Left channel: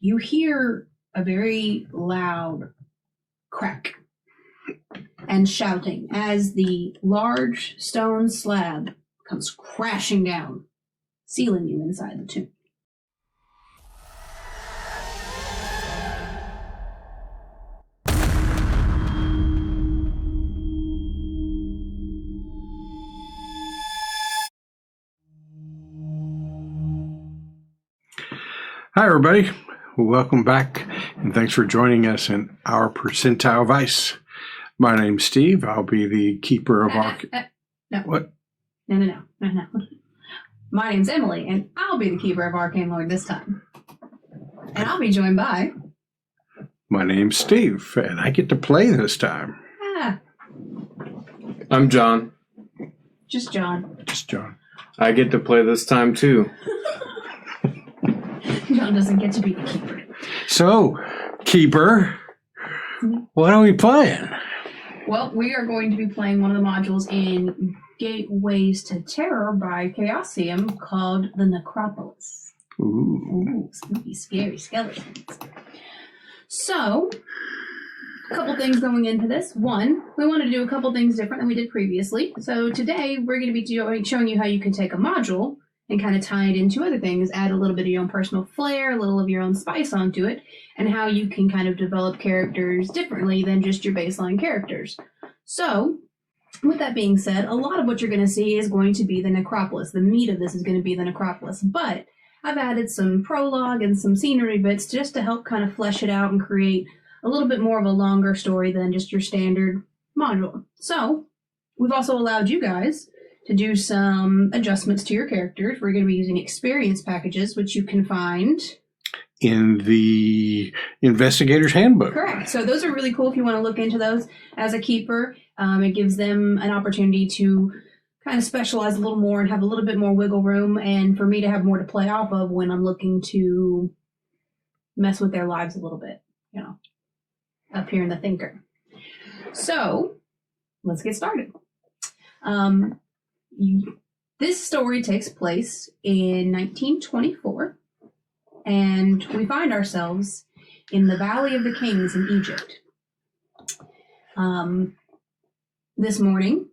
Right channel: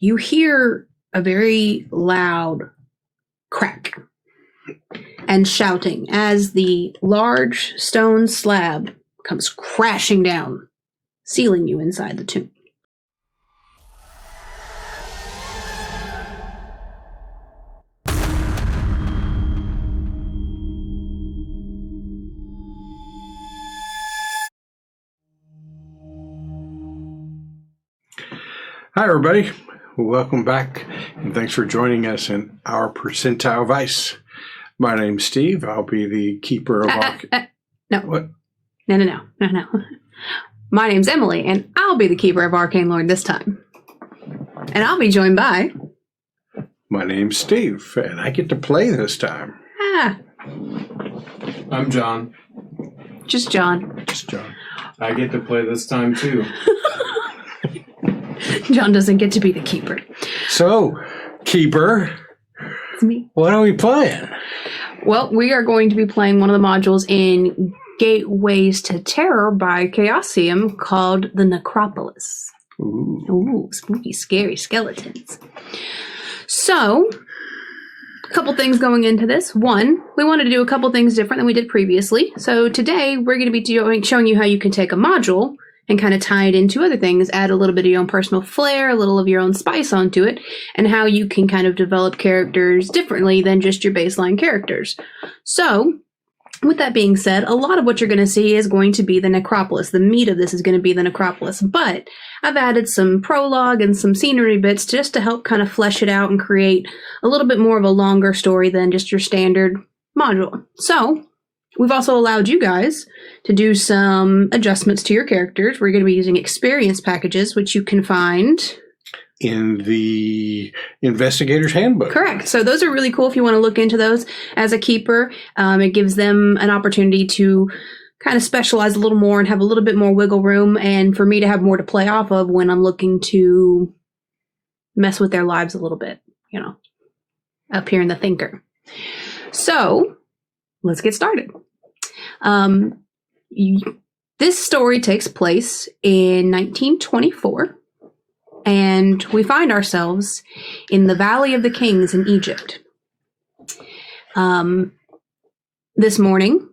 you hear a very loud crack and shouting as the large stone slab comes crashing down, sealing you inside the tomb. Hi, everybody. Welcome back, and thanks for joining us in our Percentile Vice. My name's Steve. I'll be the keeper of our... No. What? No. My name's Emily, and I'll be the keeper of Arcane Lord this time. And I'll be joined by... My name's Steve, and I get to play this time. I'm John. Just John. I get to play this time, too. John doesn't get to be the keeper. So, keeper, It's me. what are we playing? Well, we are going to be playing one of the modules in Gateways to Terror by Chaosium called the Necropolis. Ooh, spooky, scary skeletons. So, a couple things going into this. One, we wanted to do a couple things different than we did previously. So today, we're going to be showing you how you can take a module and kind of tie it into other things, add a little bit of your own personal flair, a little of your own spice onto it, and how you can kind of develop characters differently than just your baseline characters. So, with that being said, a lot of what you're going to see is going to be the Necropolis. The meat of this is going to be the Necropolis, but I've added some prologue and some scenery bits just to help kind of flesh it out and create a little bit more of a longer story than just your standard module. So, we've also allowed you guys to do some adjustments to your characters. We're going to be using experience packages, which you can find In the Investigator's Handbook. Correct. So those are really cool if you want to look into those as a keeper. It gives them an opportunity to kind of specialize a little more and have a little bit more wiggle room, and for me to have more to play off of when I'm looking to mess with their lives a little bit, up here in the thinker. So let's get started. This story takes place in 1924, and we find ourselves in the Valley of the Kings in Egypt. This morning,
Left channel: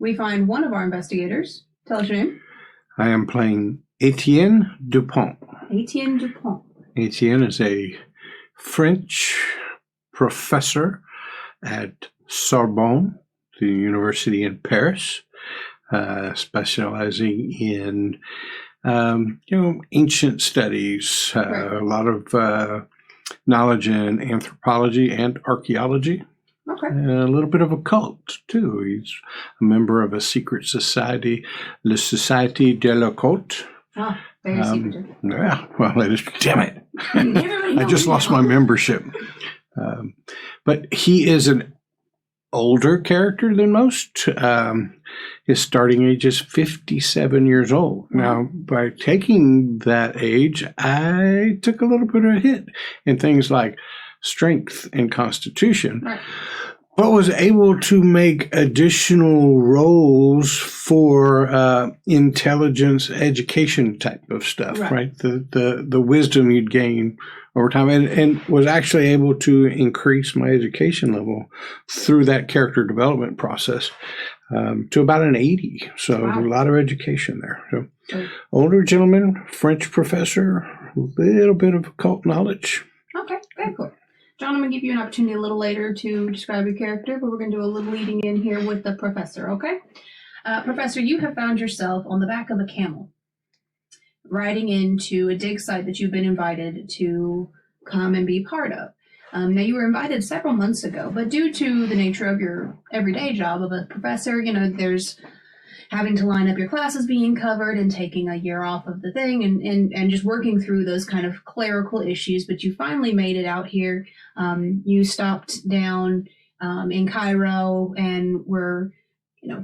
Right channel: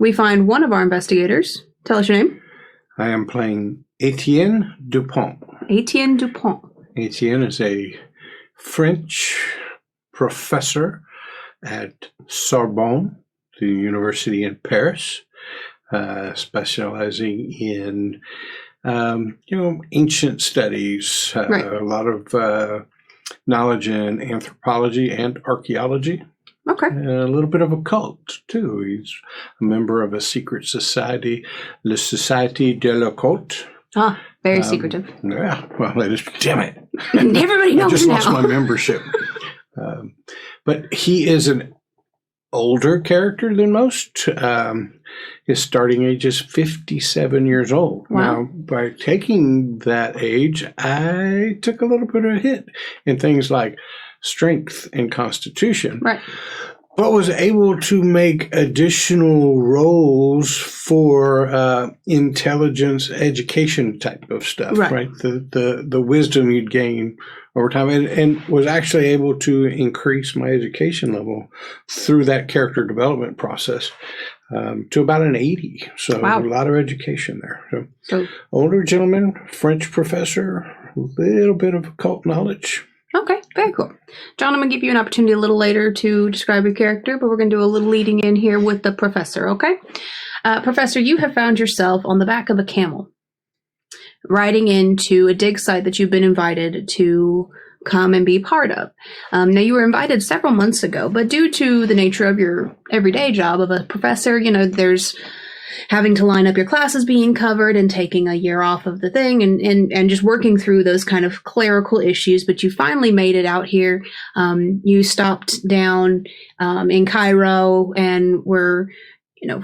we find one of our investigators. Tell us your name. I am playing Etienne Dupont. Etienne Dupont. Etienne is a French professor at Sorbonne, the university in Paris, specializing in, ancient studies, Right. A lot of knowledge in anthropology and archaeology, Okay. and a little bit of occult, too. He's a member of a secret society, La Société de l'Occult. Ah, very secretive. Yeah, well, it is, damn it. Everybody knows I just lost my membership. But he is an older character than most. His starting age is 57 years old. Wow. Now, by taking that age, I took a little bit of a hit in things like strength and constitution, Right. but was able to make additional rolls for intelligence education type of stuff, right? The wisdom you'd gain over time, and was actually able to increase my education level through that character development process to about an 80. So Wow. a lot of education there. So older gentleman, French professor, a little bit of occult knowledge. Okay, very cool. John, I'm going to give you an opportunity a little later to describe your character, but we're going to do a little leading in here with the professor, okay? Professor, you have found yourself on the back of a camel, riding into a dig site that you've been invited to come and be part of. Now, you were invited several months ago, but due to the nature of your everyday job of a professor, there's having to line up your classes being covered and taking a year off of the thing and just working through those kind of clerical issues. But you finally made it out here. You stopped down in Cairo and were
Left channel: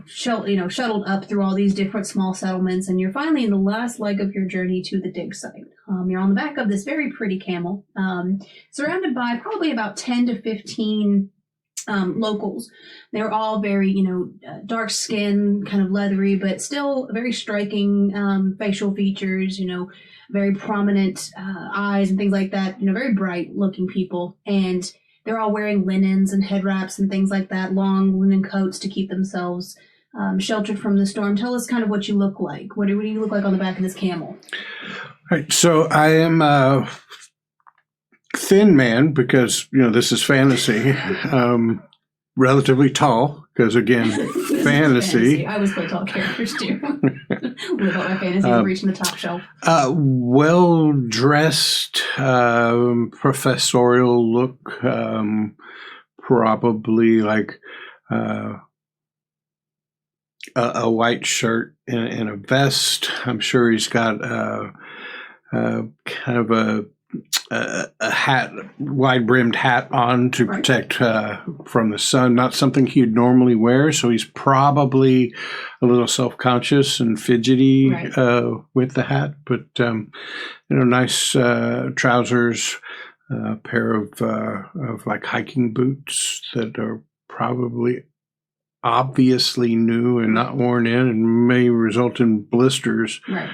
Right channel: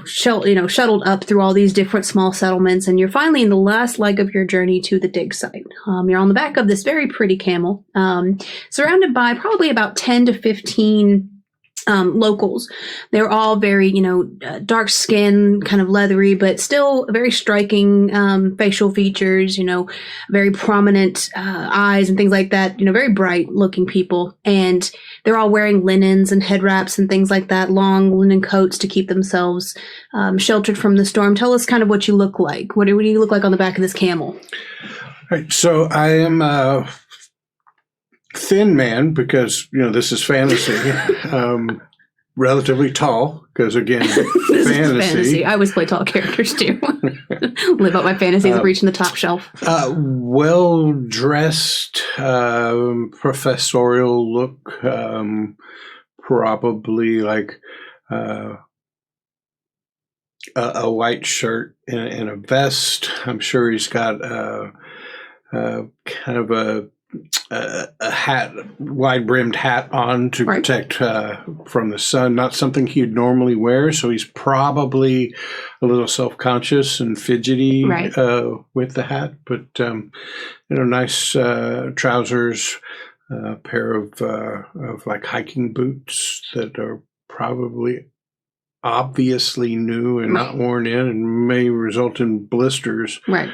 shuttled up through all these different small settlements, and you're finally in the last leg of your journey to the dig site. You're on the back of this very pretty camel, surrounded by probably about 10 to 15 locals. They're all very, dark skin, kind of leathery, but still very striking facial features, very prominent eyes and things like that, very bright looking people. And they're all wearing linens and head wraps and things like that, long linen coats to keep themselves sheltered from the storm. Tell us kind of what you look like. What do you look like on the back of this camel? All right, so I am a thin man because, this is fantasy. Relatively tall because, again, fantasy. I always play tall characters, too. Live up my fantasy and reaching the top shelf. Well-dressed, professorial look, probably like a white shirt and a vest. I'm sure he's got kind of a hat, wide-brimmed hat on to protect from the sun. Not something he'd normally wear, so he's probably a little self-conscious and fidgety with the hat. But nice trousers, a pair of like hiking boots that are probably obviously new and not worn in and may result in blisters. Right.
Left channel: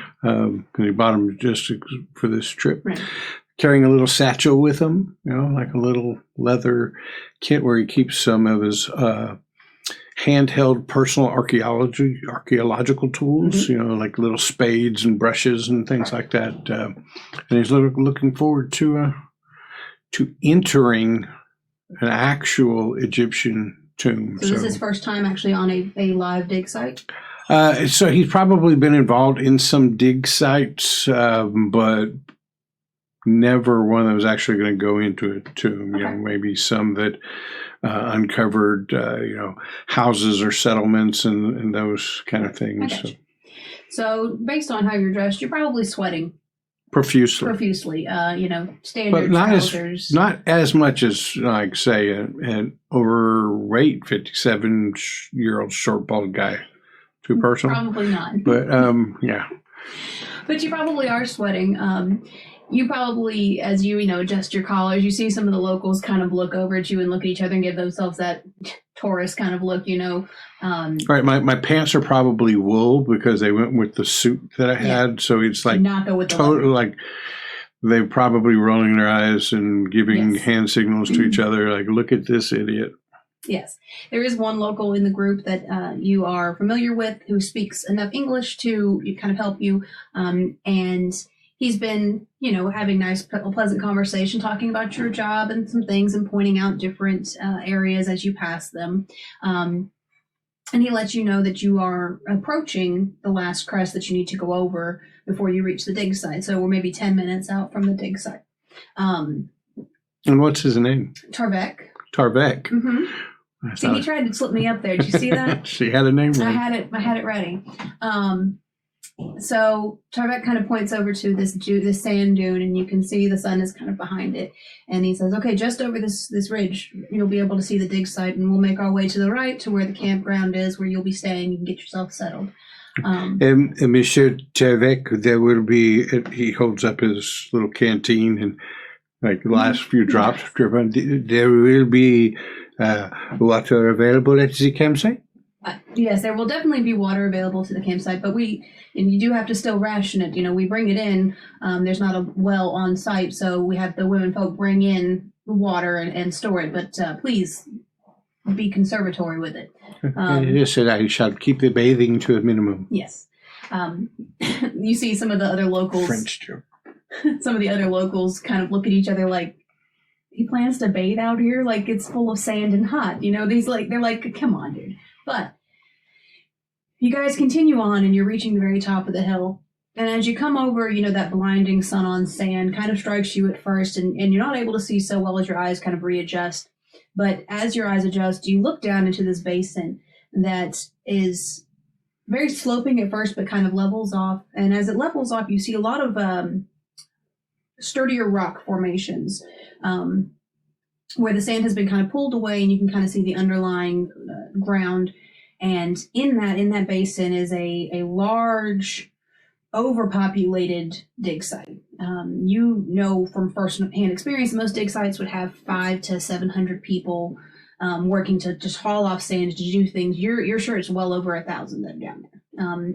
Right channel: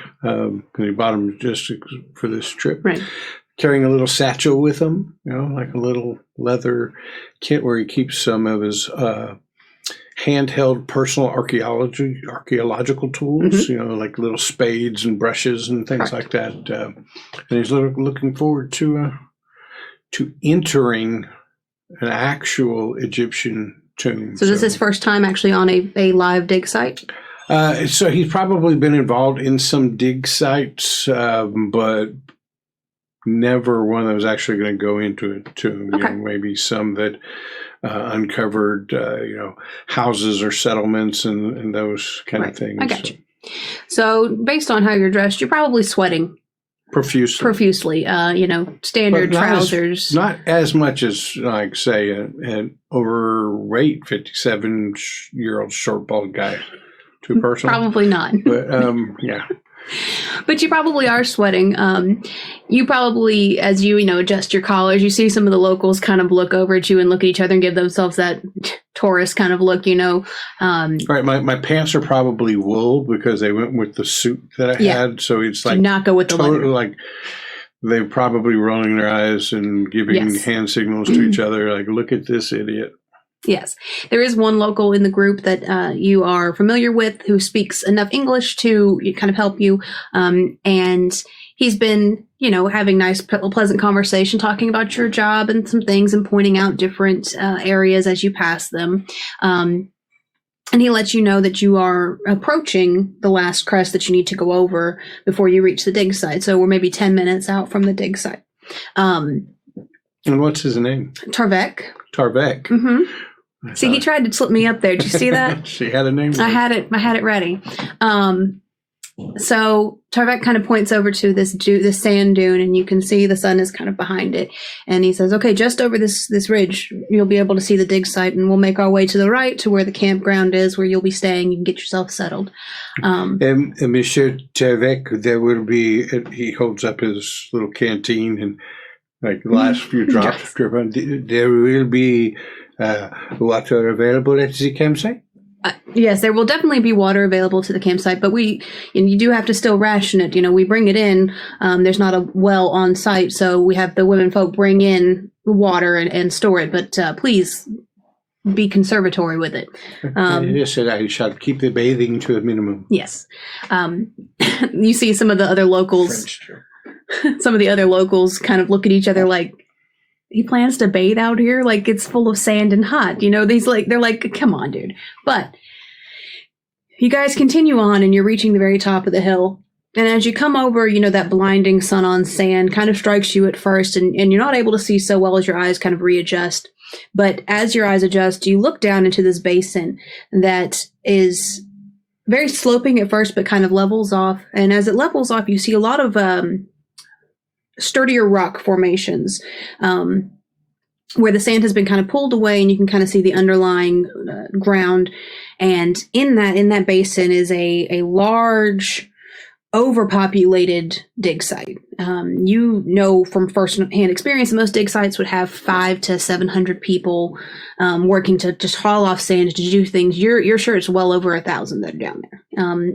He bought them just for this trip. Right. Carrying a little satchel with him, like a little leather kit where he keeps some of his handheld personal archaeological tools, like little spades and brushes and things like that. And he's looking forward to entering an actual Egyptian tomb. So this is his first time actually on a live dig site? So he's probably been involved in some dig sites, but never one that was actually going to go into a tomb. Okay. Maybe some that uncovered, houses or settlements and those kind of things. I got you. So based on how you're dressed, you're probably sweating profusely. Standard trousers. Not as much as, like, say, an overweight 57-year-old short bald guy. Too personal? Probably not. But yeah. But you probably are sweating. You probably, as you adjust your collars, you see some of the locals kind of look over at you and look at each other and give themselves that tourist kind of look, Right. My pants are probably wool because they went with the suit that I had. So it's like not go with the leather. Like they're probably rolling their eyes and giving hand signals to each other, like, look at this idiot. Yes. There is one local in the group that you are familiar with who speaks enough English to kind of help you. And he's been, having nice, pleasant conversation, talking about your job and some things and pointing out different areas as you pass them. And he lets you know that you are approaching the last crest that you need to go over before you reach the dig site. So we're maybe 10 minutes out from the dig site. And what's his name? Tarvek. Mm-hmm. See, he tried to slip me up there. Did you see that? She had a name. I had it ready. So Tarvek kind of points over to this sand dune, and you can see the sun is kind of behind it. And he says, "Okay, just over this ridge, you'll be able to see the dig site, and we'll make our way to the right to where the campground is, where you'll be staying. You can get yourself settled." Monsieur Tarvek, there will be. He holds up his little canteen and, like, the last few drops drip on. There will be water available at the campsite? Yes, there will definitely be water available to the campsite, but you do have to still ration it. We bring it in. There's not a well on site, so we have the women folk bring in water and store it. But please be conservatory with it. Yes, I shall keep the bathing to a minimum. Yes. You see some of the other locals. French joke. Some of the other locals kind of look at each other like, he plans to bathe out here? Like, it's full of sand and hot. They're like, come on, dude. But you guys continue on, and you're reaching the very top of the hill. And as you come over, that blinding sun on sand kind of strikes you at first, and you're not able to see so well as your eyes kind of readjust. But as your eyes adjust, you look down into this basin that is very sloping at first, but kind of levels off. And as it levels off, you see a lot of sturdier rock formations where the sand has been kind of pulled away, and you can kind of see the underlying ground. And in that basin is a large overpopulated dig site. You know from first-hand experience, most dig sites would have 500 to 700 people working to just haul off sand to do things. You're sure it's well over 1,000 that are down there.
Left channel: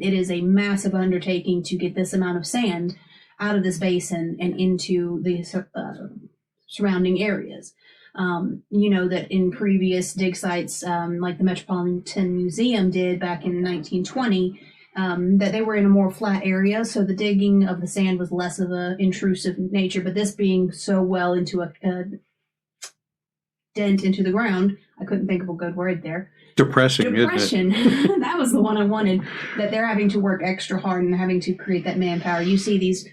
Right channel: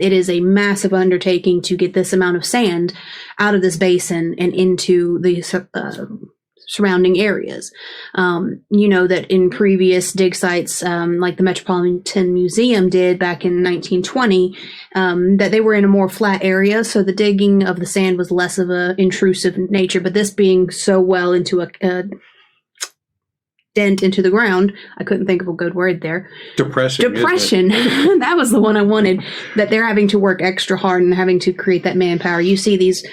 It is a massive undertaking to get this amount of sand out of this basin and into the surrounding areas. You know that in previous dig sites, like the Metropolitan Museum did back in 1920, that they were in a more flat area, so the digging of the sand was less of a intrusive nature. But this being so well into a dent into the ground, I couldn't think of a good word there. Depression. That was the one I wanted. That they're having to work extra hard and having to create that manpower. You see these,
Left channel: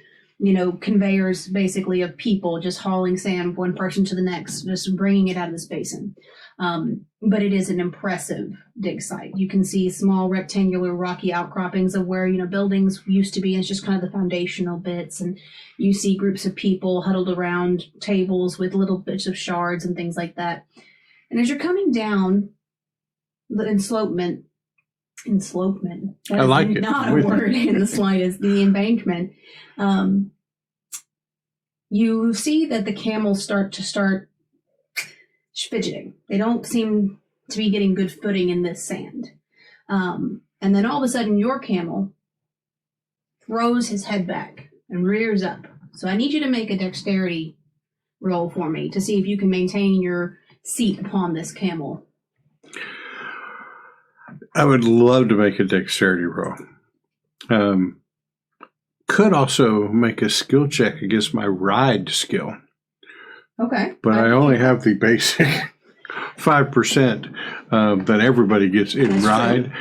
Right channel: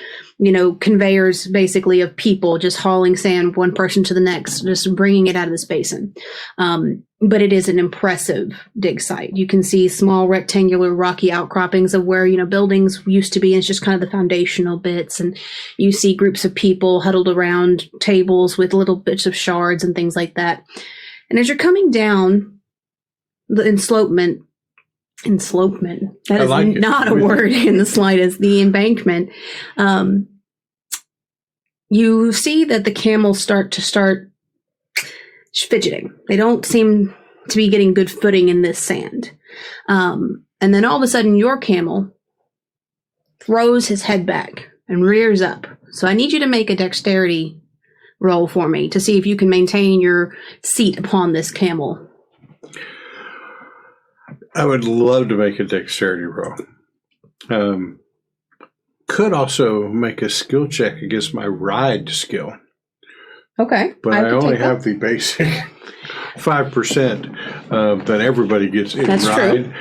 conveyors basically of people just hauling sand one person to the next, just bringing it out of this basin. But it is an impressive dig site. You can see small rectangular rocky outcroppings of where, buildings used to be. And it's just kind of the foundational bits. And you see groups of people huddled around tables with little bits of shards and things like that. And as you're coming down the enslope,ment, that I like is not a word in the slightest, the embankment, you see that the camels start fidgeting. They don't seem to be getting good footing in this sand. And then all of a sudden your camel throws his head back and rears up. So I need you to make a dexterity roll for me to see if you can maintain your seat upon this camel. I would love to make a dexterity roll. Could also make a skill check against my ride skill. Okay. But I only have the basic 5% that everybody gets in That's ride. True.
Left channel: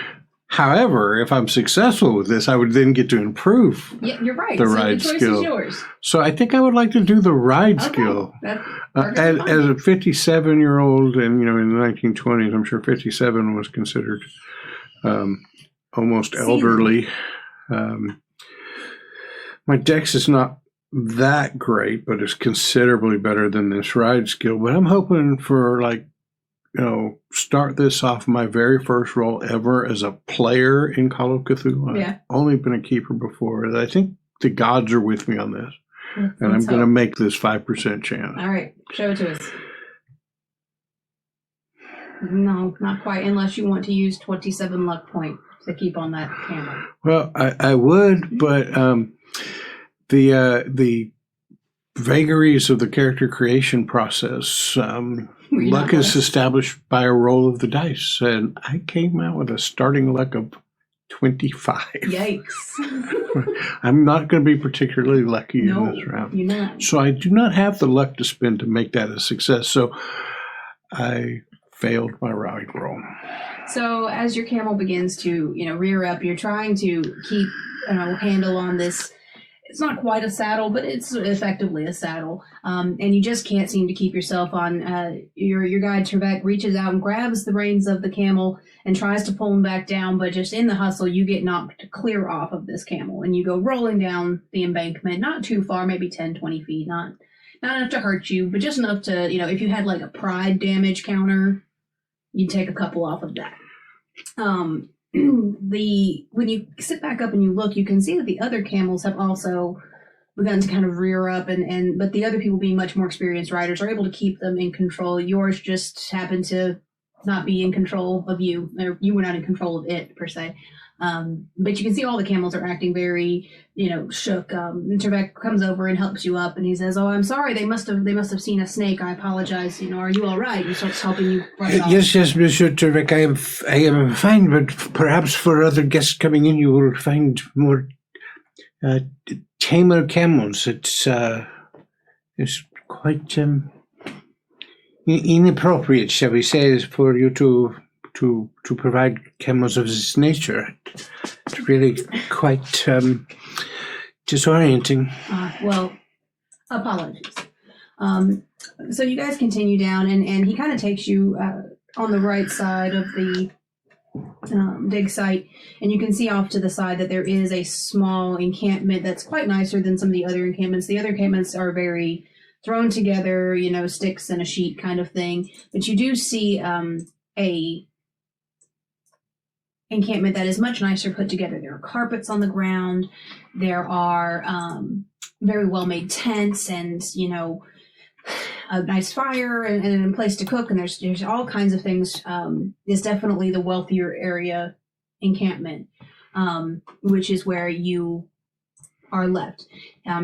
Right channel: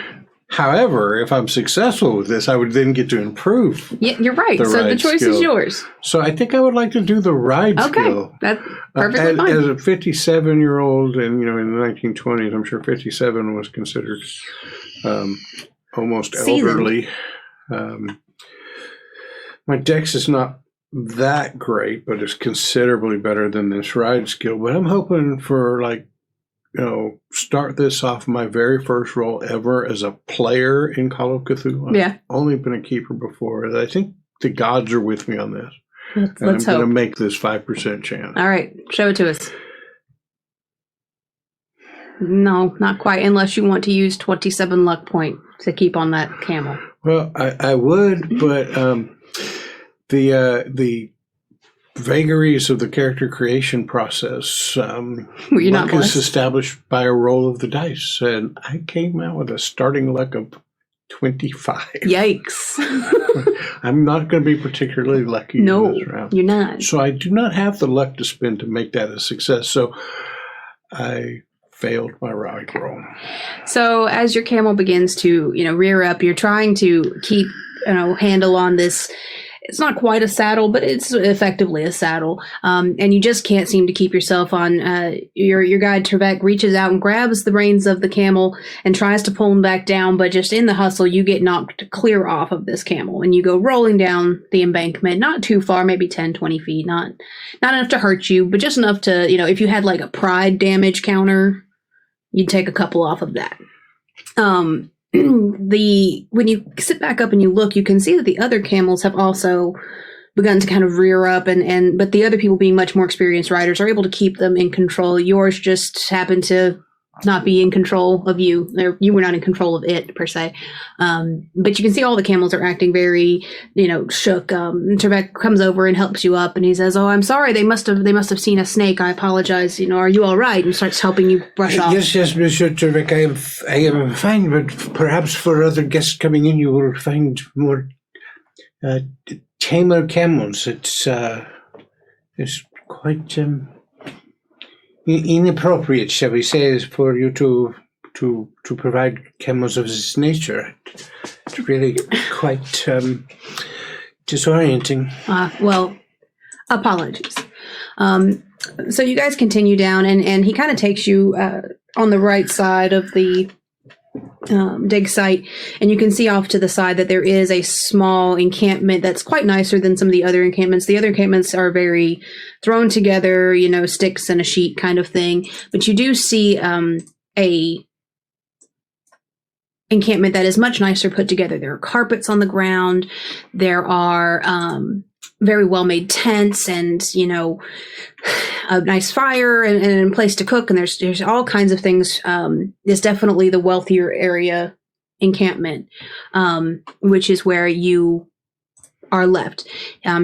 However, if I'm successful with this, I would then get to improve. Yeah, you're right. The so ride the choice skill. Is yours. So I think I would like to do the ride skill. That's perfectly fine. As a 57-year-old, and in the 1920s, I'm sure 57 was considered almost elderly. My dex is not that great, but it's considerably better than this ride skill. But I'm hoping for start this off my very first role ever as a player in Call of Cthulhu. Yeah. I've only been a keeper before. I think the gods are with me on this. And I'm going to make this 5% chance. All right. Show it to us. No, not quite, unless you want to use 27 luck point to keep on that camel. Well, I would, but the vagaries of the character creation process, luck is established by a roll of the dice, and I came out with a starting luck of 25. Yikes. I'm not going to be particularly lucky in this round. You're not. So I do not have the luck to spend to make that a success. So I failed my ride roll. So as your camel begins to, rear up, you're trying to keep, handle on this. It's not quite a saddle, but it's effectively a saddle. And you just can't seem to keep yourself on. Your guide, Trebek, reaches out and grabs the reins of the camel and tries to pull him back down. But just in the hustle, you get knocked clear off of this camel. And you go rolling down the embankment, not too far, maybe 10, 20 feet. Not enough to hurt you, but just enough to, if you had like a pride damage counter, you'd take a couple off of that. When you sit back up and you look, you can see that the other camels have also begun to kind of rear up, but the other people, being much more experienced riders, are able to keep them in control. Yours just happened to not be in control of you. You were not in control of it per se. But you can see all the camels are acting very, shook. Trebek comes over and helps you up, and he says, "Oh, I'm sorry. They must have seen a snake. I apologize. Are you all right?" And starts helping you brush off. Yes, Monsieur Trebek. I am fine, but perhaps for other guests coming in, you will find more tamer camels. It's quite inappropriate, shall we say, for you to provide camels of this nature. It's really quite disorienting. Well, apologies. So you guys continue down, and he kind of takes you on the right side of the dig site, and you can see off to the side that there is a small encampment that's quite nicer than some of the other encampments. The other encampments are very thrown together, sticks and a sheet kind of thing. But you do see a encampment that is much nicer put together. There are carpets on the ground. There are very well-made tents and, a nice fire and a place to cook. And there's all kinds of things. It's definitely the wealthier area encampment, which is where you are left.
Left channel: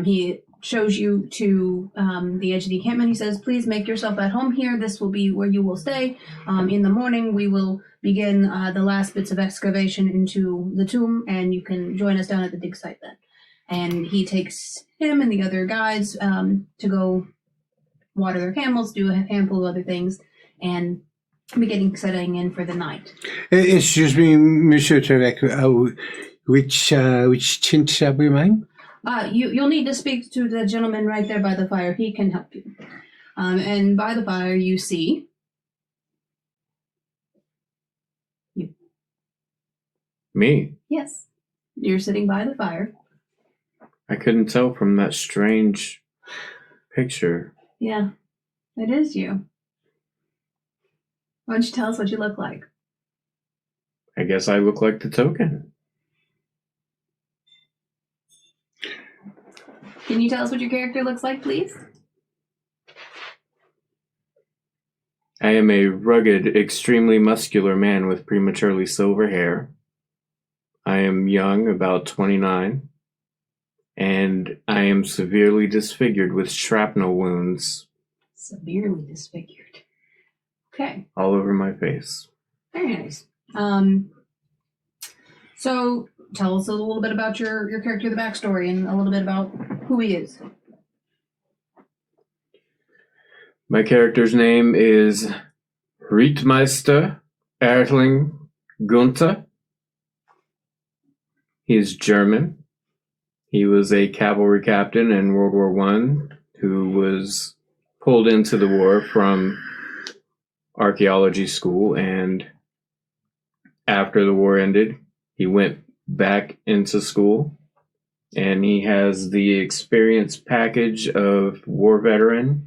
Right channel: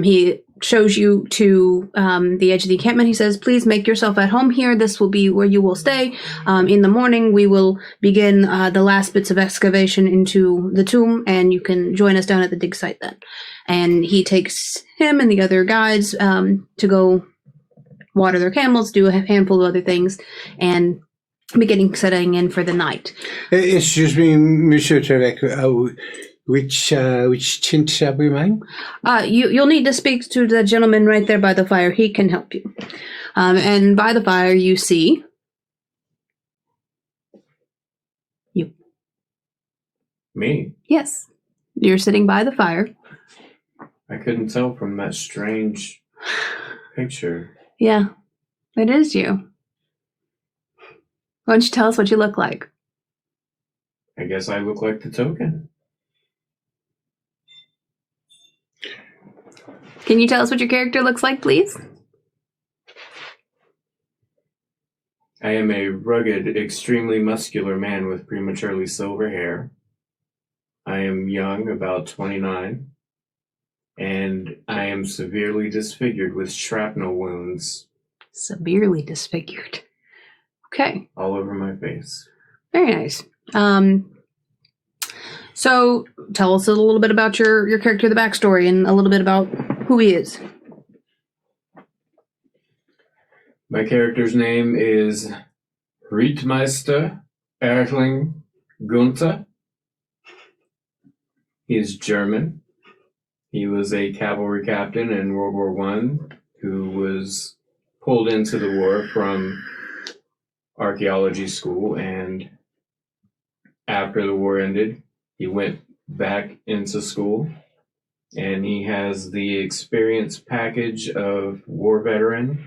He shows you to the edge of the encampment. He says, please make yourself at home here. This will be where you will stay. In the morning, we will begin the last bits of excavation into the tomb, and you can join us down at the dig site then. And he takes him and the other guides to go water their camels, do a handful of other things, and beginning setting in for the night. Excuse me, Monsieur Tarek. Which tint shall we mind? You'll need to speak to the gentleman right there by the fire. He can help you. And by the fire, you see you. Me? Yes. You're sitting by the fire. I couldn't tell from that strange picture. Yeah, it is you. Why don't you tell us what you look like? I guess I look like the token. Can you tell us what your character looks like, please? I am a rugged, extremely muscular man with prematurely silver hair. I am young, about 29, and I am severely disfigured with shrapnel wounds. Severely disfigured. Okay. All over my face. Very nice. So tell us a little bit about your character, the backstory, and a little bit about who he is. My character's name is Rittmeister Erling Günther. He is German. He was a cavalry captain in World War I who was pulled into the war from archaeology school, and after the war ended, he went back into school, and he has the experience package of war veteran,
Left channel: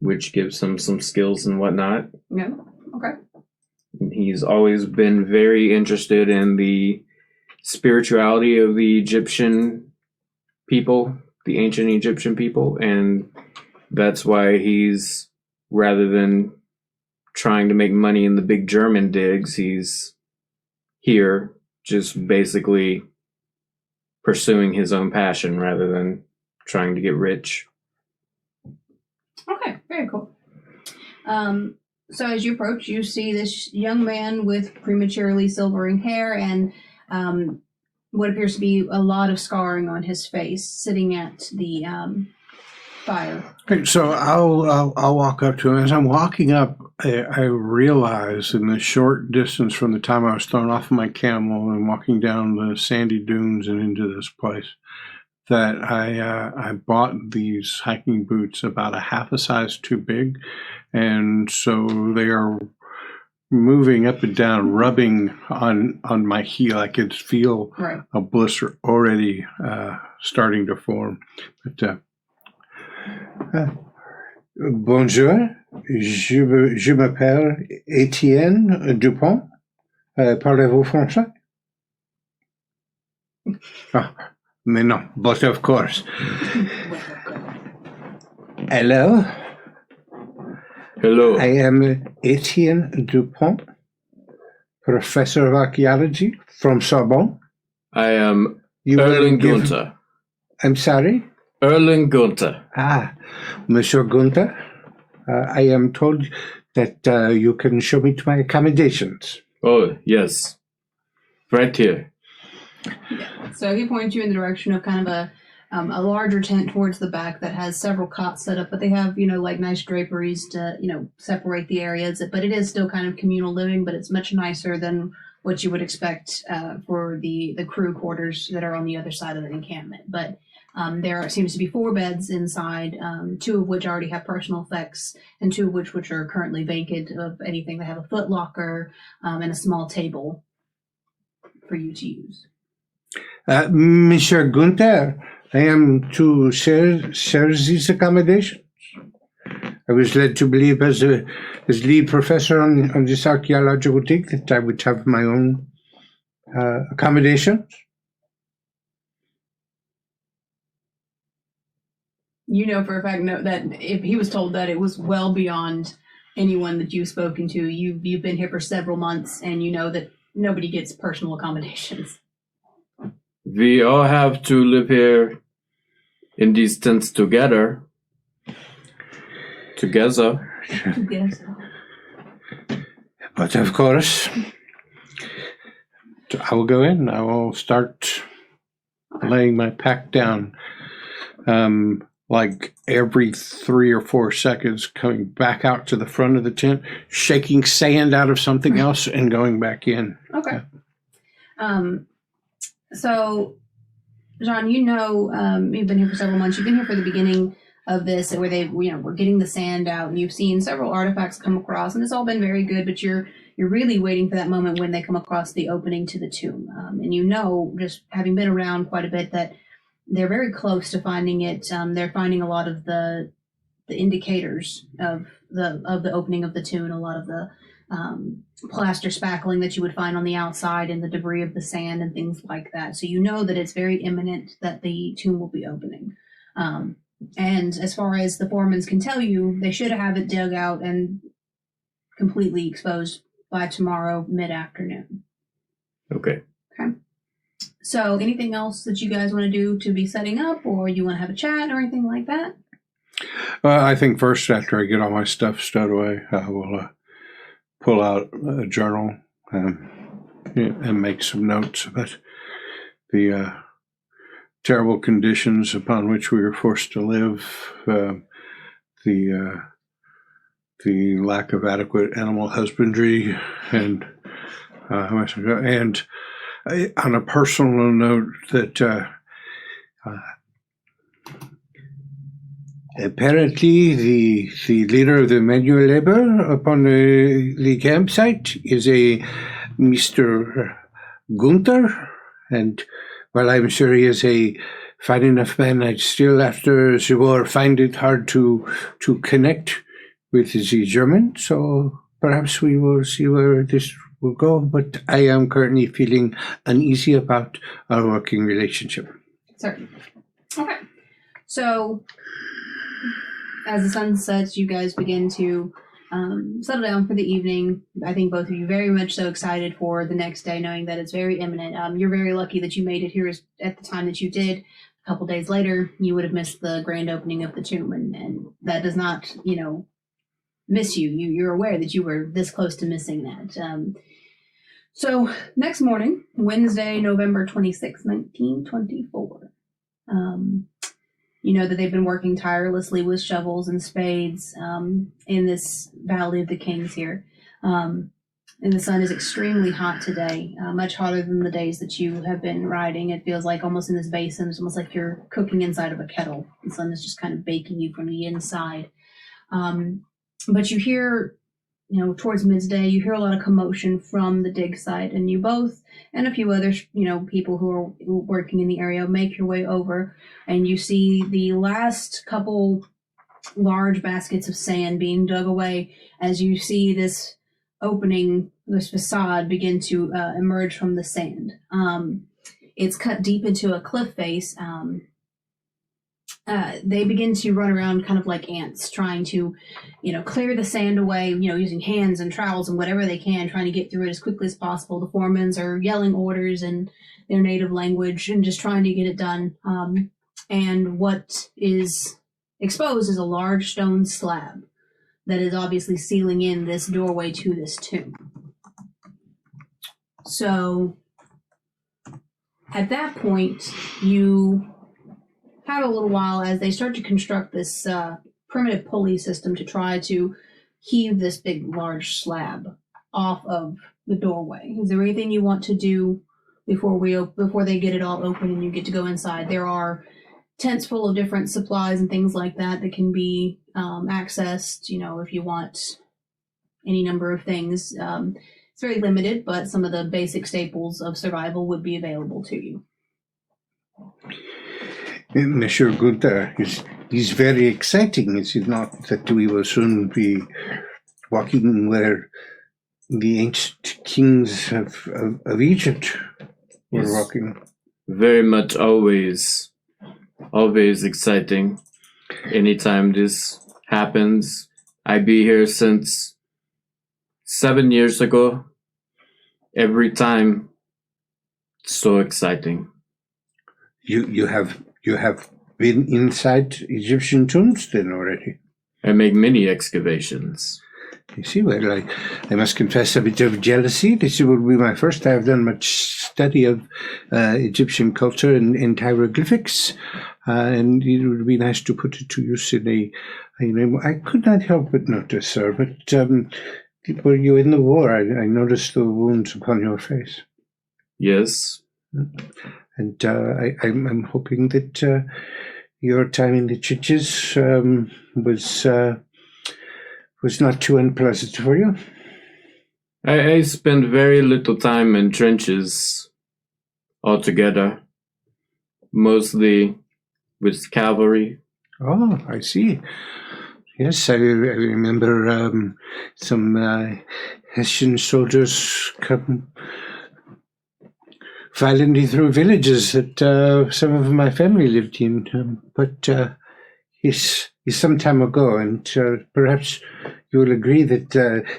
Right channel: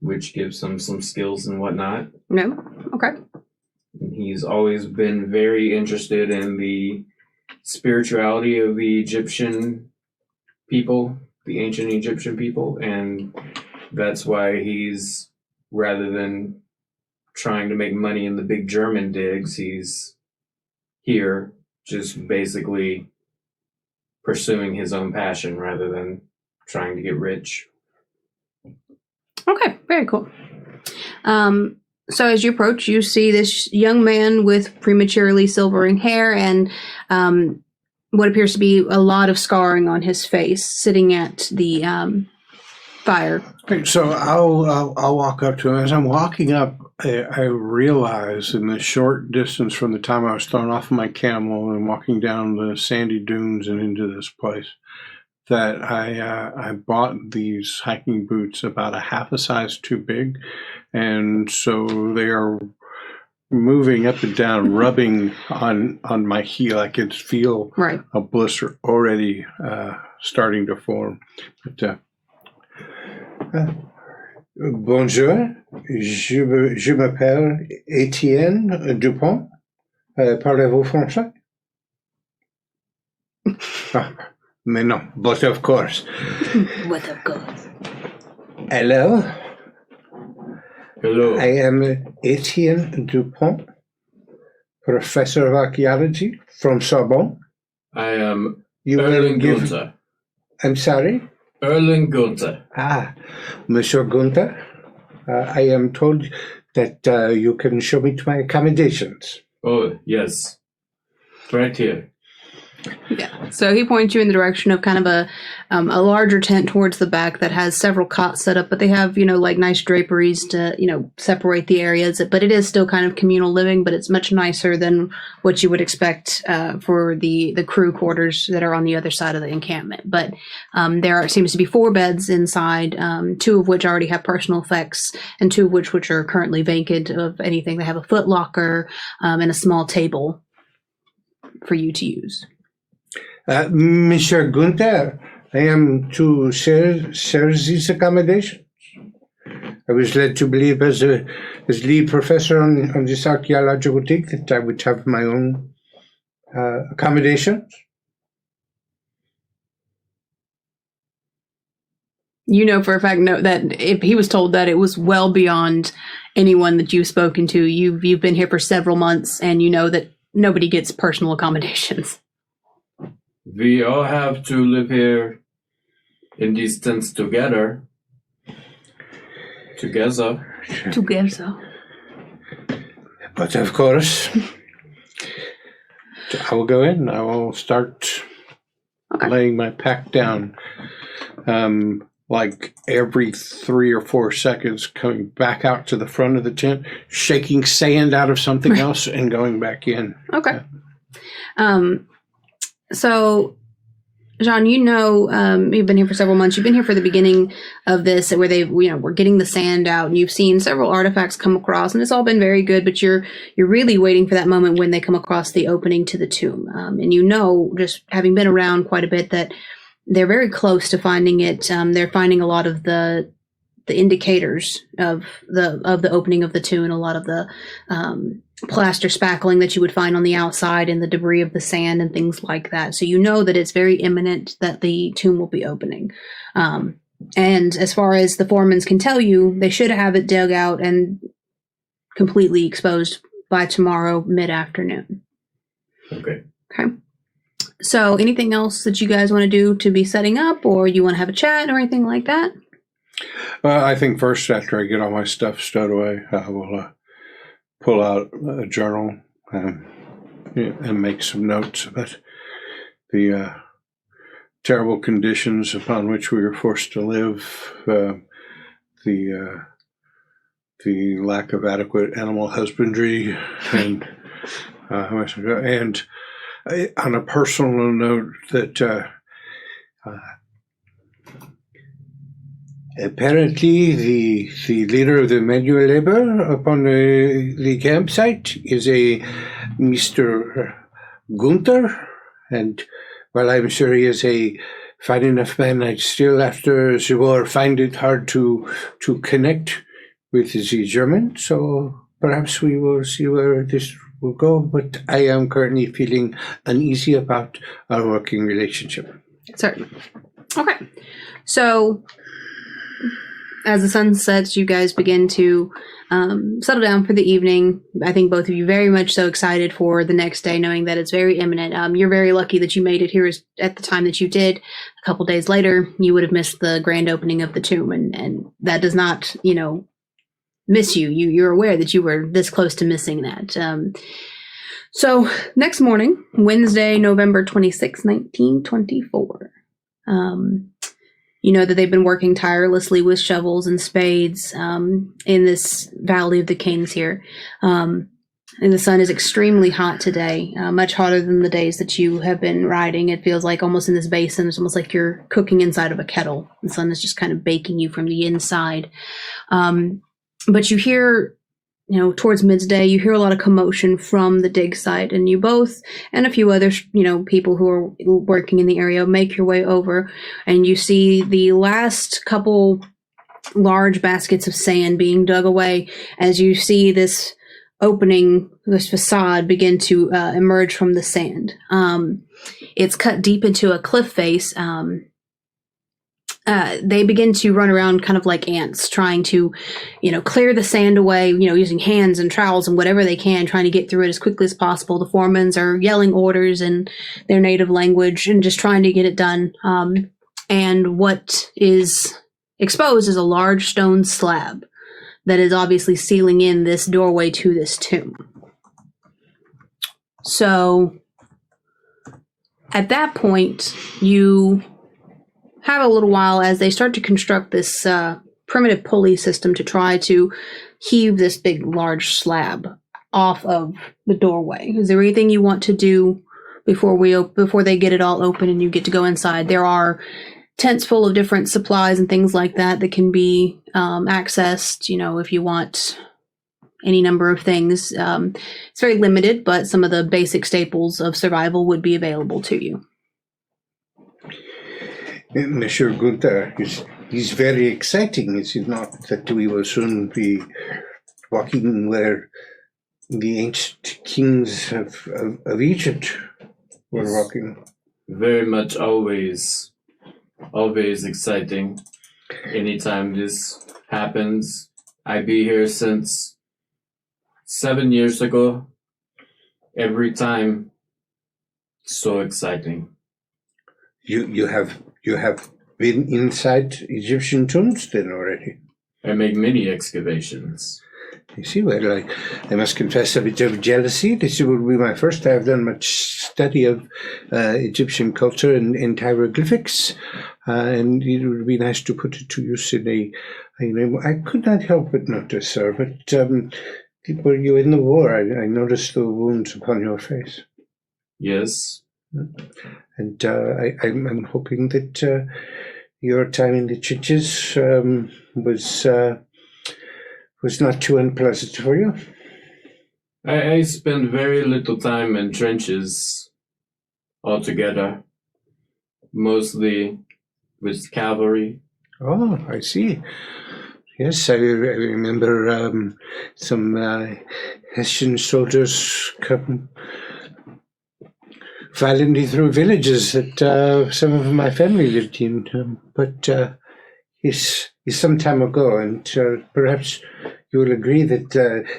which gives him some skills and whatnot. No? Okay. He's always been very interested in the spirituality of the Egyptian people, the ancient Egyptian people, and that's why he's, rather than trying to make money in the big German digs, he's here just basically pursuing his own passion rather than trying to get rich. Okay, very cool. So as you approach, you see this young man with prematurely silvering hair and what appears to be a lot of scarring on his face, sitting at the fire. Okay, so I'll walk up to him. As I'm walking up, I realize in the short distance from the time I was thrown off of my camel and walking down the sandy dunes and into this place, that I bought these hiking boots about a half a size too big, and so they are moving up and down, rubbing on my heel. I could feel a blister already starting to form. But bonjour, je m'appelle Etienne Dupont. Parlez-vous français? Mais non, but of course. With of course. Hello. Hello. I am Etienne Dupont, professor of archaeology from Sorbonne. I am Erling Günther. I'm sorry? Erling Günther. Monsieur Günther, I am told that you can show me to my accommodations. Oh, yes. Right here. Yeah. So he points you in the direction of kind of a larger tent towards the back that has several cots set up, but they have, like nice draperies to, separate the areas. But it is still kind of communal living, but it's much nicer than what you would expect for the crew quarters that are on the other side of the encampment. But there seems to be 4 beds inside, 2 of which already have personal effects, and 2 of which are currently vacant of anything. They have a foot locker and a small table for you to use. Monsieur Günther, I am to share these accommodations. was led to believe as lead professor on this archaeological dig that I would have my own accommodations. You know for a fact that if he was told that, it was well beyond anyone that you've spoken to. You've been here for several months, and you know that nobody gets personal accommodations. We all have to live here in these tents together. Together. But of course, I will go in. I will start laying my pack down. Like every 3 or 4 seconds, coming back out to the front of the tent, shaking sand out of something else, and going back in. Okay. So, John, you've been here for several months. You've been here for the beginning of this, where we're getting the sand out, and you've seen several artifacts come across, and it's all been very good. But you're really waiting for that moment when they come across the opening to the tomb, and just having been around quite a bit, that they're very close to finding it. They're finding a lot of the indicators of the opening of the tomb, and a lot of the plaster spackling that you would find on the outside, and the debris of the sand and things like that. So you know that it's very imminent that the tomb will be opening. And as far as the foremans can tell you, they should have it dug out and completely exposed by tomorrow mid-afternoon. Okay. So anything else that you guys want to do to be setting up, or you want to have a chat or anything like that? I think first, after I get all my stuff stowed away, I will pull out a journal and make some notes about the terrible conditions upon which we were forced to live, the lack of adequate animal husbandry, and on a personal note, that apparently the leader of the manual labor upon the campsite is a Mr. Günther, and while I'm sure he is a fine enough man, I still, after the war, find it hard to connect with the German, so perhaps we will see where this will go, but I am currently feeling uneasy about our working relationship. Certainly. Okay. So, as the sun sets, you guys begin to settle down for the evening. I think both of you very much so excited for the next day, knowing that it's very imminent. You're very lucky that you made it here at the time that you did. A couple days later, you would have missed the grand opening of the tomb, and that does not, miss you. You're aware that you were this close to missing that. So next morning, Wednesday, November 26, 1924, you know that they've been working tirelessly with shovels and spades in this Valley of the Kings here. And the sun is extremely hot today, much hotter than the days that you have been riding. It feels like almost in this basin, it's almost like you're cooking inside of a kettle. The sun is just kind of baking you from the inside. But you hear, towards midday, you hear a lot of commotion from the dig site, and you both and a few other, people who are working in the area make your way over, and you see the last couple large baskets of sand being dug away as you see this opening, this facade begin to emerge from the sand. It's cut deep into a cliff face. They begin to run around kind of like ants, trying to, clear the sand away, using hands and trowels and whatever they can, trying to get through it as quickly as possible. The foremans are yelling orders in their native language and just trying to get it done. And what is exposed is a large stone slab that is obviously sealing in this doorway to this tomb. So at that point, you have a little while as they start to construct this primitive pulley system to try to heave this big, large slab off of the doorway. Is there anything you want to do before they get it all open and you get to go inside? There are tents full of different supplies and things like that can be accessed, if you want any number of things. It's very limited, but some of the basic staples of survival would be available to you. Monsieur Günther, is very exciting, is it not, that we will soon be walking where the ancient kings of Egypt were walking? Very much always exciting. Anytime this happens, I be here since 7 years ago. Every time, so exciting. You have been inside Egyptian tombs then already? I make many excavations. You see, well, I must confess a bit of jealousy. This will be my first. I have done much study of Egyptian culture and hieroglyphics, and it would be nice to put it to use I could not help but notice, sir, but were you in the war? I noticed the wounds upon your face. Yes. And I'm hoping that your time in the churches was not too unpleasant for you. I spend very little time in trenches altogether, mostly with cavalry. Oh, I see. Yes, I remember some Hessian soldiers come violently through villages that some of my family lived in, but it's some time ago, and perhaps you will agree that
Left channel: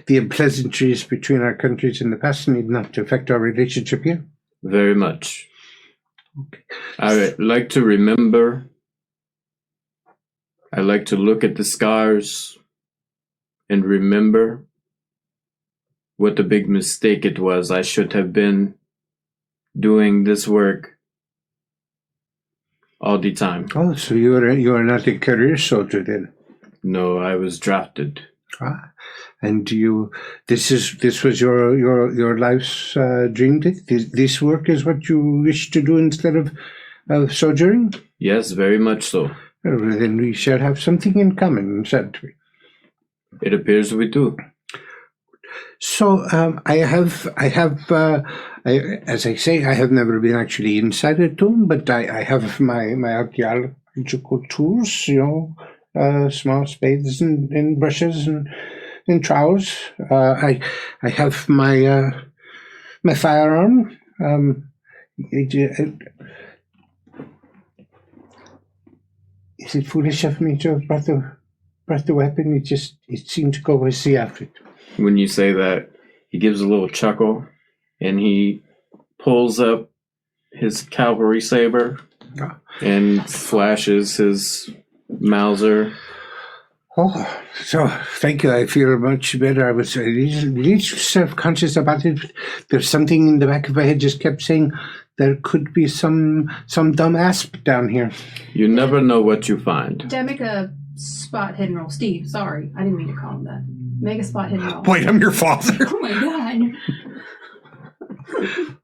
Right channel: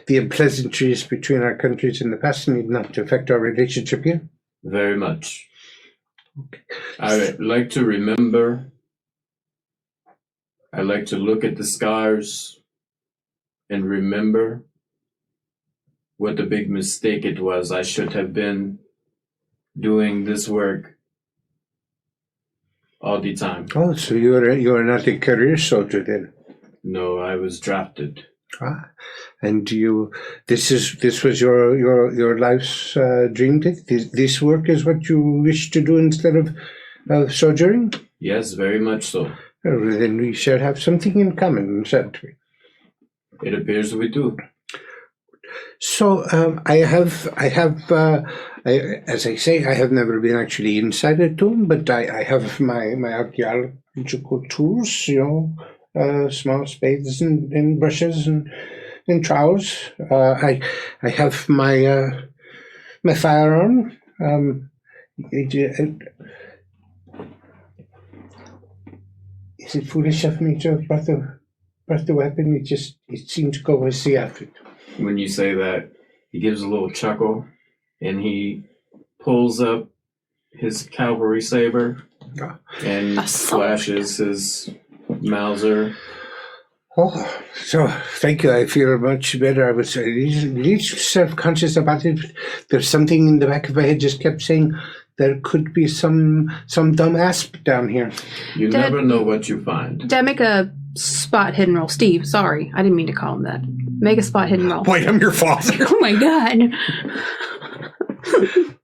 the unpleasantries between our countries in the past need not affect our relationship here? Very much. Okay. I like to remember. I like to look at the scars and remember what a big mistake it was. I should have been doing this work all the time. Oh, so you are not a career soldier then? No, I was drafted. And this was your life's dream? This work is what you wish to do instead of soldiering? Yes, very much so. Well, then we shall have something in common, shan't we? It appears we do. So as I say, I have never been actually inside a tomb, but I have my archaeological tools, small spades and brushes and trowels. I have my firearm. Is it foolish of me to have brought the weapon? It seemed to go with the outfit. When you say that, he gives a little chuckle, and he pulls up his cavalry saber and flashes his Mauser. Oh, so thank you. I feel much better. I was a little self-conscious about it. There's something in the back of my head just kept saying there could be some dumb asp down here. You never know what you find. Did I make a spot hidden roll? Steve, sorry. I didn't mean to call him that. Make a spot hidden roll. Wait, I'm your father. Oh my god.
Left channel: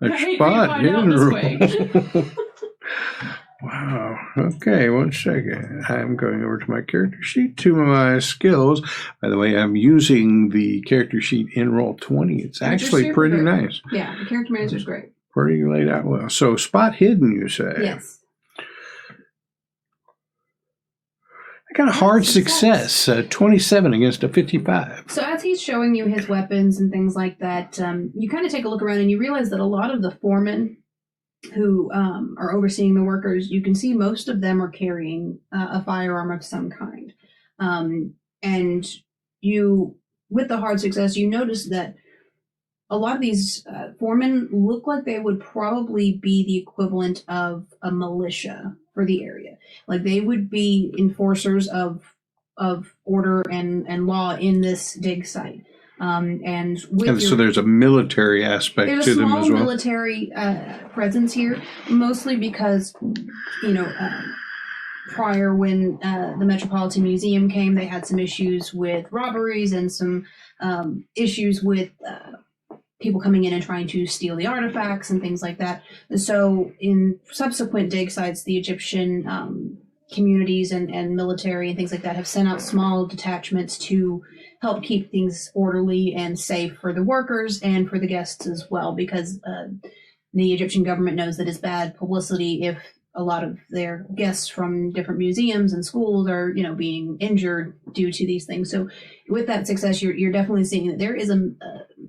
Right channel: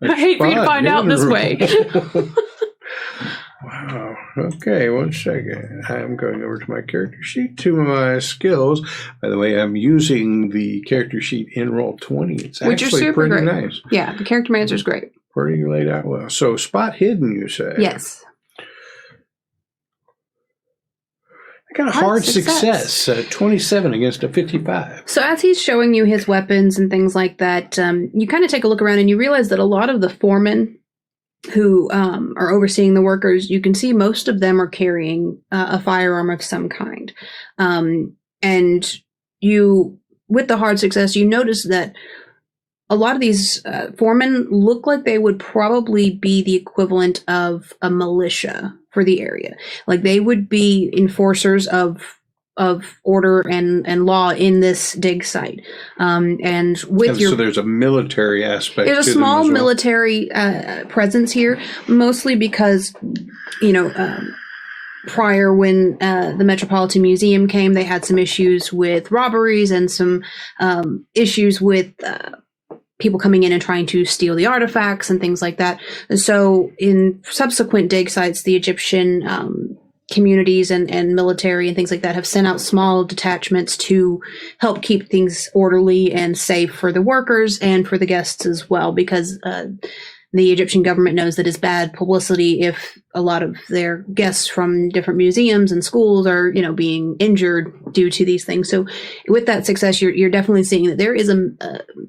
I hate for you to find out this way. Wow. Okay, 1 second. I'm going over to my character sheet, to my skills. By the way, I'm using the character sheet in Roll20. It's actually pretty great. Nice. Yeah, the character manager is great. Pretty laid out well. So, spot hidden, you say? Yes. I got a hard success 27 against a 55. So as he's showing you his weapons and things like that, you kind of take a look around and you realize that a lot of the foremen who are overseeing the workers, you can see most of them are carrying a firearm of some kind. And you, with the hard success, you notice that a lot of these foremen look like they would probably be the equivalent of a militia for the area. Like they would be enforcers of order and law in this dig site. So there's a military aspect to them as well. There's a small military presence here, mostly because, prior when the Metropolitan Museum came, they had some issues with robberies and some issues with people coming in and trying to steal the artifacts and things like that. And so in subsequent dig sites, the Egyptian communities and military and things like that have sent out small detachments to help keep things orderly and safe for the workers and for the guests as well, because the Egyptian government knows that it's bad publicity if a lot of their guests from different museums and schools are, being injured due to these things. So with that success, you're definitely seeing that there is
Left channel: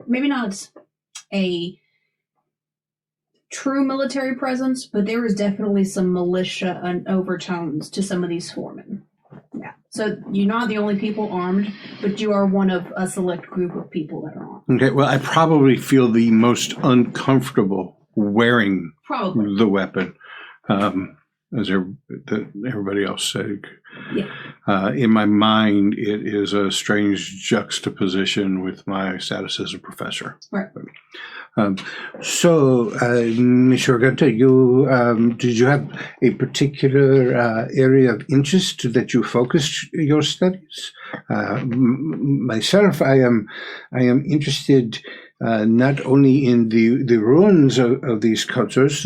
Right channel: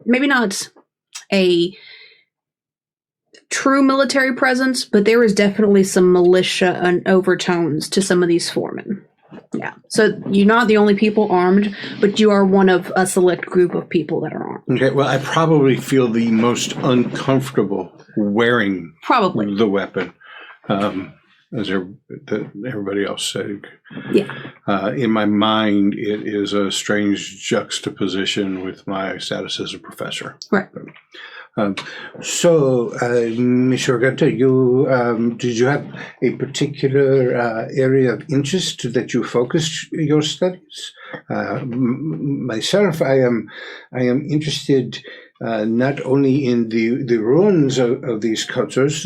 maybe not a true military presence, but there is definitely some militia and overtones to some of these foremen. Yeah. So you're not the only people armed, but you are one of a select group of people that are armed. Okay. Well, I probably feel the most uncomfortable wearing the weapon, as everybody else said. Yeah. In my mind, it is a strange juxtaposition with my status as a professor. Right. So, Mr. Günther, did you have a particular area of interest that you focused your studies? Myself, I am interested not only in the ruins of these cultures.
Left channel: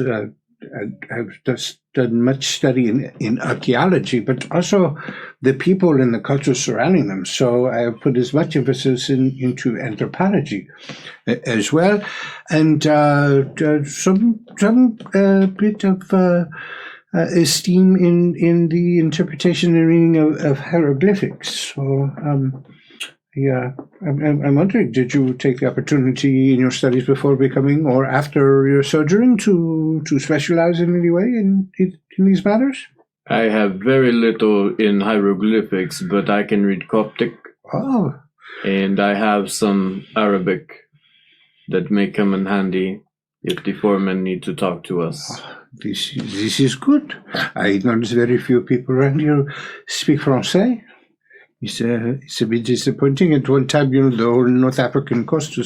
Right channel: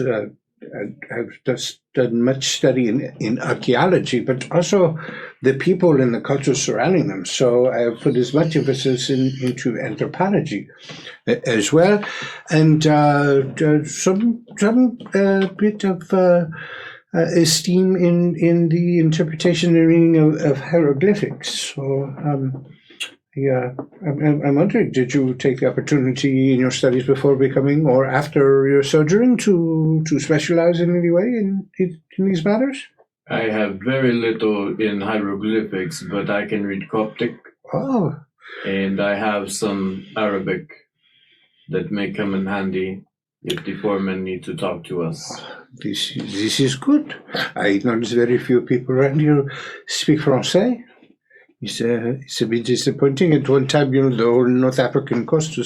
I've just done much study in archaeology, but also the people and the culture surrounding them. So I have put as much emphasis into anthropology as well, and some bit of esteem in the interpretation and reading of hieroglyphics. So I'm wondering, did you take the opportunity in your studies before becoming or after your sojourning to specialize in any way in these matters? I have very little in hieroglyphics, but I can read Coptic. Oh. And I have some Arabic that may come in handy if the foremen need to talk to us. This is good. I notice very few people around here speak Francais. It's a bit disappointing. At one time, the whole North African coast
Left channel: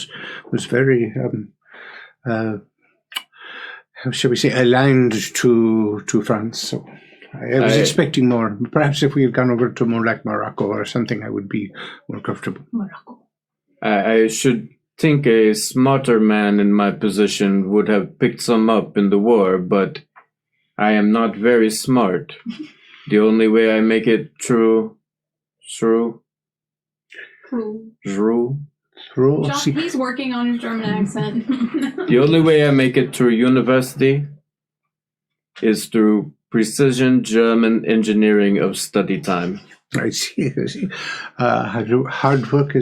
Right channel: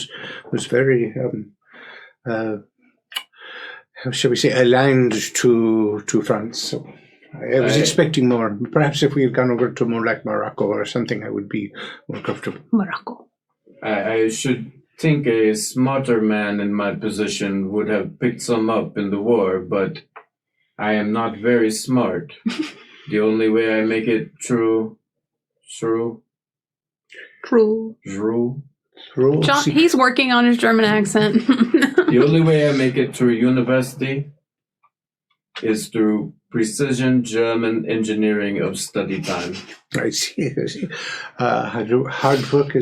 was very, how shall we say, aligned to France. So I was expecting more. Perhaps if we had gone over to more like Morocco or something, I would be more comfortable. Morocco. I should think a smarter man in my position would have picked some up in the war, but I am not very smart. The only way I make it through. John, he's working on his German accent. The only way I make it through university is through precision German engineering of study time. I see. Hard work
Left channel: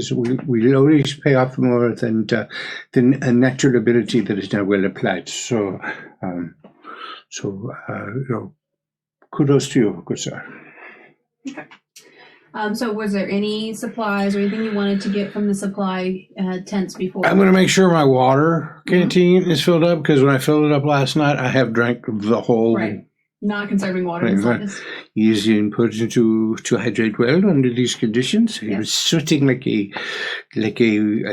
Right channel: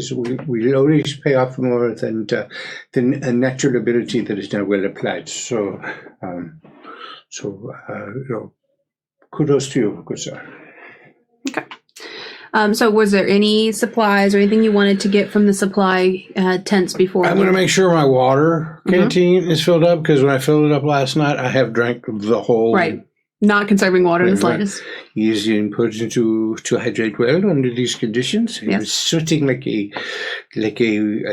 will always pay off more than a natural ability that is now well applied. So, kudos to you, good sir. Okay. So was there any supplies or anything you wanted to get from the supply tents before? I'm going to make sure my water canteen is filled up, because when I filled it up last night, I have drank the whole... Right. Not conserving water in the slightest. Easy and important to hydrate well under these conditions. Yes. I was sweating like a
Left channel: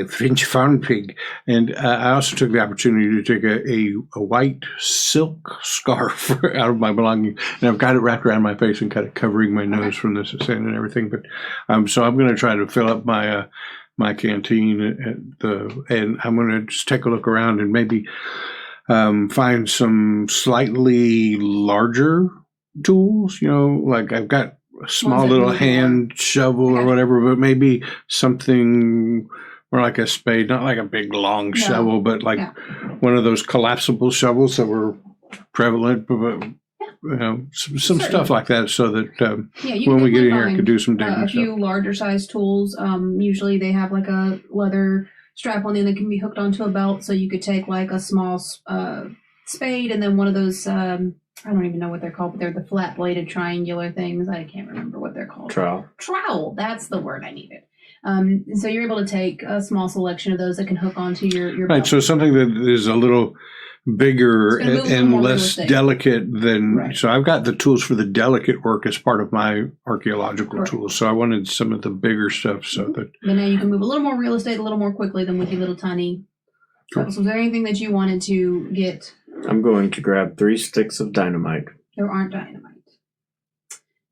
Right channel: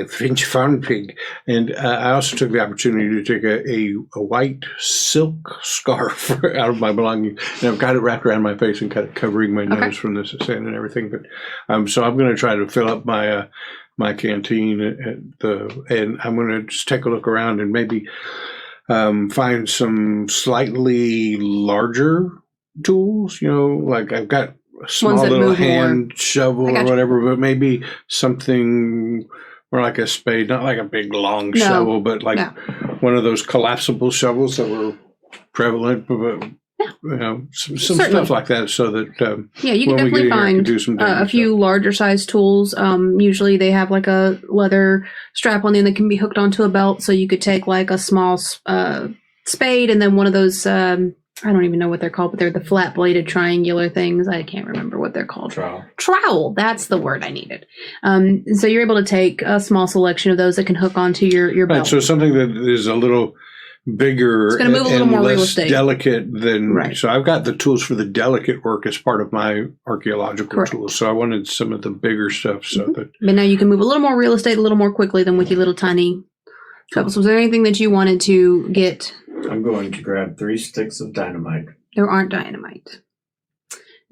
French farm pig. And I also took the opportunity to take a white silk scarf out of my belongings, and I've got it wrapped around my face and kind of covering my nose from the sand and everything. But so I'm going to try to fill up my my canteen and I'm going to just take a look around and maybe find some slightly larger tools, like I've got a small little hand shovel or whatever, but maybe something more like a spade, not like a big long shovel, but like one of those collapsible shovels that were prevalent, but some stuff like that, so that when we get in here, I could do some digging. A few larger size tools. Usually they have like a leather strap on the end that can be hooked onto a belt, so you could take like a small spade and then one of those. I don't even know what they're called, but they're the flat bladed triangular things. I can't remember what they're called. Trowel. That's the word I needed. So you're able to take a small selection of those that can hook onto your belt. Right. So something that is a little bigger and less delicate than so I've got the tools for the delicate work as part of my archaeological tools, so I wanted some of the bigger stuff so that but now you can move a little more real estate a little more quickly than with your little tiny shovels. Was there anything that you wanted to get? I'm going to grab 3 sticks of dynamite. There aren't dynamite.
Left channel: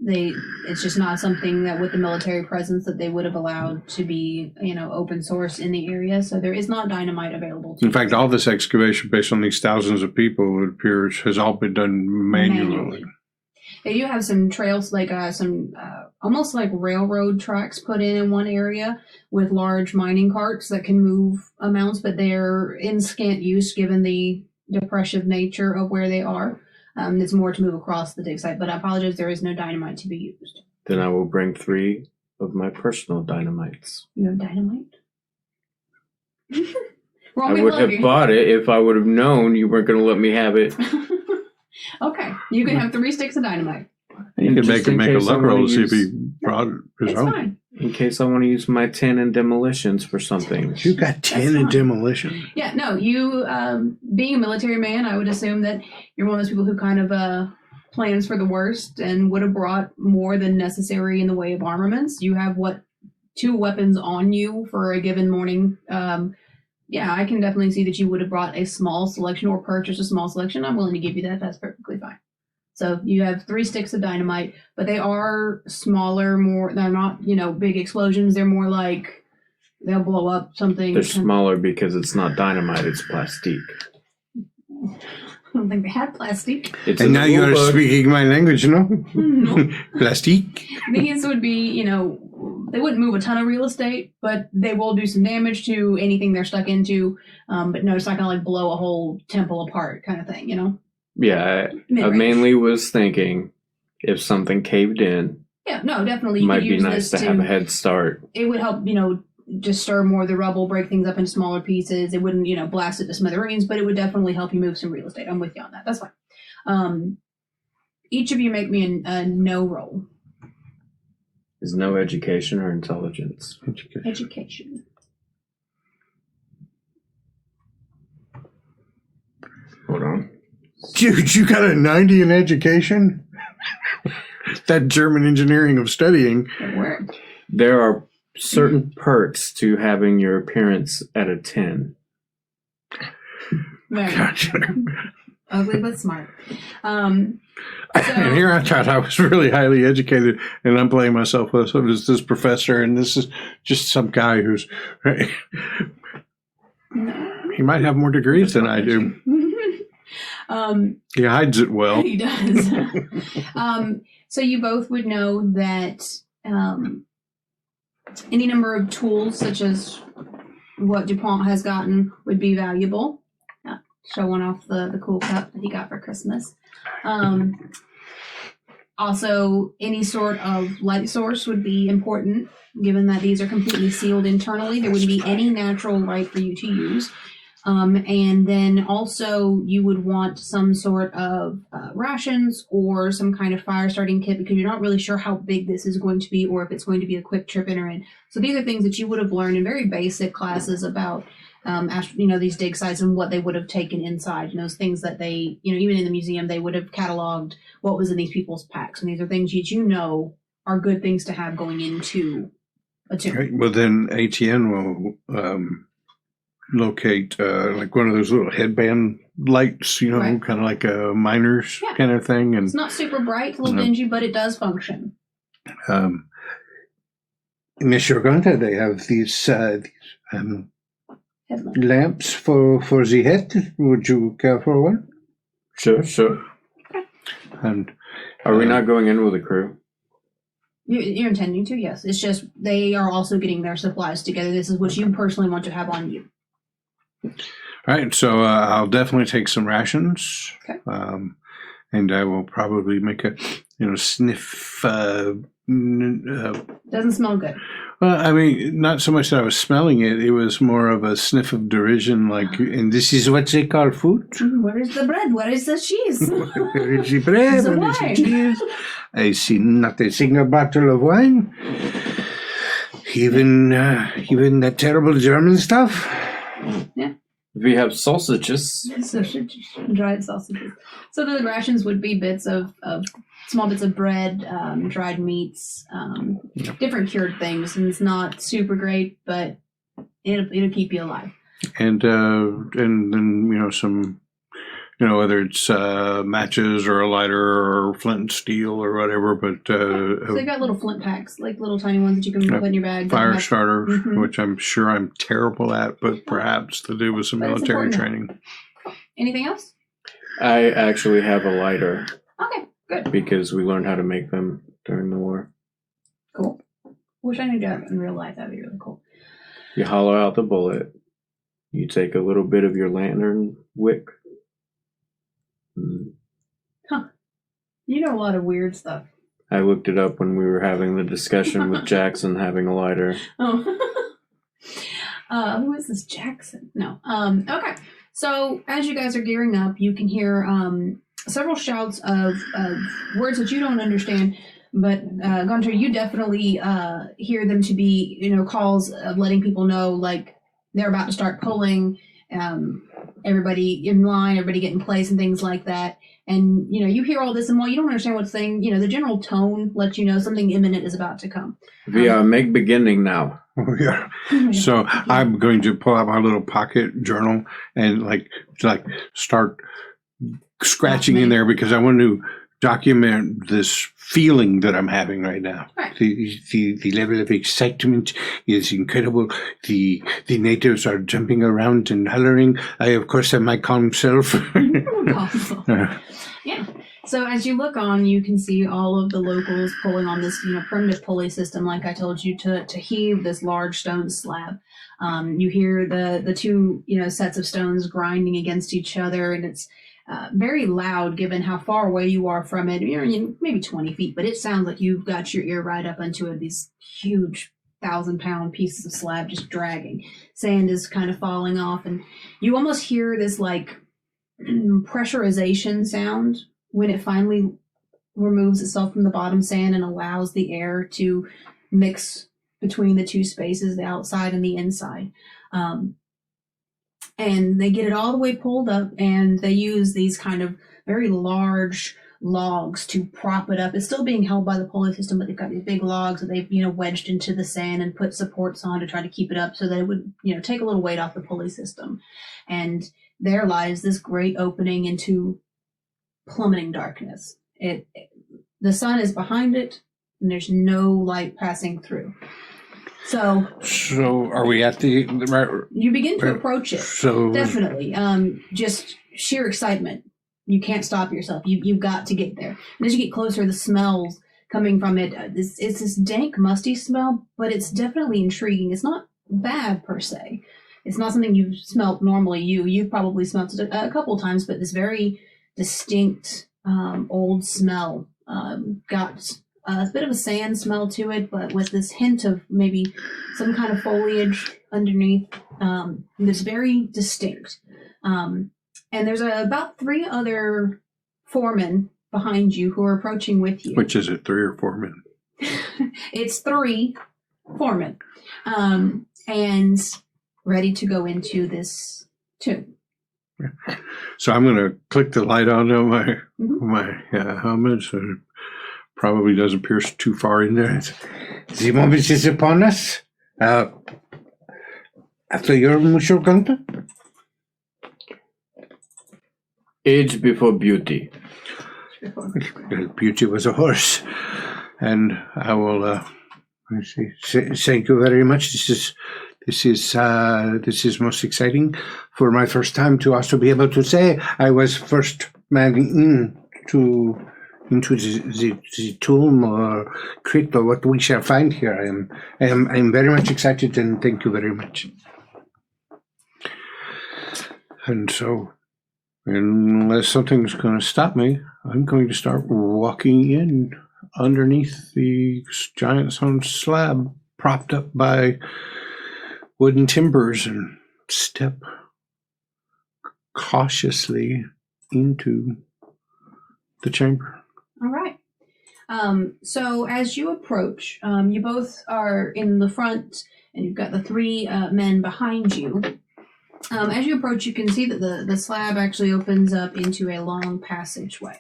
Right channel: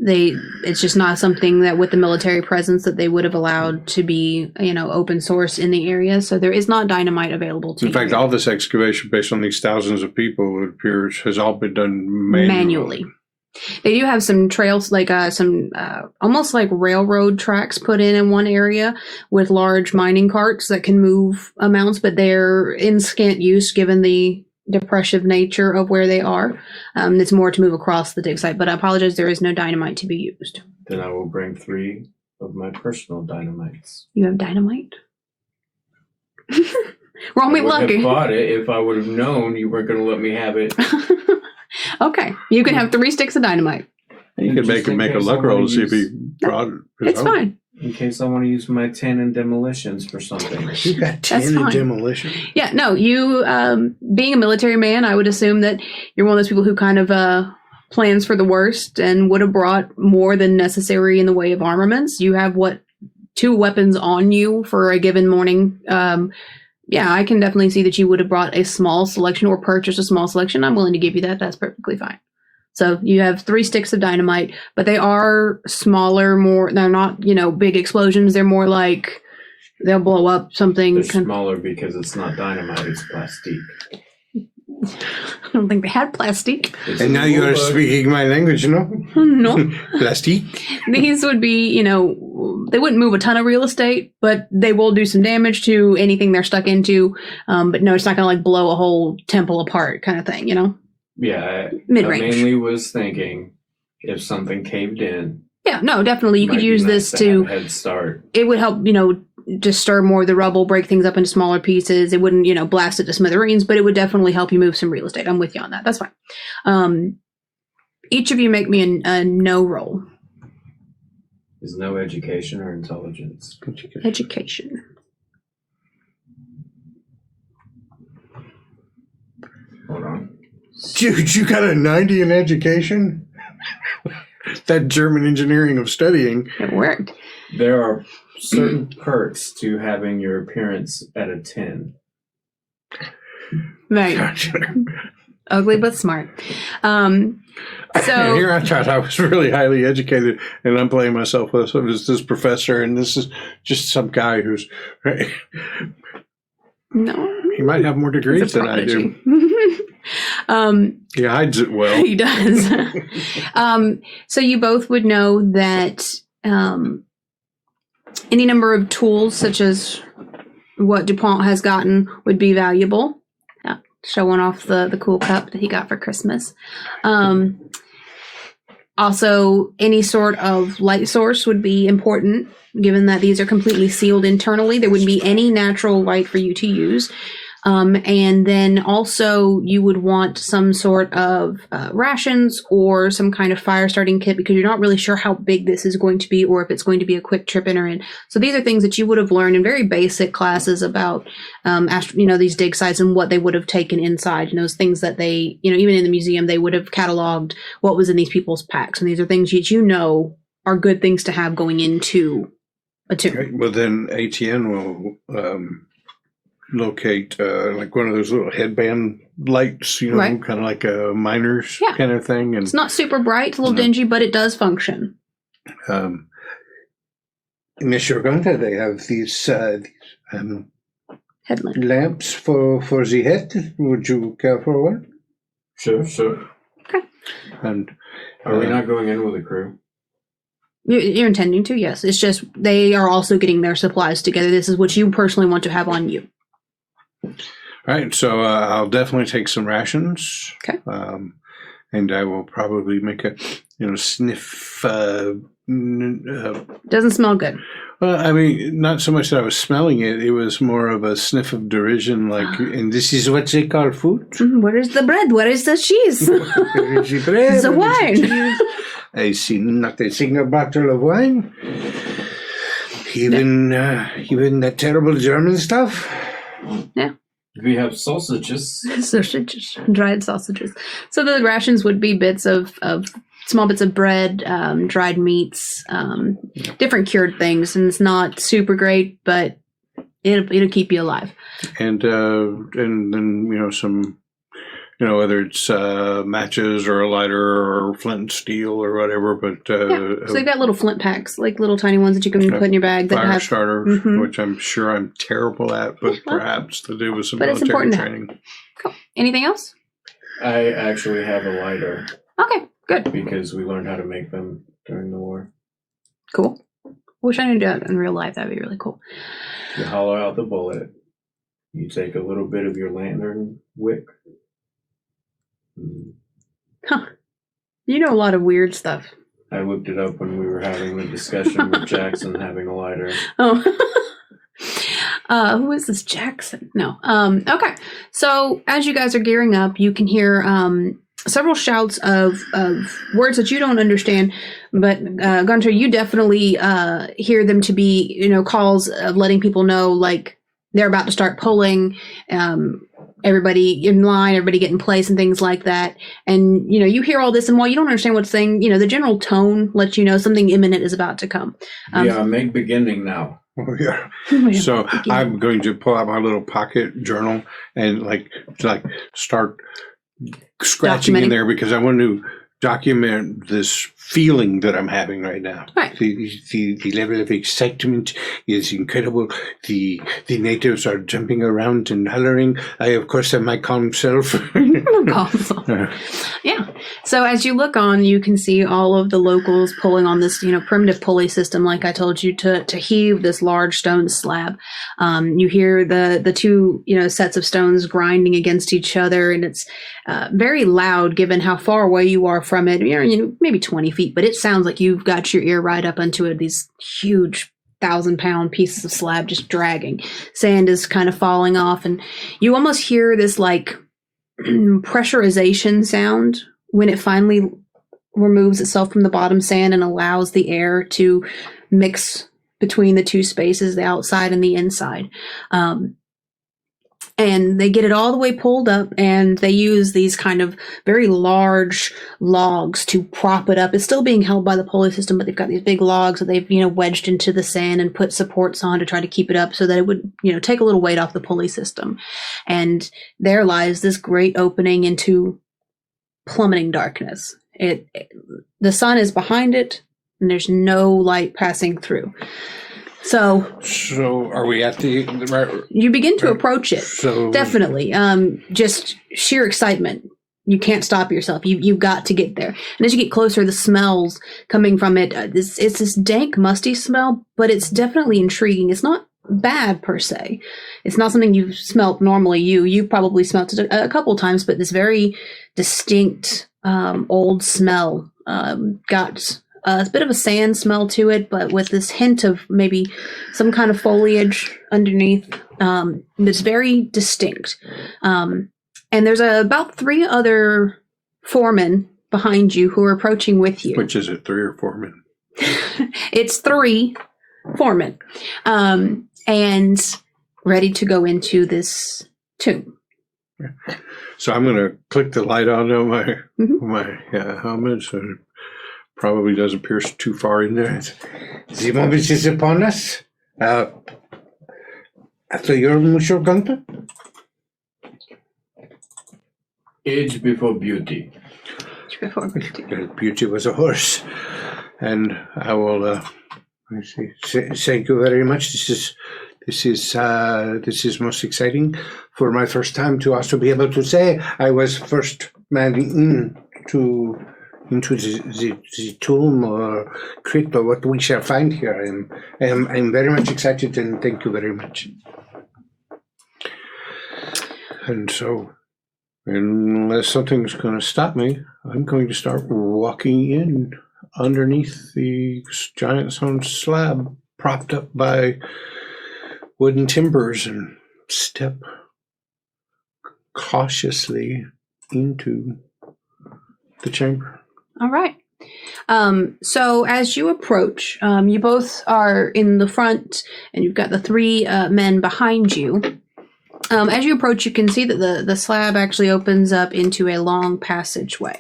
It's just not something that with the military presence that they would have allowed to be, open source in the area. So there is not dynamite available to you. In fact, all this excavation based on these thousands of people, it appears, has all been done manually. They do have some trails, like almost like railroad tracks put in one area with large mining carts that can move amounts, but they're in scant use given the depressive nature of where they are. It's more to move across the dig site, but I apologize, there is no dynamite to be used. Then I will bring 3 of my personal dynamites. You have dynamite? Roll I me would lucky. have bought it if I would have known you weren't going to let me have it. Okay, you can have 3 sticks of dynamite. You could make a luck roll to see if he brought it. It's fine. In case I want to use my 10 in demolitions for something. You got 10 in demolition. Yeah, no, you, being a military man, I would assume that you're one of those people who kind of plans for the worst and would have brought more than necessary in the way of armaments. You have, 2 weapons on you for a given morning. Yeah, I can definitely see that you would have brought a small selection or purchased a small selection. I'm willing to give you that. That's perfectly fine. So you have 3 sticks of dynamite, but they are smaller, they're not, big explosions. They're more like they'll blow up something. They're smaller because it's not dynamite, it's plastique. I don't think they had plastic. And now you're speaking my language, no? No. Plastique? These would be, they wouldn't move a ton of real estate, but they will do some damage to anything they're stuck into. But no, it's not going to blow a whole temple apart kind of thing, Yeah, I mainly was thinking if something caved in. Yeah, no, definitely. You could use this to have a head start. It would help, just stir more of the rubble, break things up into smaller pieces. It wouldn't, blast it to smithereens, but it would definitely help you move some real estate. I'm with you on that. That's fine. Each of you make me a no roll. Is no education or intelligence? Education. Hold on. Dude, you got a 90 in education? That German engineering of studying. It worked. There are certain perks to having your appearance at a 10. Right. Gotcha. Ugly but smart. And here I thought I was really highly educated, and I'm playing myself as this professor, and this is just some guy who's... No. He might have more degrees than I do. He hides it well. He does. So you both would know that any number of tools, such as what Dupont has gotten, would be valuable. Showing off the cool cup that he got for Christmas. Also, any sort of light source would be important, given that these are completely sealed internally. There wouldn't be any natural light for you to use. And then also you would want some sort of rations or some kind of fire starting kit, because you're not really sure how big this is going to be or if it's going to be a quick trip in or in. So these are things that you would have learned in very basic classes about, these dig sites and what they would have taken inside, and those things that they, even in the museum, they would have cataloged what was in these people's packs. And these are things that are good things to have going into a tomb. Right. Well, then Etienne will... locate like one of those little headband lights, right. Kind of like a miner's kind of thing. And it's not super bright, it's a little dingy, but it does function. Monsieur Günther, they have these lamps for the head. Would you care for one? Sure. Okay. And are we not going in with a crew? You're intending to, yes. It's just they are also getting their supplies together. This is what you personally want to have on you. All right, so I'll definitely take some rations. Okay. And I will probably make a, sniff. Doesn't smell good. Well, I mean, not so much that I was smelling it. It was more of a sniff of derision, like, and this is what they call food? Where is the bread? Where is the cheese? Where is the bread? The wine. I see not a single bottle of wine. Even that terrible German stuff. Yeah. We have sausages. Dried sausages. So the rations would be bits of small bits of bread, dried meats, different cured things, and it's not super great, but it'll keep you alive. And then some, whether it's matches or a lighter or flint and steel or whatever. But so they've got little flint packs, like little tiny ones that you can put in your bag. Fire starter, which I'm sure I'm terrible at, but perhaps to do with some military training. Cool. Anything else? I actually have a lighter. Okay, good. Because we learned how to make them during the war. Cool. Wish I knew that in real life. That'd be really cool. You hollow out the bullet. You take a little bit of your lantern wick, Huh. You know a lot of weird stuff. I looked it up when we were having the discussion with Jackson having a lighter. Oh. Who is this Jackson? No. Okay. So as you guys are gearing up, you can hear several shouts of words that you don't understand. But Günther, you definitely hear them to be, calls of letting people know, like, they're about to start pulling, everybody in line, everybody get in place and things like that. And, you hear all this, and while you don't understand what's saying, the general tone lets you know something imminent is about to come. We are make beginning now. Oh, yeah. So I'm going to pull out my little pocket journal and start scratching in there because I want to document this feeling that I'm having right now. Right. The level of excitement is incredible. The natives are jumping around and hollering. I, of course, have my calm self. Yeah. So as you look on, you can see all of the locals pulling on this, primitive pulley system, like I told you, to heave this large stone slab. You hear the two, sets of stones grinding against each other, and it's very loud given how far away you are from it. Maybe 20 feet, but it sounds like you've got your ear right up into it. These huge 1,000-pound pieces of slab just dragging. Sand is kind of falling off, and you almost hear this like pressurization sound when it finally removes itself from the bottom sand and allows the air to mix between the two spaces, the outside and the inside. And they get it all the way pulled up, and they use these kind of very large logs to prop it up. It's still being held by the pulley system, but they've got these big logs that they've, wedged into the sand and put supports on to try to keep it up so that it would, take a little weight off the pulley system. And there lies this great opening into plummeting darkness. The sun is behind it, and there's no light passing through. So are we at the right? You begin to approach it. So definitely, just sheer excitement. You can't stop yourself. You've got to get there. And as you get closer, the smells coming from it, it's this dank, musty smell, but it's definitely intriguing. It's not bad per se. It's not something you've smelt normally. You've probably smelt it a couple times, but this very distinct old smell got a bit of a sand smell to it, but with this hint of maybe some kind of foliage underneath. It's very distinct. And there's about 3 other foremen behind you who are approaching with you. Which is it, 3 or 4 men? It's 3 foremen. And ready to go into this tomb. So I'm going to click the light on my helmet so it probably doesn't pierce too far in there. The moment is upon us. After your Monsieur Günther? Age before beauty. Beauty was a horse. And I will thank you very much. This is most exciting. For my first time to also be able to say I was first man into the tomb or crypt or what we shall find here. I'm very much excited, and thank you very much. And so, unless something's going to stop me, I'm going to start walking in underneath the giant stone slab propped up by wooden timbers and step cautiously into the chamber. All right. So as you approach, you both are in the front, and you've got the 3 men behind you. As you approach, you can see that the slab actually opens up into a long passageway.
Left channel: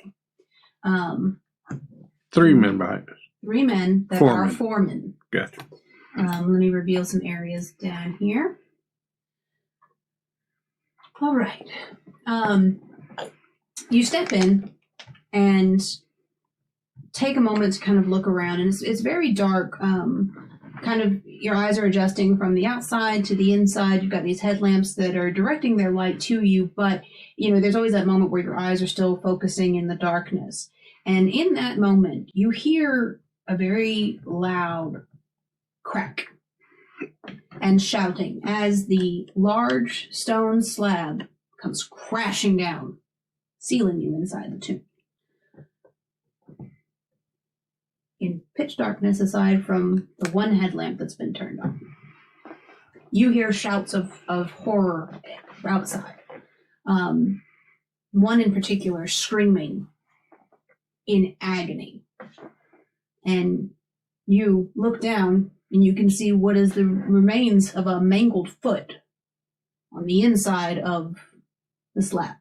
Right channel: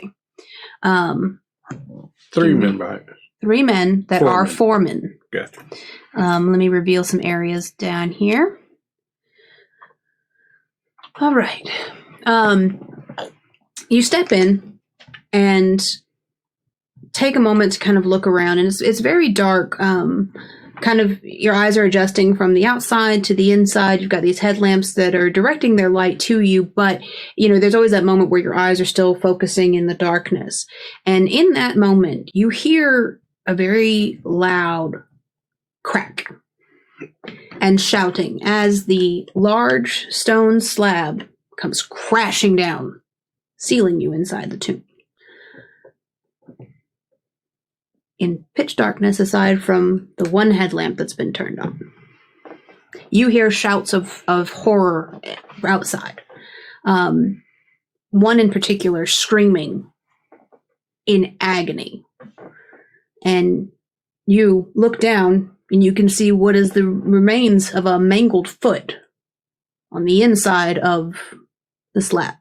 3 men behind us. 3 men that foremen. are foremen. Gotcha. Let me reveal some areas down here. All right. You step in and take a moment to kind of look around, and it's very dark. Kind of your eyes are adjusting from the outside to the inside. You've got these headlamps that are directing their light to you, but there's always that moment where your eyes are still focusing in the darkness. And in that moment, you hear a very loud crack and shouting as the large stone slab comes crashing down, sealing you inside the tomb. In pitch darkness, aside from the one headlamp that's been turned on, you hear shouts of horror outside. One in particular screaming in agony. And you look down and you can see what is the remains of a mangled foot on the inside of the slab.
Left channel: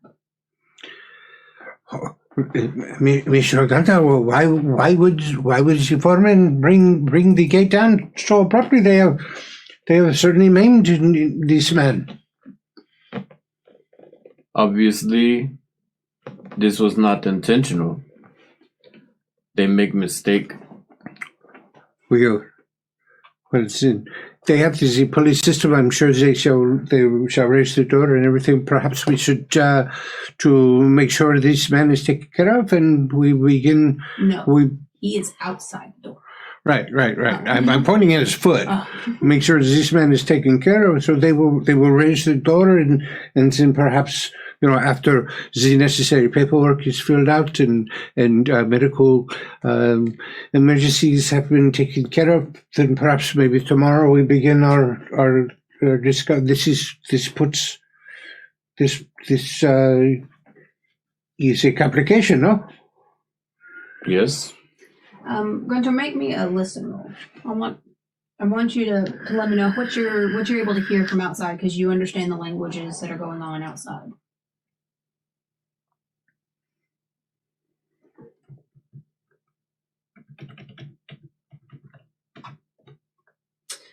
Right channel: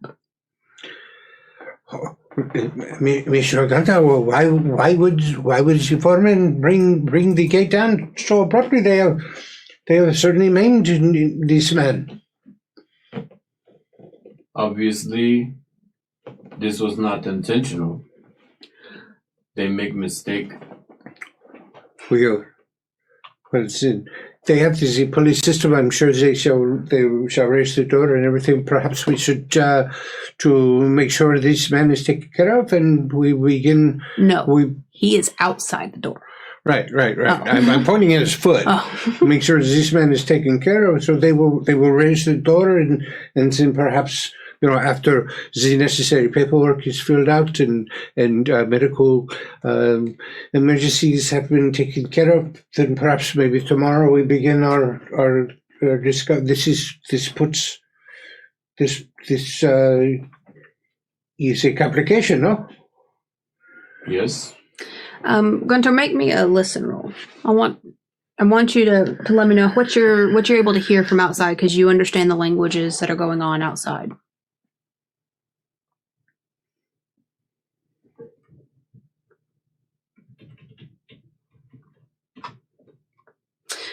Mr. Günther, why would the foreman bring the gate down so abruptly? They have certainly maimed this man. Obviously, this was not intentional. They make mistake. They have the police system. I'm sure they shall raise the door and everything. Perhaps we should to make sure this man is taken care of, and we begin. No, he is outside the door. Right. Oh. I'm pointing at his foot. Oh. Make sure this man is taken care of. So they will raise the door, and then perhaps, after the necessary paperwork is filled out and medical emergencies have been taken care of, then perhaps maybe tomorrow we begin our discussion. This is a complication, no? Yes. Günther, make me a listen roll. I want you to let me know what you're able to hear from outside, because you understand the languages that are going on outside.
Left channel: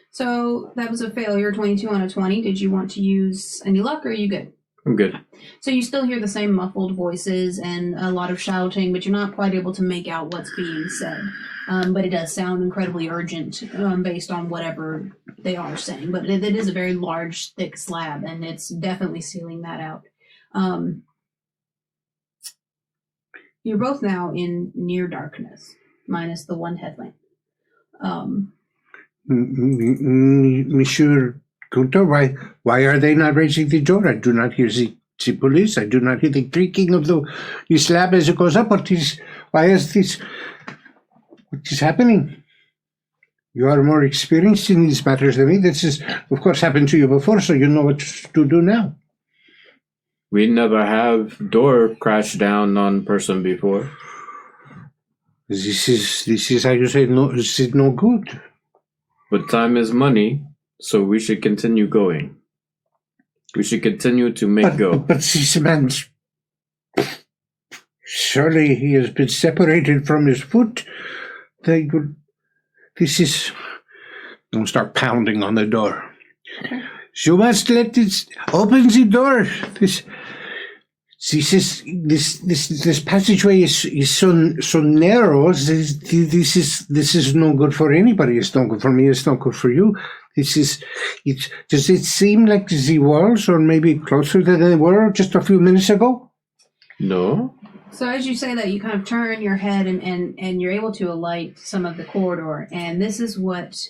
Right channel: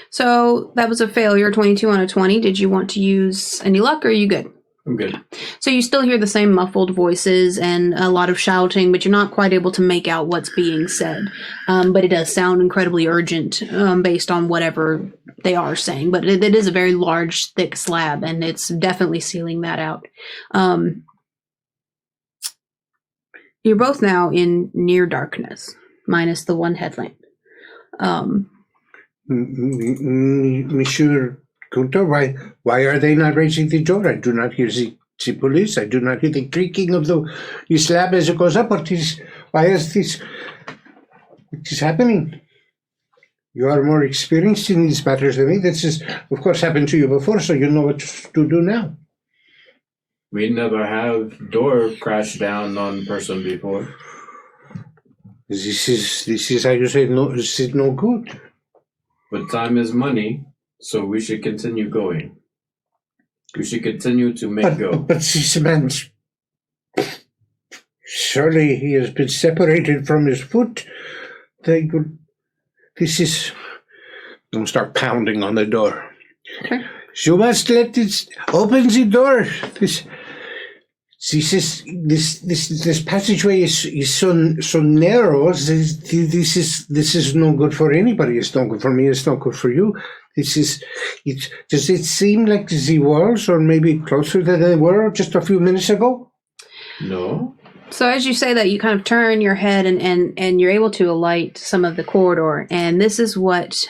So that was a failure, 22 out of 20. Did you want to use any luck, or are you good? I'm good. So you still hear the same muffled voices and a lot of shouting, but you're not quite able to make out what's being said. But it does sound incredibly urgent based on whatever they are saying. But it is a very large, thick slab, and it's definitely sealing that out. You're both now in near darkness, minus the one headlamp. Monsieur Günther, why are they not raising the door? I do not hear the police. I do not hear the creaking of the slab as it goes up. What is happening? You are more experienced in these matters than me. This has, of course, happened to you before, so you know what to do now. We never have door crash down on person before. This is how you say no. This is no good. But time is money, so we should continue going. We should continue to make go. But this man, surely he has been separated from his foot. Don't start pounding on the door. Okay. You must open the door. This passageway is so narrow. This is no good for anybody. It's not good for me. It's not good for you. Does it seem like the walls are maybe closer than they were just a few minutes ago? No. So as you say that, you kind of turn your head and you're able to alight some of the corridor, and this is what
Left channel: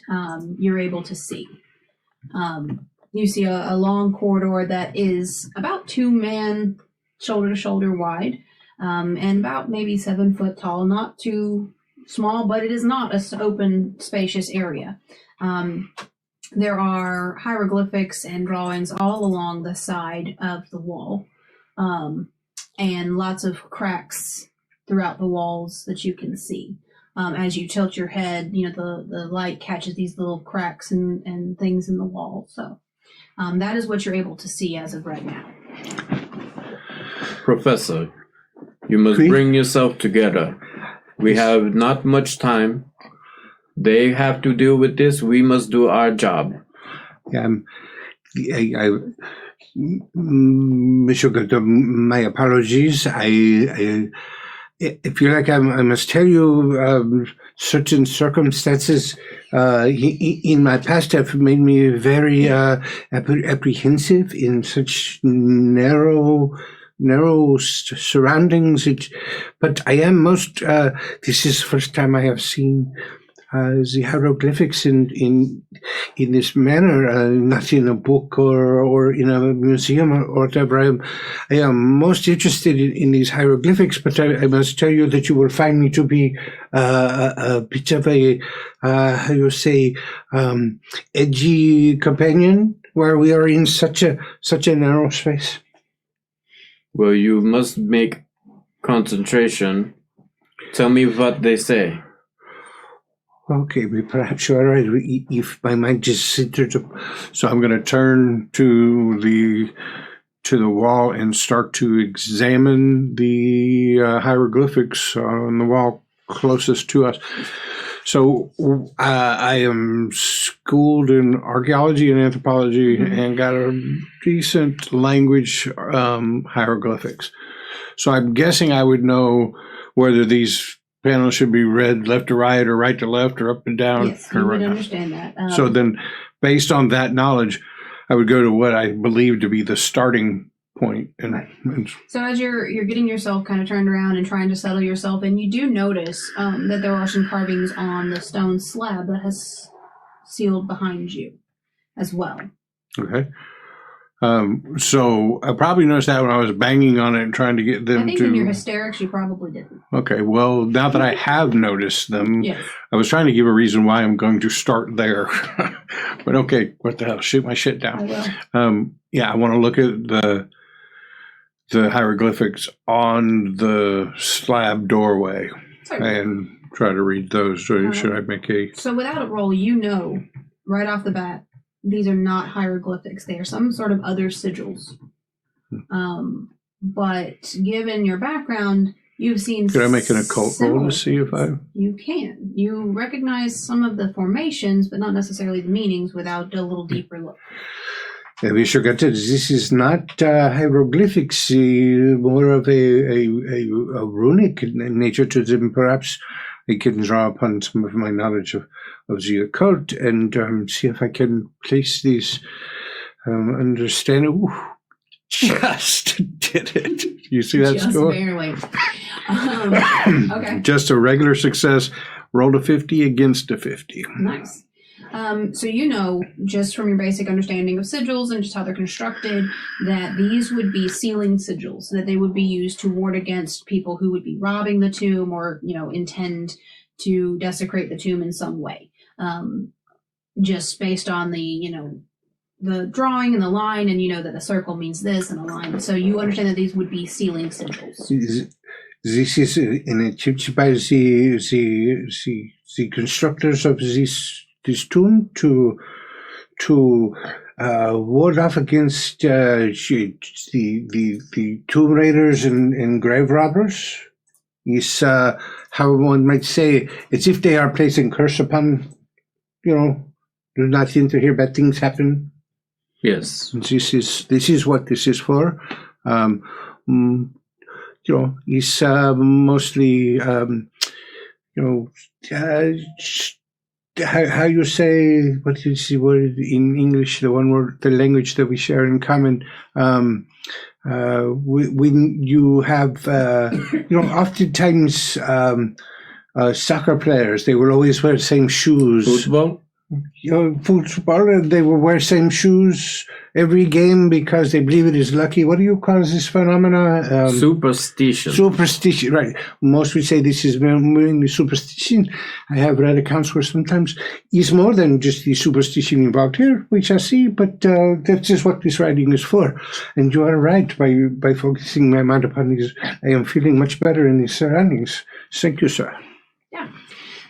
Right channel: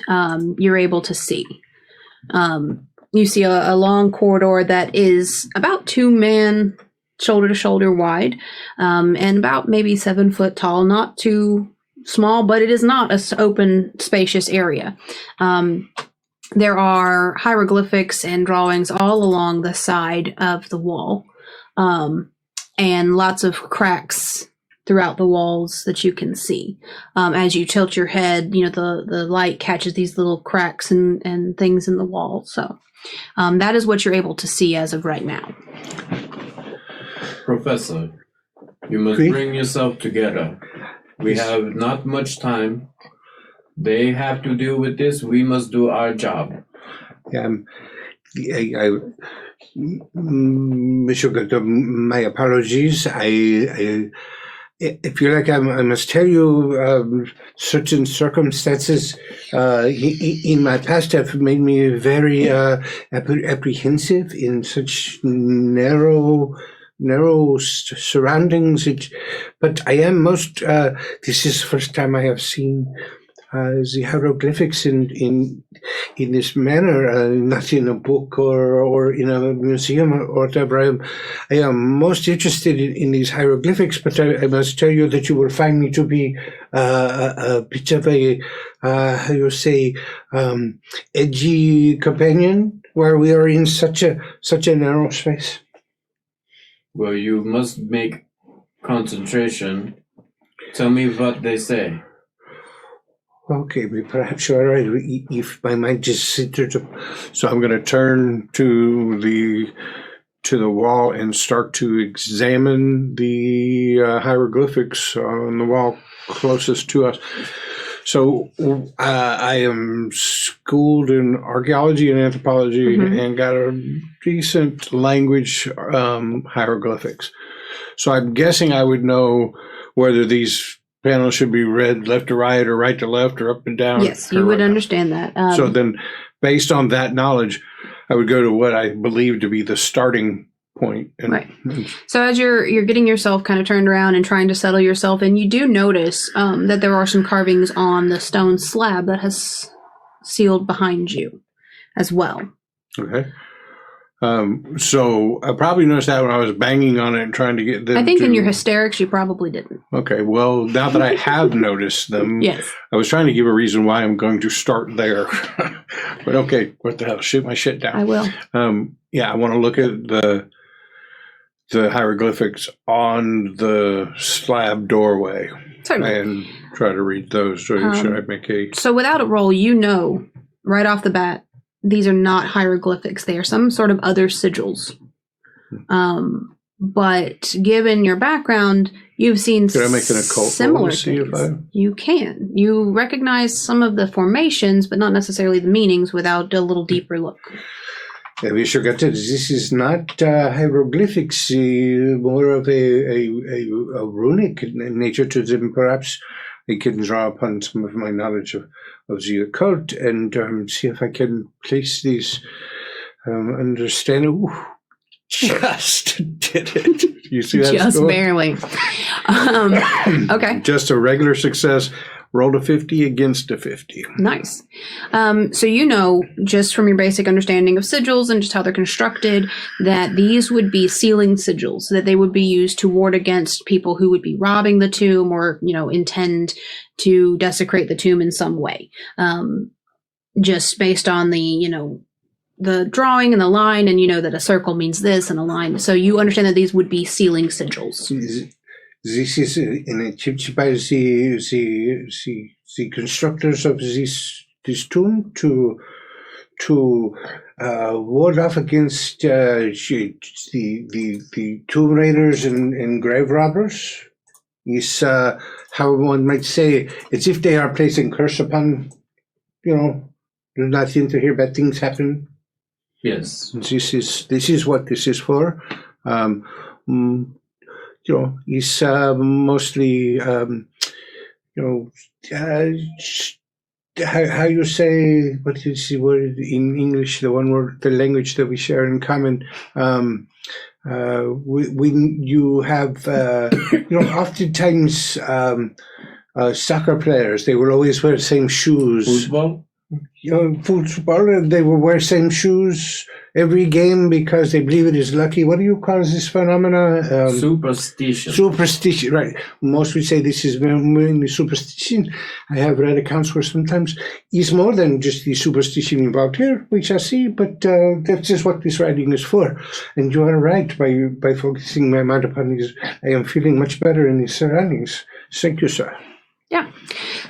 you're able to see. You see a long corridor that is about 2 men shoulder to shoulder wide, and about maybe 7 foot tall, not too small, but it is not an open, spacious area. There are hieroglyphics and drawings all along the side of the wall, and lots of cracks throughout the walls that you can see. As you tilt your head, the light catches these little cracks and things in the wall. So that is what you're able to see as of right now. Professor, you must bring yourself together. We have not much time. They have to deal with this. We must do our job. Monsieur Günther, my apologies. I feel like I must tell you certain circumstances in my past have made me very apprehensive in such narrow surroundings. But I am most. This is the first time I have seen the hieroglyphics in this manner, not in a book or in a museum or whatever. I am most interested in these hieroglyphics, but I must tell you that you will find me to be a bit of a, how you say, edgy companion, where we are in such a narrow space. Well, you must make concentration. Tell me what they say. Okay, perhaps you're right. If my mind just centered up. So I'm going to turn to the wall and start to examine the hieroglyphics on the wall closest to us. So I am schooled in archaeology and anthropology and got a decent language hieroglyphics. So I'm guessing I would know whether these panels should be read left to right or right to left or up and down. Yes, you would understand that. So then, based on that knowledge, I would go to what I believe to be the starting point. Right. So as you're getting yourself kind of turned around and trying to settle yourself in, you do notice that there are some carvings on the stone slab that has sealed behind you as well. Okay. So I probably noticed that when I was banging on it and trying to get them. I think in your hysterics, you probably didn't. Okay. Well, now that I have noticed them, yes. I was trying to give a reason why I'm going to start there. But okay, what the hell? Shoot my shit down. I will. Yeah, I want to look at the hieroglyphics on the slab doorway. Certainly. And try to read those. So should I make a... So without a roll, you know right off the bat, these are not hieroglyphics. They are some sort of other sigils. But given your background, you've seen... Could I make an occult roll to see if I... You can. You recognize some of the formations, but not necessarily the meanings without a little deeper look. We sure got to. This is not hieroglyphics, more of a runic nature to them. Perhaps I can draw upon some of my knowledge of the occult and see if I can place these, understand. Ooh, just did it. You see that just score? Barely. Okay. Just a regular success. Rolled a 50 against a 50. Nice. So you know, just from your basic understanding of sigils and just how they're constructed, that these would be sealing sigils, that they would be used to ward against people who would be robbing the tomb or, intend to desecrate the tomb in some way. Just based on the drawing and the line, and that a circle means this and a line. So you understand that these would be sealing sigils. This is an attempt by the constructors of this tomb to ward off against the tomb raiders and grave robbers. Is how one might say, it's if they are placing curse upon, do not seem to hear bad things happen. Yes. This is what this is for. Is mostly, how you say, what is the word in English, the language that we share in common, when you have, oftentimes soccer players, they will always wear the same shoes. Football? Football, they will wear same shoes every game because they believe it is lucky. What do you call this phenomena? Superstition. Superstition, right. Most would say this is mainly superstition. I have read accounts where sometimes it's more than just the superstition involved here, we shall see, but that's just what this writing is for. And you are right, by focusing my mind upon these, I am feeling much better in these surroundings. Thank you, sir. Yeah.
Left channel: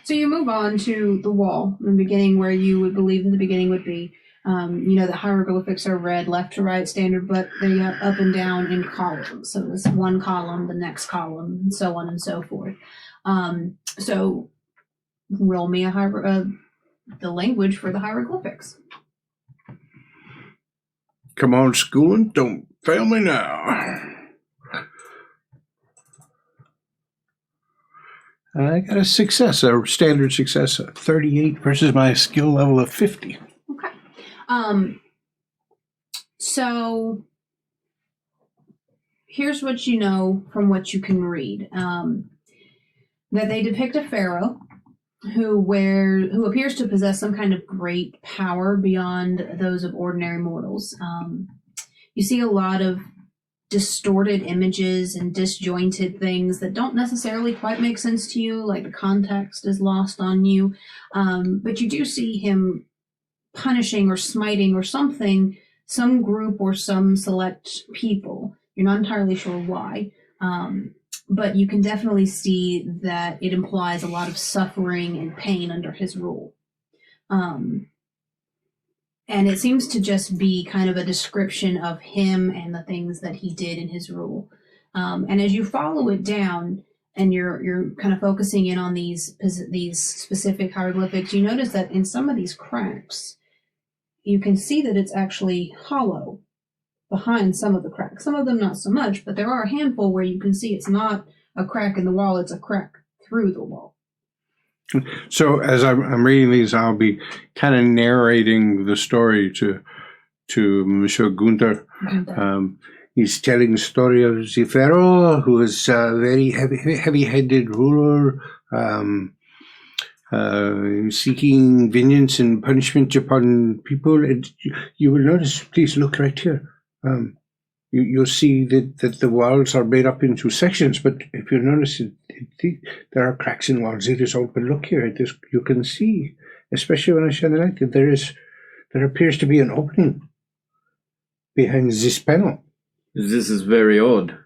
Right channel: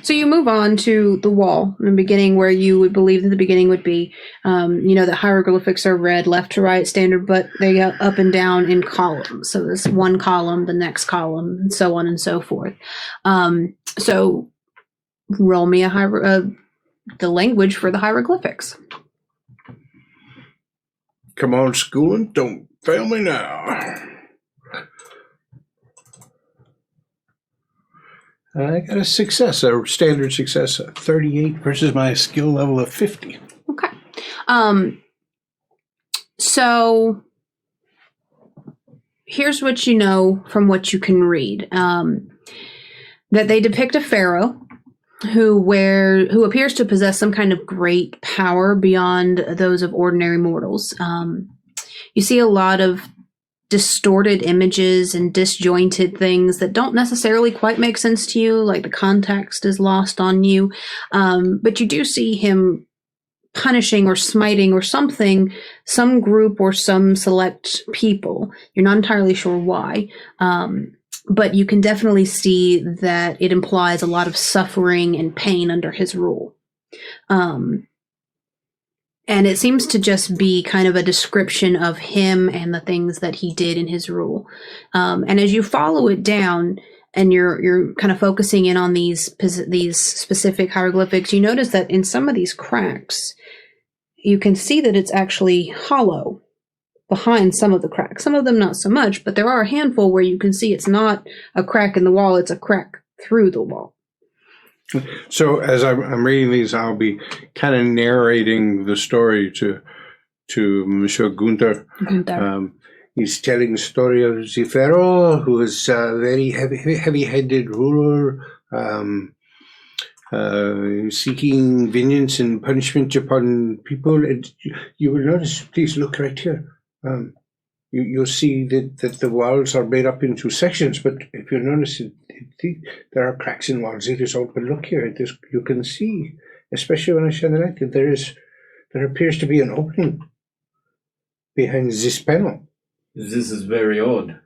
So you move on to the wall in the beginning, where you would believe that the beginning would be, that hieroglyphics are read left to right standard, but they go up and down in columns. So there's one column, the next column, and so on and so forth. So roll me the language for the hieroglyphics. Come on, schooling. Don't fail me now. I got a success, a standard success, 38 versus my skill level of 50. Okay. So here's what you know from what you can read. That they depict a pharaoh who appears to possess some kind of great power beyond those of ordinary mortals. You see a lot of distorted images and disjointed things that don't necessarily quite make sense to you, like the context is lost on you. But you do see him punishing or smiting or something, some group or some select people. You're not entirely sure why. But you can definitely see that it implies a lot of suffering and pain under his rule. And it seems to just be kind of a description of him and the things that he did in his rule. And as you follow it down and you're kind of focusing in on these specific hieroglyphics, you notice that in some of these cracks, you can see that it's actually hollow behind some of the cracks. Some of them not so much, but there are a handful where you can see it's not a crack in the wall, it's a crack through the wall. So as I'm reading these, I'll be kind of narrating the story to Monsieur Günther. He's telling the story of the pharaoh, who was a very heavy-headed ruler, seeking vengeance and punishment upon people. And you will notice, please look right here. You'll see that the walls are made up into sections, but if you notice, there are cracks in walls. It is open. Look here. You can see, especially when I shine the light, that there appears to be an opening behind this panel. This is very odd.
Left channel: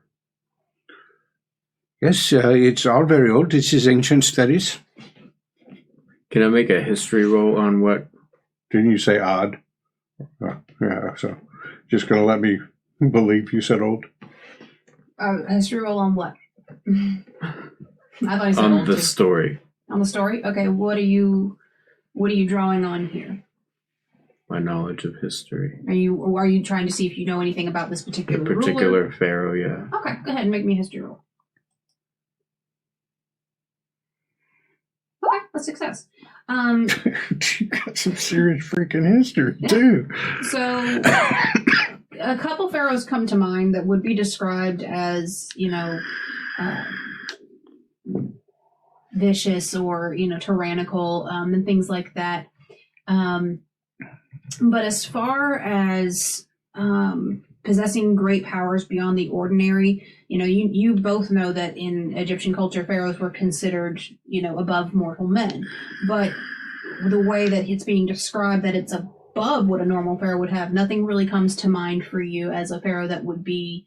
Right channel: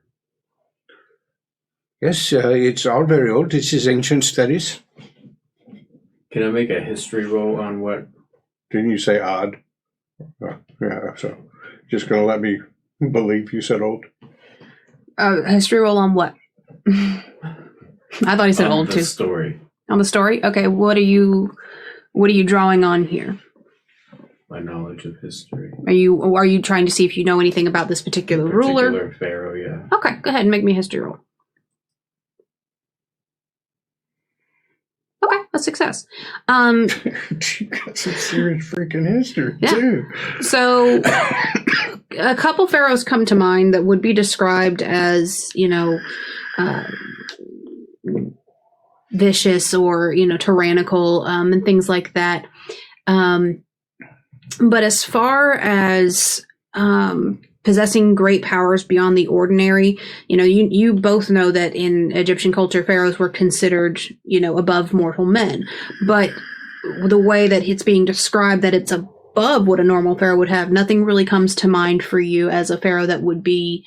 Yes, it's all very old. This is ancient studies. Can I make a history roll on what? Didn't you say odd? Yeah, so just going to let me believe you said old. History roll on what? I thought he said old too. On the story. On the story? Okay, what are you drawing on here? My knowledge of history. Are you trying to see if you know anything about this particular ruler? Particular pharaoh, yeah. Okay, go ahead and make me a history roll. Okay, a success. You got some serious freaking history too. So a couple pharaohs come to mind that would be described as, vicious or, tyrannical, and things like that. But as far as possessing great powers beyond the ordinary, you both know that in Egyptian culture, pharaohs were considered, above mortal men. But the way that it's being described, that it's above what a normal pharaoh would have, nothing really comes to mind for you as a pharaoh that would be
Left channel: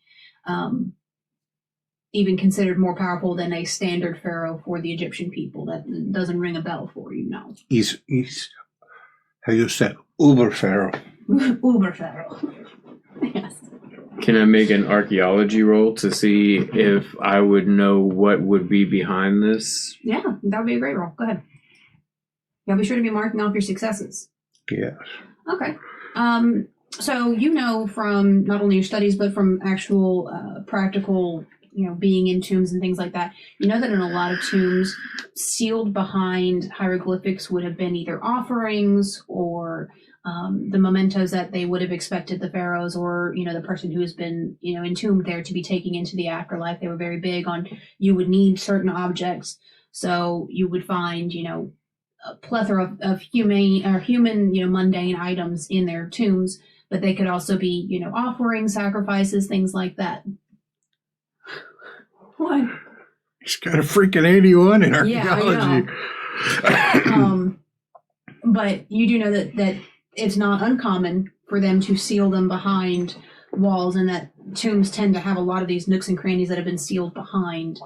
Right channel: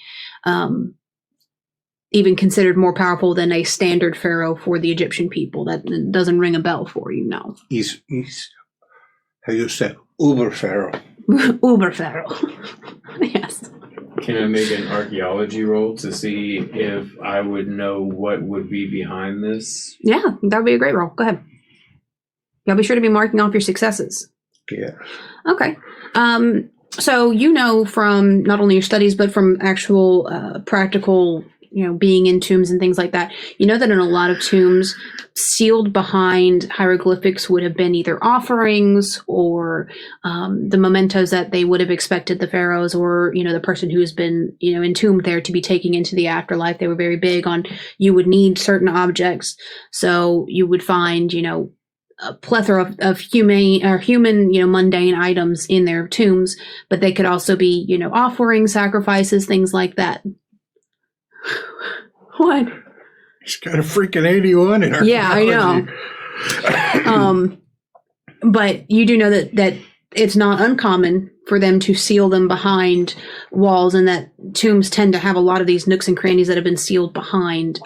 even considered more powerful than a standard pharaoh for the Egyptian people. That doesn't ring a bell for you, no. He's how you say, uber pharaoh. Uber pharaoh. Yes. Can I make an archaeology roll to see if I would know what would be behind this? Yeah, that would be a great roll. Go ahead. Y'all be sure to be marking off your successes. Yeah. Okay. So from not only your studies, but from actual practical, being in tombs and things like that, that in a lot of tombs, sealed behind hieroglyphics would have been either offerings or the mementos that they would have expected the pharaohs or, the person who has been, entombed there to be taking into the afterlife. They were very big on, you would need certain objects. So you would find, a plethora of human, mundane items in their tombs, but they could also be, offerings, sacrifices, things like that. What? He's got a freaking 81 in archaeology. Yeah, I know. But you do know that it's not uncommon for them to seal them behind walls, and that tombs tend to have a lot of these nooks and crannies that have been sealed behind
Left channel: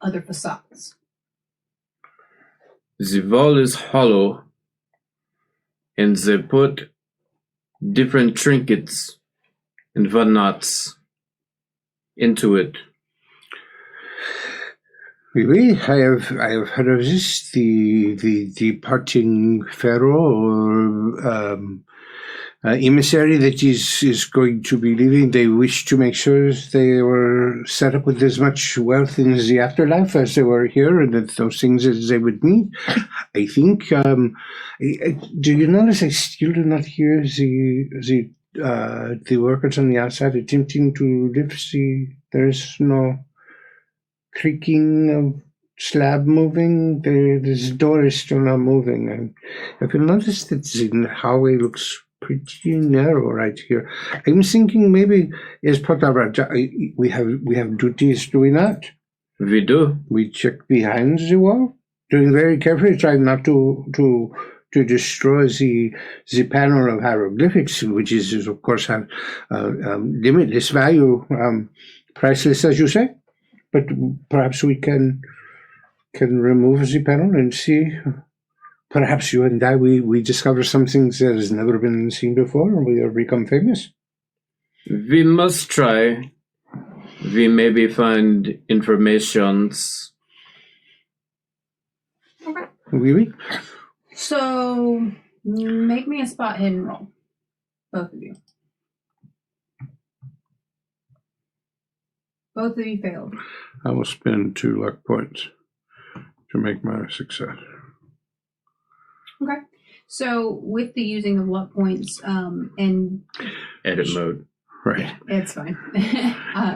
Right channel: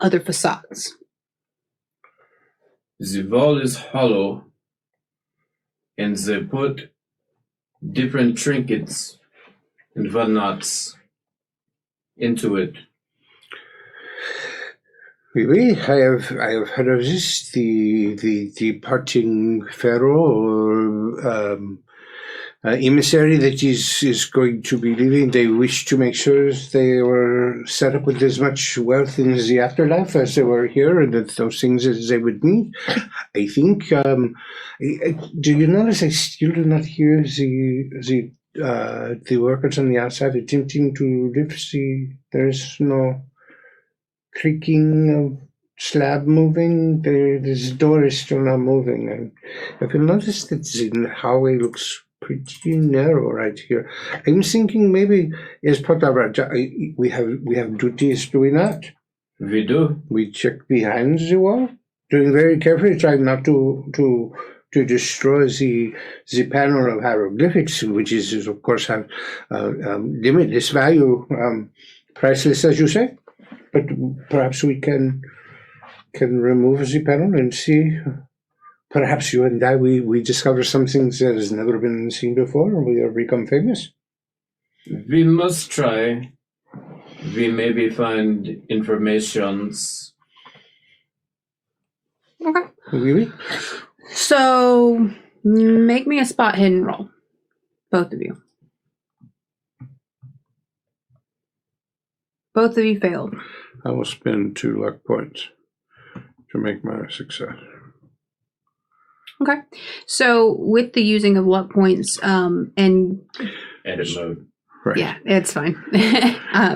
other facades. The wall is hollow, and they put different trinkets and whatnots into it. Oui, I have heard of this. The departing pharaoh or emissary that is going to be leaving. They wish to make sure they were set up with as much wealth in the afterlife as they were here, and that those things as they would need. I think. Do you notice I still do not hear the workers on the outside attempting to lift the? There is no creaking of slab moving? This door is still not moving. And if you notice that the hallway looks pretty narrow right here. I'm thinking maybe as part of our job, we have duties, do we not? We do. We check behind the wall, doing very carefully, trying not to destroy the panel of hieroglyphics, which is of course have limitless value, priceless as you say. But perhaps we can remove the panel and see. Perhaps you and I, we discover something that has never been seen before, and we have become famous. We must try. We maybe find informations. Okay. Oui. So, make me a spot hidden roll. Both of you. Both of you failed. I will spend 2 luck points to make my success. Okay. So with the using of luck points and edit mode. Right. Yeah, it's fine.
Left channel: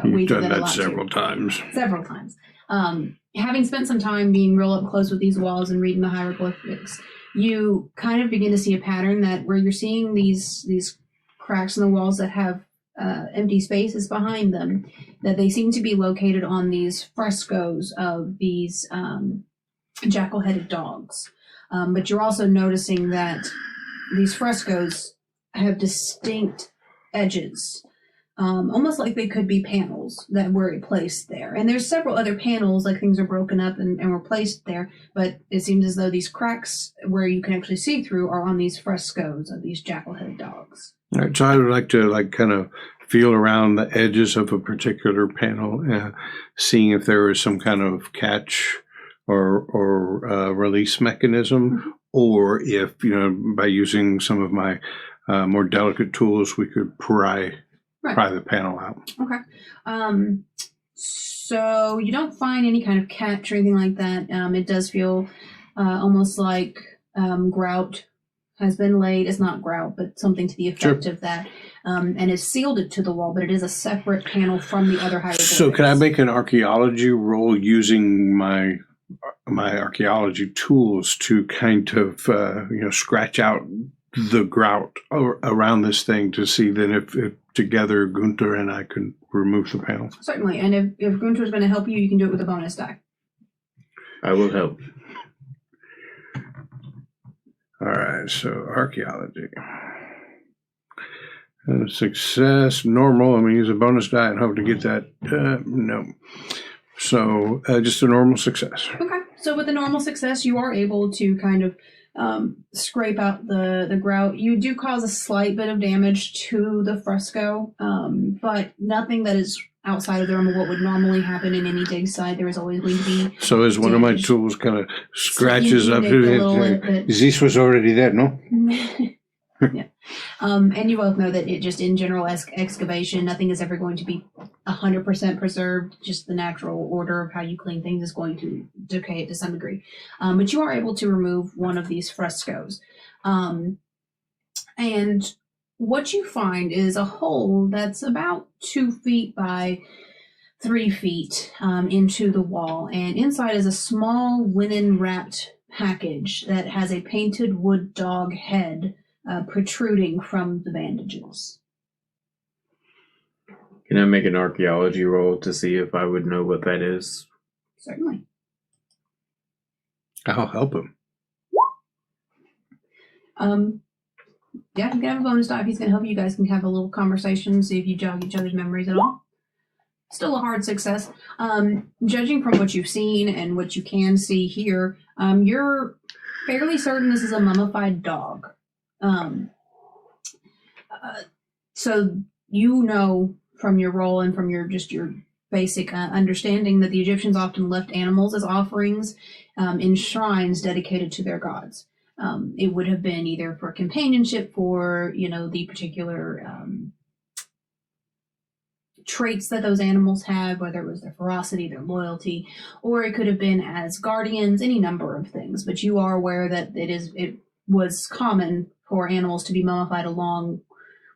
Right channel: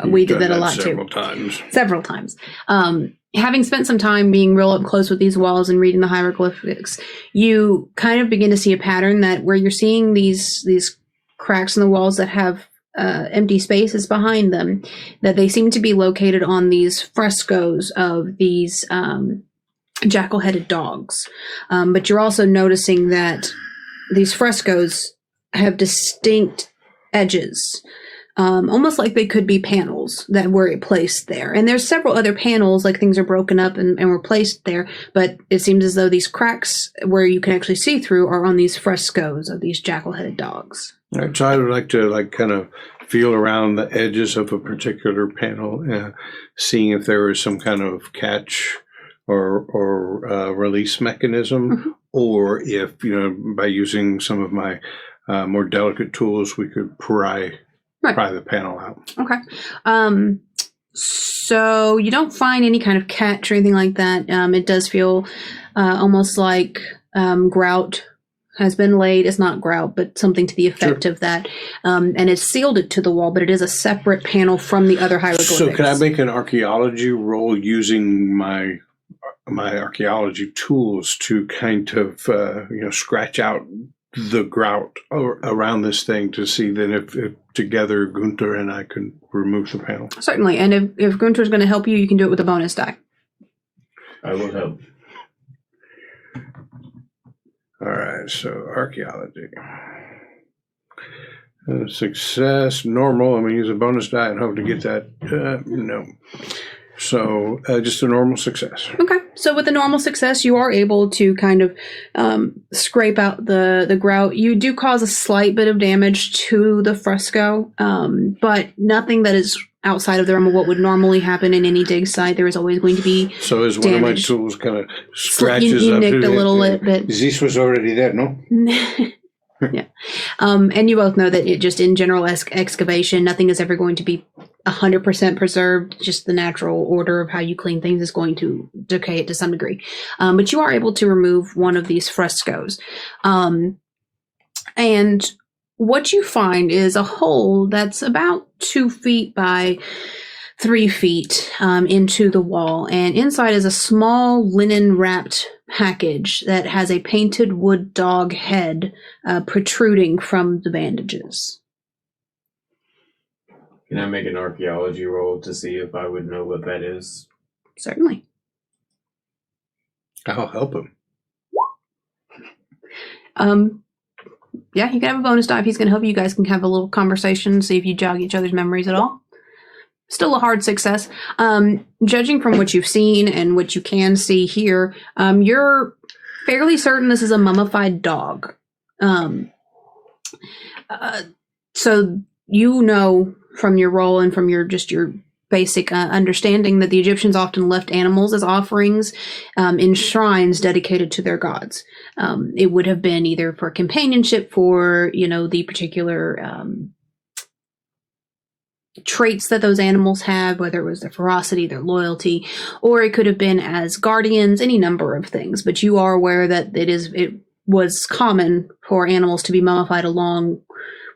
We did that a lot several times. Several times. Having spent some time being real up close with these walls and reading the hieroglyphics, you kind of begin to see a pattern that where you're seeing these cracks in the walls that have empty spaces behind them, that they seem to be located on these frescoes of these jackal-headed dogs. But you're also noticing that these frescoes have distinct edges, almost like they could be panels that were placed there. And there's several other panels, like things are broken up and were placed there, but it seems as though these cracks where you can actually see through are on these frescoes of these jackal-headed dogs. All right, so I would like to kind of feel around the edges of a particular panel, seeing if there is some kind of catch or release mechanism, or if, by using some of my more delicate tools, we could pry the panel out. Okay. So you don't find any kind of catch or anything like that. It does feel almost like grout has been laid. It's not grout, but something to the effect of that. And it's sealed it to the wall, but it is a separate panel from the other hieroglyphics. So can I make an archaeology roll using my archaeology tools to kind of scratch out the grout around this thing to see then if together Günther and I can remove the panel? Certainly, and if Günther's going to help you, you can do it with a bonus die. I will help. All right, so archaeology. Success, normal. I'm going to use a bonus die and hope to get that. No. So just a normal success. Okay. So with a normal success, you are able to kind of scrape out the grout. You do cause a slight bit of damage to the fresco, but nothing that is outside of the realm of what would normally happen in any dig site. There is always going to be So is one of my tools kind of scratches up to it? This was already there, no? Yeah. And you both know that it just in general excavation, nothing is ever going to be 100% preserved. Just the natural order of how you clean things is going to decay it to some degree. But you are able to remove one of these frescoes. And what you find is a hole that's about 2 feet by 3 feet into the wall. And inside is a small linen wrapped package that has a painted wood dog head protruding from the bandages. Can I make an archaeology roll to see if I would know what that is? Certainly. I'll help him. Yeah, you can have a bonus die if he's going to help you. You guys can have a little conversation, see if you jog each other's memories at all. Still a hard success. Judging from what you've seen and what you can see here, you're fairly certain this is a mummified dog. So you know from your role and from your basic understanding that the Egyptians often left animals as offerings in shrines dedicated to their gods. It would have been either for companionship for, the particular traits that those animals have, whether it was their ferocity, their loyalty, or it could have been as guardians, any number of things. But you are aware that it was common for animals to be mummified along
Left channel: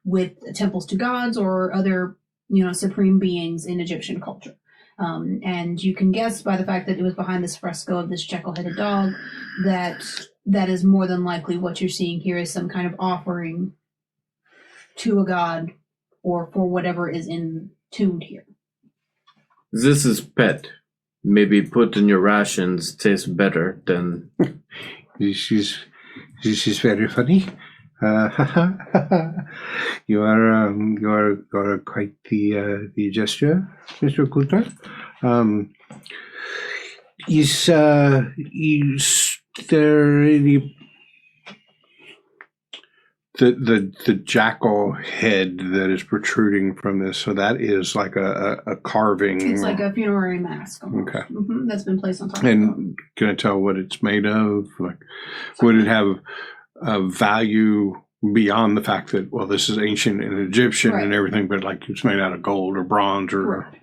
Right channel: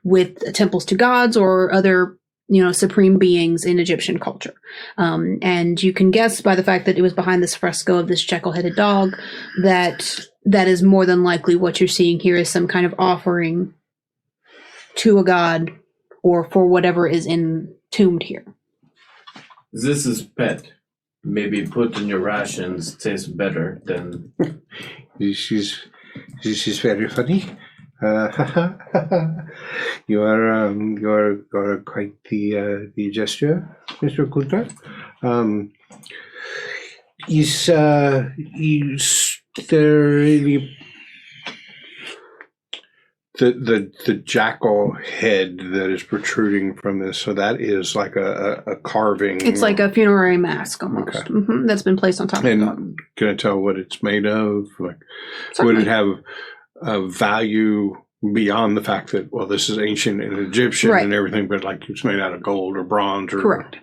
with temples to gods or other supreme beings in Egyptian culture. And you can guess by the fact that it was behind this fresco of this jekyll-headed dog that is more than likely what you're seeing here is some kind of offering to a god or for whatever is entombed here. This is pet. Maybe put in your rations tastes better than... This is very funny. You are quite the gesture, Mr. Günther. Is there any the jackal head that is protruding from this? So that is like a carving. It's like a funerary mask almost. Okay. That's been placed on top of it. And can I tell what it's made of? Like, would it have a value beyond the fact that, well, this is ancient and Egyptian and everything, but like it's made out of gold or bronze or... Correct.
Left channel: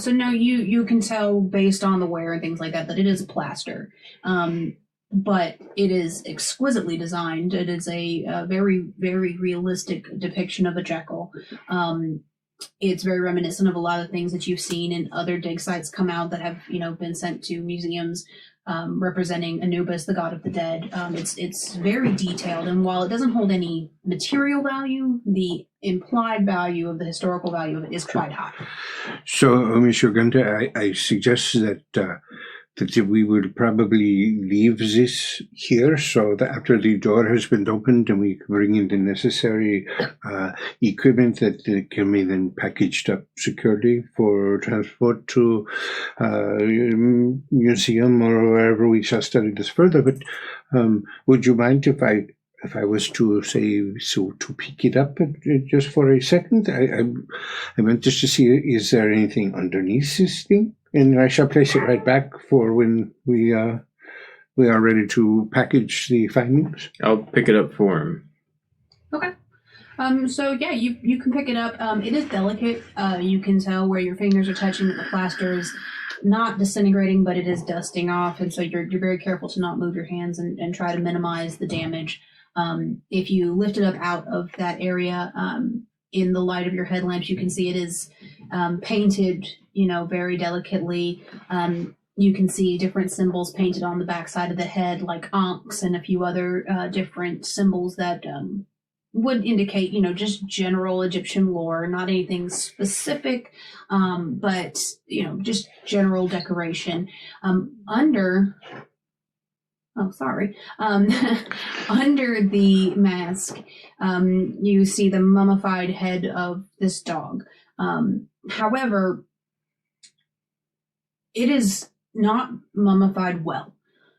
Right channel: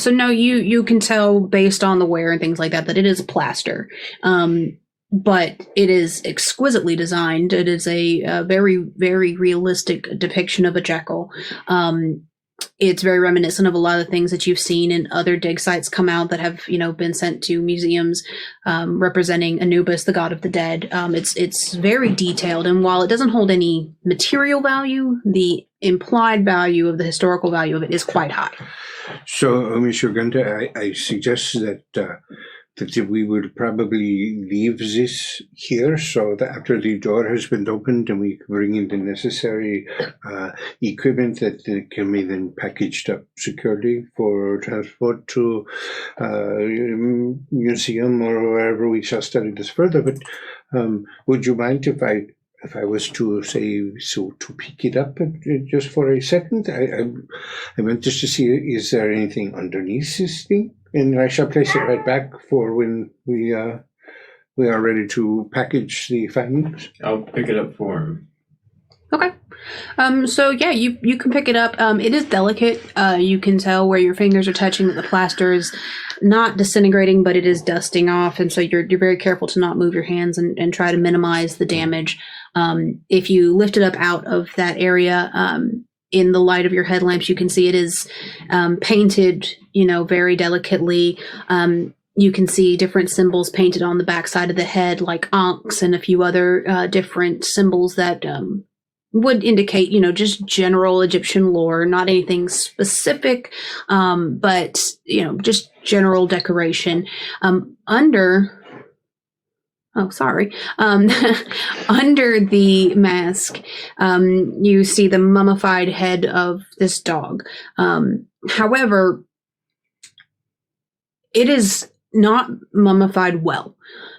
So no, you can tell based on the wear and things like that it is plaster. But it is exquisitely designed. It is a very, very realistic depiction of a jackal. It's very reminiscent of a lot of things that you've seen in other dig sites come out that have, been sent to museums representing Anubis, the god of the dead. It's very detailed, and while it doesn't hold any material value, the implied value of the historical value of it is quite high. So, Mr. Günther, I suggest that we would probably leave this here so that after the door has been opened and we can bring in the necessary equipment that can be then packaged up securely for transport to museum or wherever we shall study this further. But would you mind if I was to say, to pick it up just for a second? I meant just to see, is there anything underneath this thing? And I shall place it right back for when we are ready to package the findings. I'll pick it up for him. Okay. So yeah, you can pick it up. It is delicate. You can tell where your fingers are touching that the plaster is not disintegrating, but it is dusting off, and so you're very careful to not move your hands and try to minimize the damage. If you lift it up out of that area, in the light of your headlamps, you can see it is painted, very delicately. You can see different symbols painted on the backside of the head, like ankhs and a few other different symbols that would indicate, just general Egyptian lore, not anything specific, but, just general decoration. Under the mask, you see the mummified head of this dog. However, it is not mummified well.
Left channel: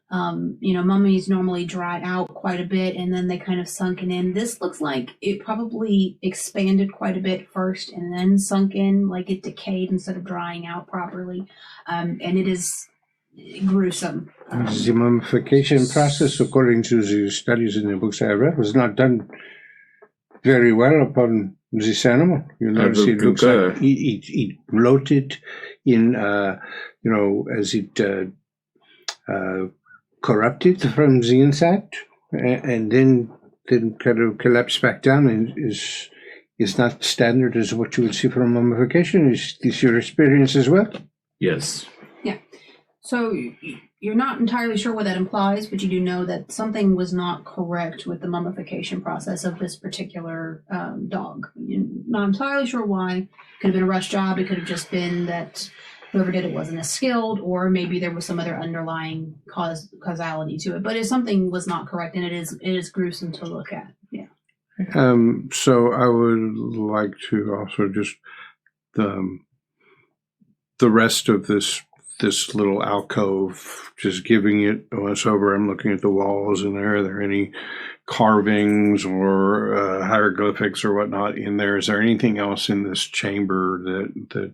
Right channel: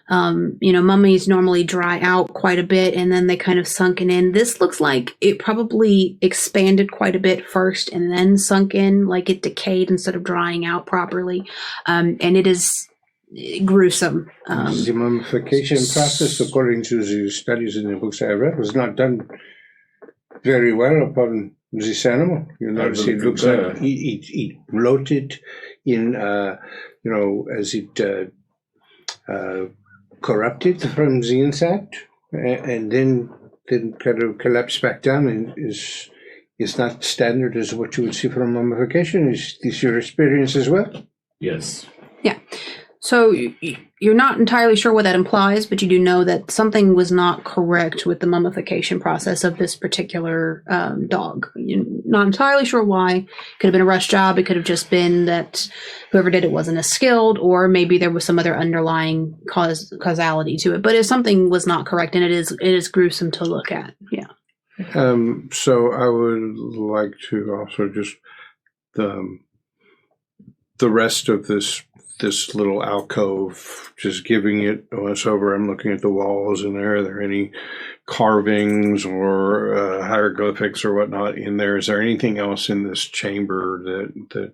Mummies normally dry out quite a bit and then they kind of sunken in. This looks like it probably expanded quite a bit first and then sunk in, like it decayed instead of drying out properly. And it is gruesome. The mummification process, according to the studies in the books I read, was not done very well upon this animal. You notice it looks like it bloated in, as it corrupted from the inside, and then kind of collapsed back down and is not standard as what you would see from mummification. Is this your experience as well? Yes. Yeah. So you're not entirely sure what that implies, but you do know that something was not correct with the mummification process of this particular dog. You're not entirely sure why. Could have been a rush job. It could have just been that whoever did it wasn't as skilled, or maybe there was some other underlying causality to it. But if something was not correct, and it is gruesome to look at. Yeah. So I would like to also just the rest of this little alcove, just giving it once over. I'm looking at the walls in there. Are there any carvings or hieroglyphics or whatnot in there? Is there anything else in this chamber that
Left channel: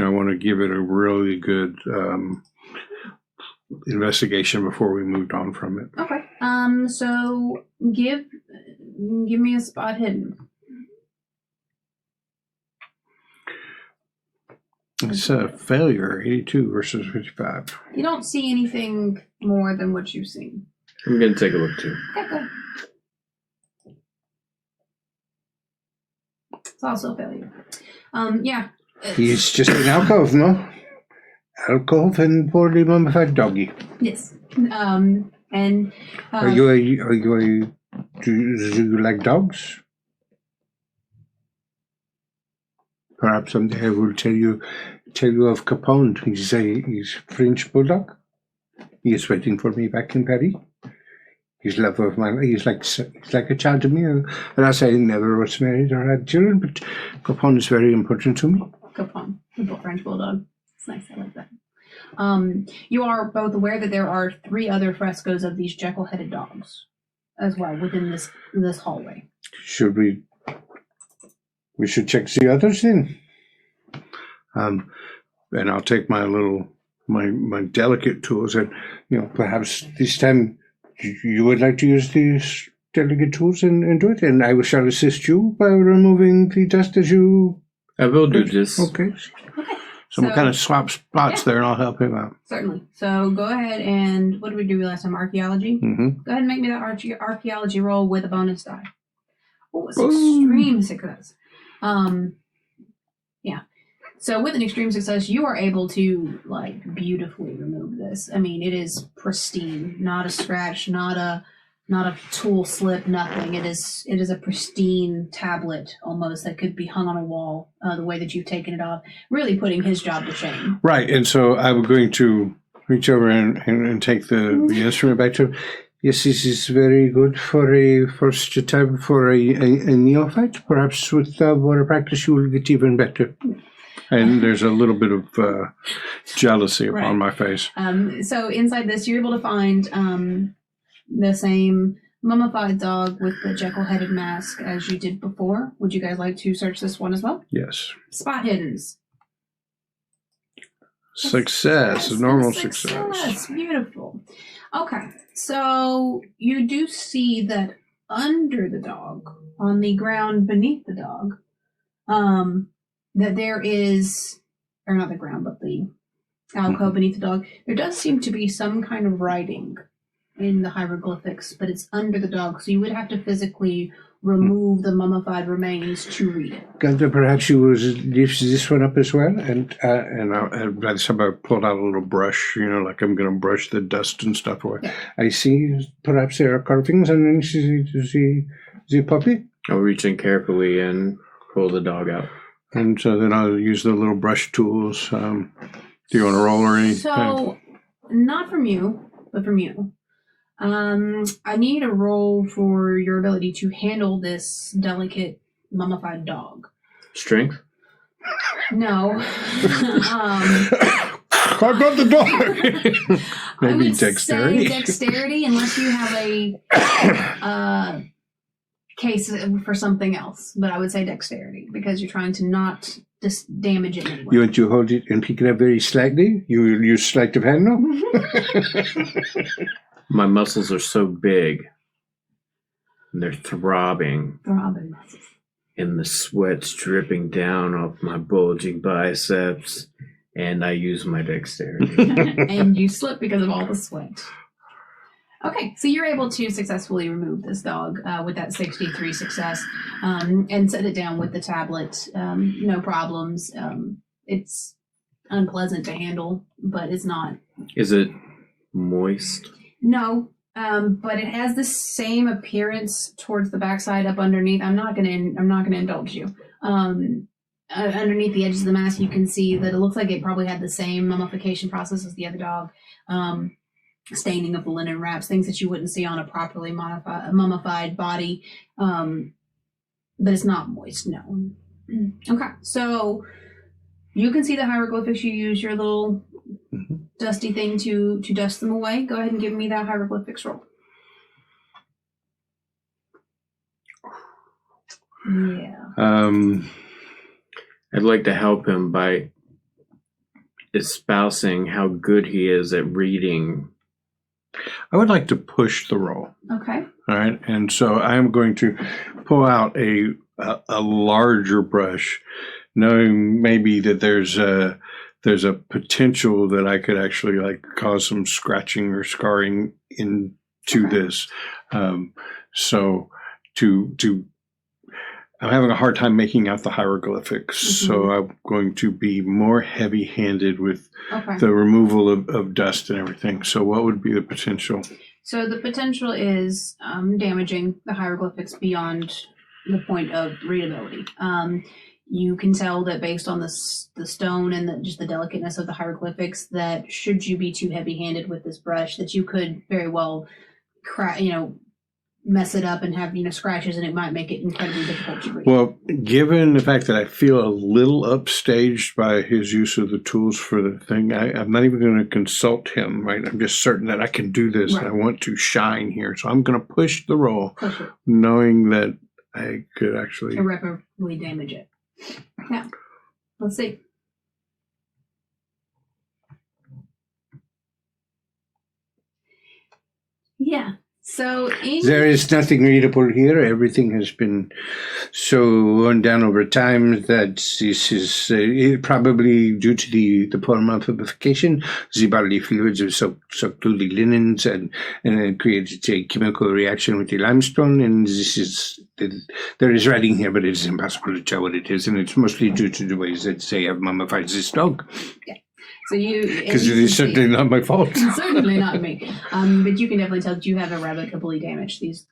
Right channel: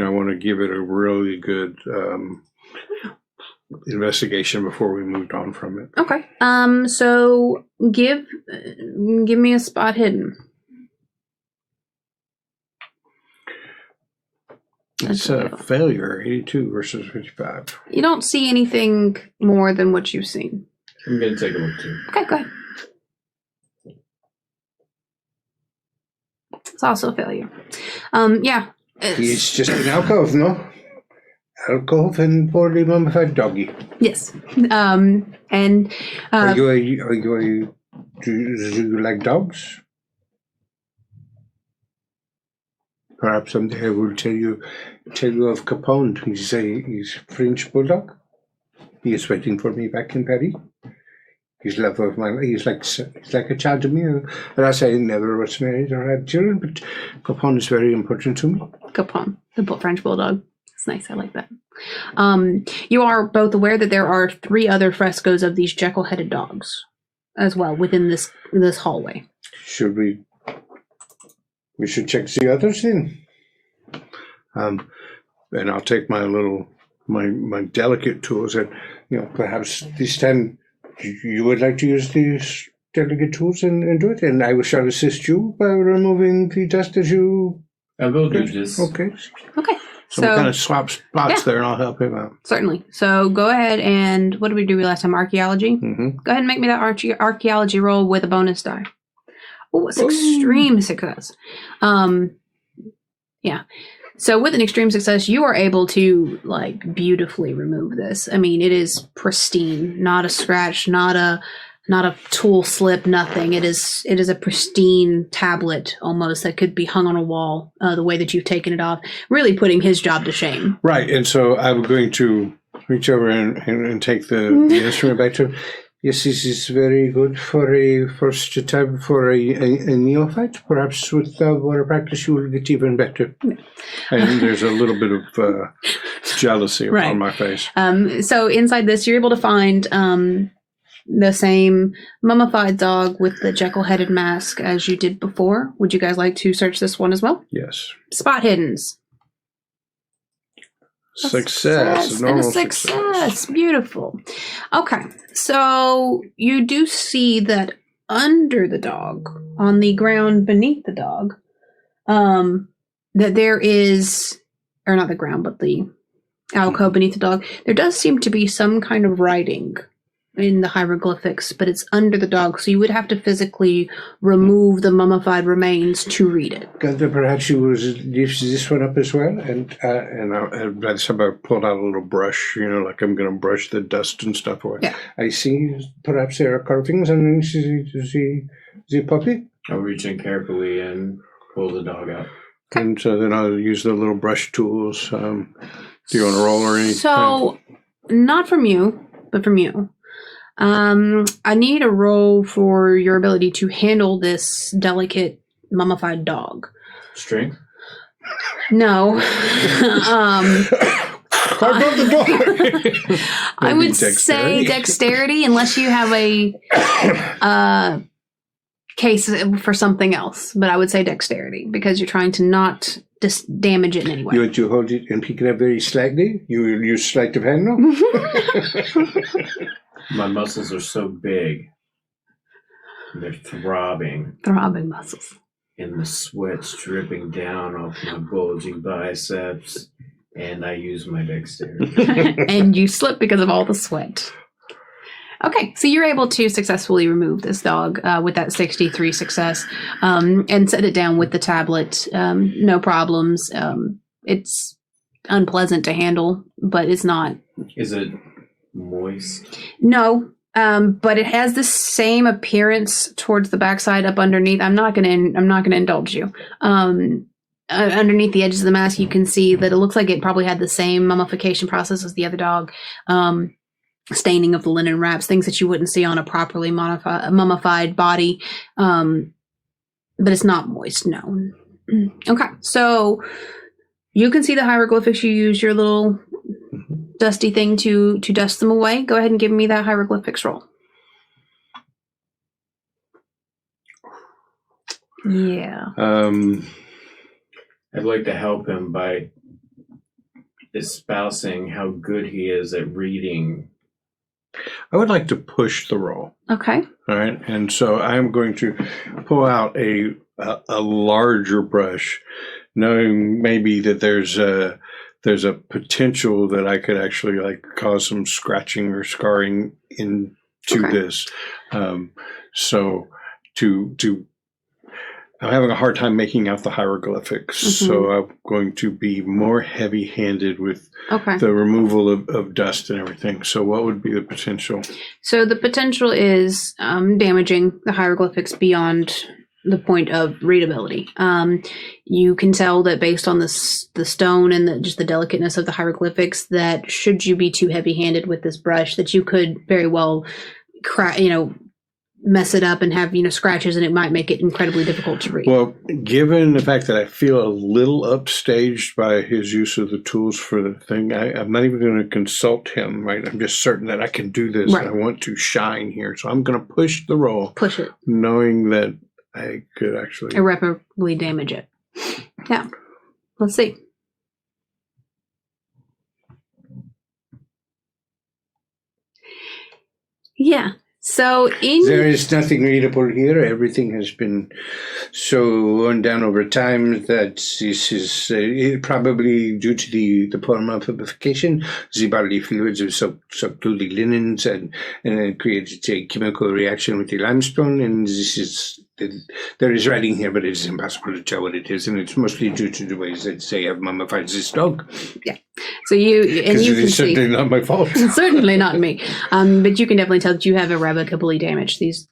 I want to give it a really good investigation before we moved on from it? Okay. So give me a spot hidden. It's a failure, 82 versus 55. You don't see anything more than what you've seen. I'm going to take a look too. Okay, go ahead. It's also a failure. Yeah. He's just an alcove, no? Alcove and poorly mummified doggy. Yes. Are you do you like dogs? Perhaps someday I will tell you of Capone. He's French bulldog. He is waiting for me back in Paris. He's love of my life. He's like a child to me. And I say never was married or had children, but Capone is very important to me. Capone, the French bulldog. It's nice. I like that. You are both aware that there are 3 other frescoes of these Jekyll-headed dogs as well within this hallway. Should we should check the others then. And I'll take my my delicate tools and perhaps this time you would like to use these delicate tools and do it, and I shall assist you by removing the dust as you. I will do this. Okay. Okay. So we'll kind of swap spots there, and I'll help him out. Certainly. So go ahead and what did we do last time? Archaeology. Mm-hmm. Go ahead and make me that archaeology roll with a bonus die. Oh, it's extreme success. Yeah. So with an extreme success, you are able to beautifully remove this. I mean, it is pristine, not a scratch, not a tool slip, nothing. It is a pristine tablet almost that could be hung on a wall. The way that you've taken it off, really putting his job to shame. Right, and so I'm going to reach over and take the instrument back to him. Yes, this is very good for a first time for a neophyte. Perhaps with more practice, you will get even better. And there's a little bit of jealousy upon my face. So inside this, you're able to find the same mummified dog with the Jekyll-headed mask as you did before. Would you guys like to search this one as well? Yes. Spot hiddens. Success. Normal success. Beautiful. Okay. So you do see that under the dog, on the ground beneath the dog, that there is, or not the ground, but the alcove beneath the dog, there does seem to be some kind of writing in the hieroglyphics, but it's under the dog, so you would have to physically remove the mummified remains to read it. Günther, perhaps you would lift this one up as well, and by the time I pulled out a little brush, like I'm going to brush the dust and stuff away. Yeah. I see perhaps there are carvings underneath the puppy. I'll reach in carefully and pull the dog out. And so then I'll use the little brush tools. Do you want to roll or anything? So, not from you, but from you. I need a roll for your ability to handle this delicate mummified dog. Strength? No. I got the dog. I would dexterity. say dexterity, unless you have a case for something else. But I would say dexterity because you're trying to not damage it in any way. You want to hold it and pick it up very slightly? You will use sleight of hand now? My muscles are so big. They're throbbing. Throbbing muscles. And the sweat's dripping down off my bulging biceps. And I use my dexterity. And you slip because of all the sweat. Okay, so you're able to successfully remove this dog with that 63 success and set it down with the tablet. No problems. It's unpleasant to handle, but it's not. Is it moist? No, but it has the same appearance towards the backside up underneath. I'm not gonna indulge you. Underneath the edges of the mask, you can see that it looks like it probably had the same mummification process as the other dog. Staining of the linen wraps, things that you wouldn't see on a properly mummified body. But it's not moist, no. Okay, so you can see the hieroglyphics. You use your little dusty thing to dust them away. Go ahead and give me that hieroglyphics roll. Yeah. I'd like to help him by espousing how good he is at reading. I would like to push the roll. Okay. All right, and so I'm going to pull out a larger brush, knowing maybe that there's a potential that I could actually cause some scratching or scarring into this. So to I'm having a hard time making out the hieroglyphics, so I'm going to be more heavy-handed with the removal of dust and everything. So what would be the potential? So the potential is damaging the hieroglyphics beyond the point of readability. You can tell that based on the stone and just the delicateness of the hieroglyphics, that should you be too heavy-handed with this brush, that you could very well mess it up and have scratches, and it might make it incredibly difficult to read. Well, given the fact that I feel a little upstaged by his use of the tools for the thing, I'm not even going to consult him, right? I'm just certain that I can do this, and I want to shine here. So I'm going to push the roll, knowing that I could actually irreparably damage it. Yeah. Let's see. Yeah. So there is nothing readable here. Everything has been so worn down over time that this is probably due to the poor mummification. The bodily fluids have soaked through the linens and it created a chemical reaction with the limestone. And there is writing here, but it is impossible to tell what it is. And it's mostly due to the ways that they have mummified this dog. Yeah. So because it is certainly not my fault. It's certainly not me. But you can definitely tell that you have irrevocably damaged these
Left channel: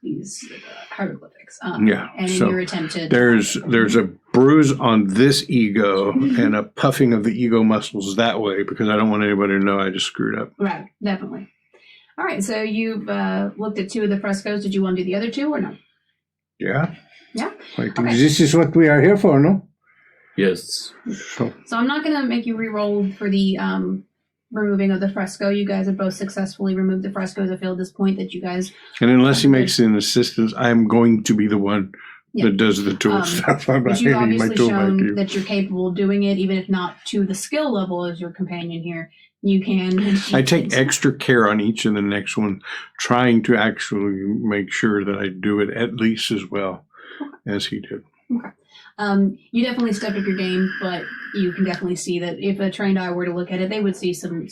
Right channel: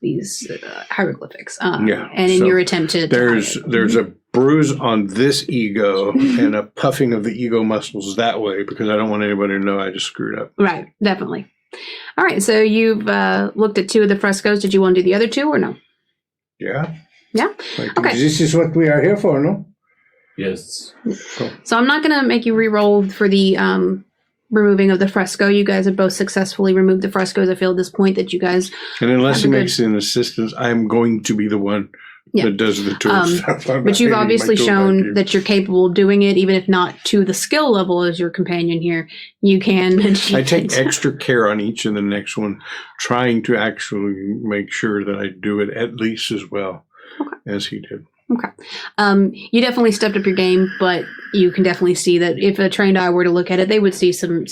hieroglyphics. And in your attempt to there's a bruise on this ego and a puffing of the ego muscles that way, because I don't want anybody to know I just screwed up. Right. Definitely. All right. So you've looked at 2 of the frescoes. Did you want to do the other 2 or no? Yeah. Yeah. This is what we are here for, no? Yes. So I'm not going to make you re-roll for the removing of the fresco. You guys have both successfully removed the frescoes. I feel at this point that you guys... And unless he makes an assistance, I'm going to be the one that does the tool stuff. But you've obviously shown that you're capable of doing it, even if not to the skill level as your companion here. You can... I take extra care on each of the next one, trying to actually make sure that I do it at least as well as he did. Okay. You definitely stepped up your game, but you can definitely see that if a trained eye were to look at it, they would see some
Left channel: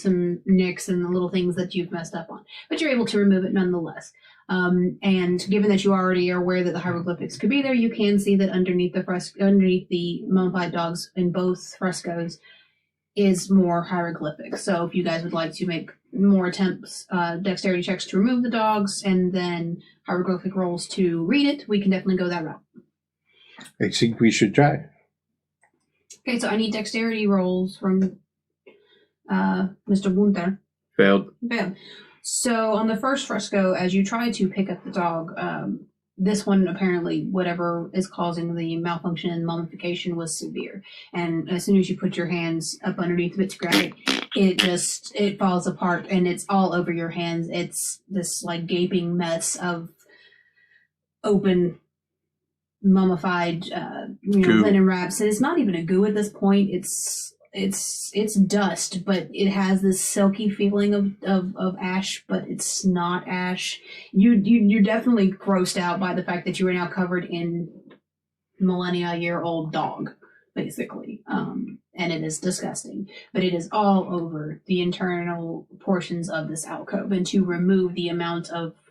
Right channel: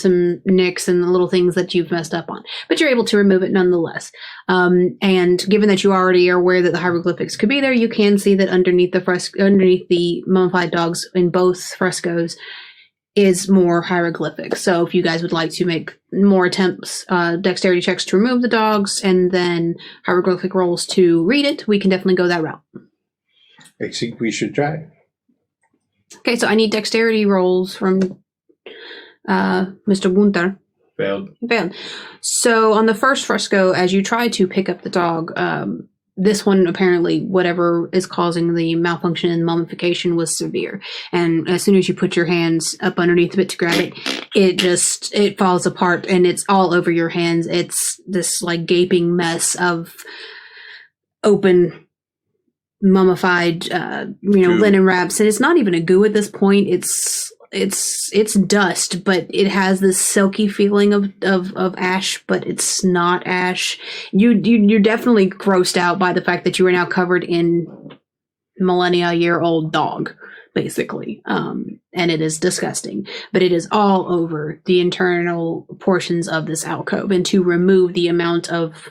nicks and the little things that you've messed up on. But you're able to remove it nonetheless. And given that you already are aware that the hieroglyphics could be there, you can see that underneath the mummified dogs in both frescoes is more hieroglyphics. So if you guys would like to make more attempts, dexterity checks to remove the dogs, and then hieroglyphic rolls to read it, we can definitely go that route. I think we should try. Okay, so I need dexterity rolls from Mr. Günther. Failed. So on the first fresco, as you try to pick up the dog, this one apparently, whatever is causing the malfunction and mummification was severe. And as soon as you put your hands up underneath it to grab it, it falls apart and it's all over your hands. It's this like gaping mess of open mummified linen wraps, and it's not even a goo at this point. It's dust, but it has this silky feeling of ash, but it's not ash. You're definitely grossed out by the fact that you are now covered in millennia-year-old dog, basically, and it is disgusting. But it is all over the internal portions of this alcove, and to remove the amount of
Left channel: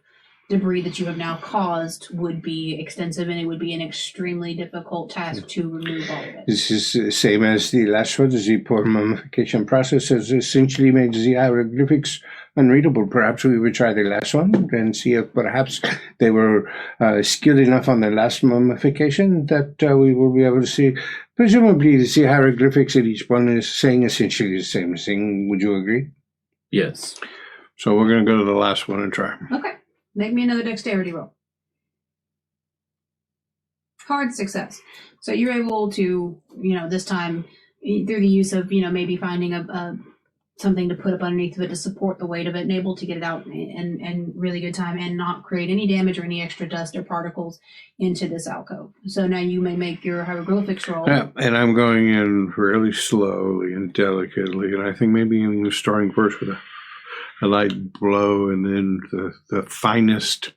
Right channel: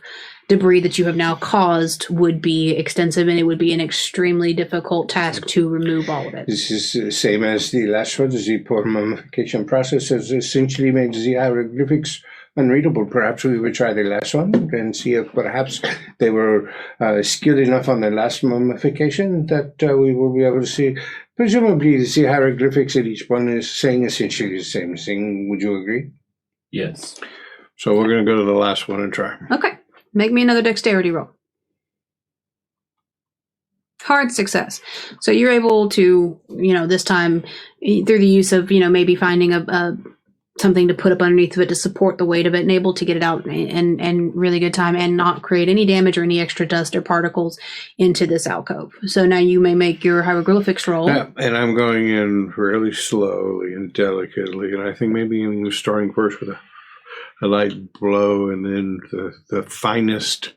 debris that you have now caused would be extensive, and it would be an extremely difficult task to remove all of it. This is the same as the last one. The poor mummification process has essentially made the hieroglyphics unreadable. Perhaps we would try the last one and see if perhaps they were skilled enough on the last mummification that we will be able to see. Presumably the hieroglyphics at each one is saying essentially the same thing. Would you agree? Yes. So we're going to go to the last one and try. Okay. Make me another dexterity roll. Hard success. So you're able to, this time through the use of, maybe finding a something to put up underneath of it to support the weight of it, and able to get it out in really good time and not create any damage or any extra dust or particles into this alcove. So now you may make your hieroglyphics roll. And I'm going in really slowly and delicately, and I think maybe I'm starting first with a light blow, and then the finest,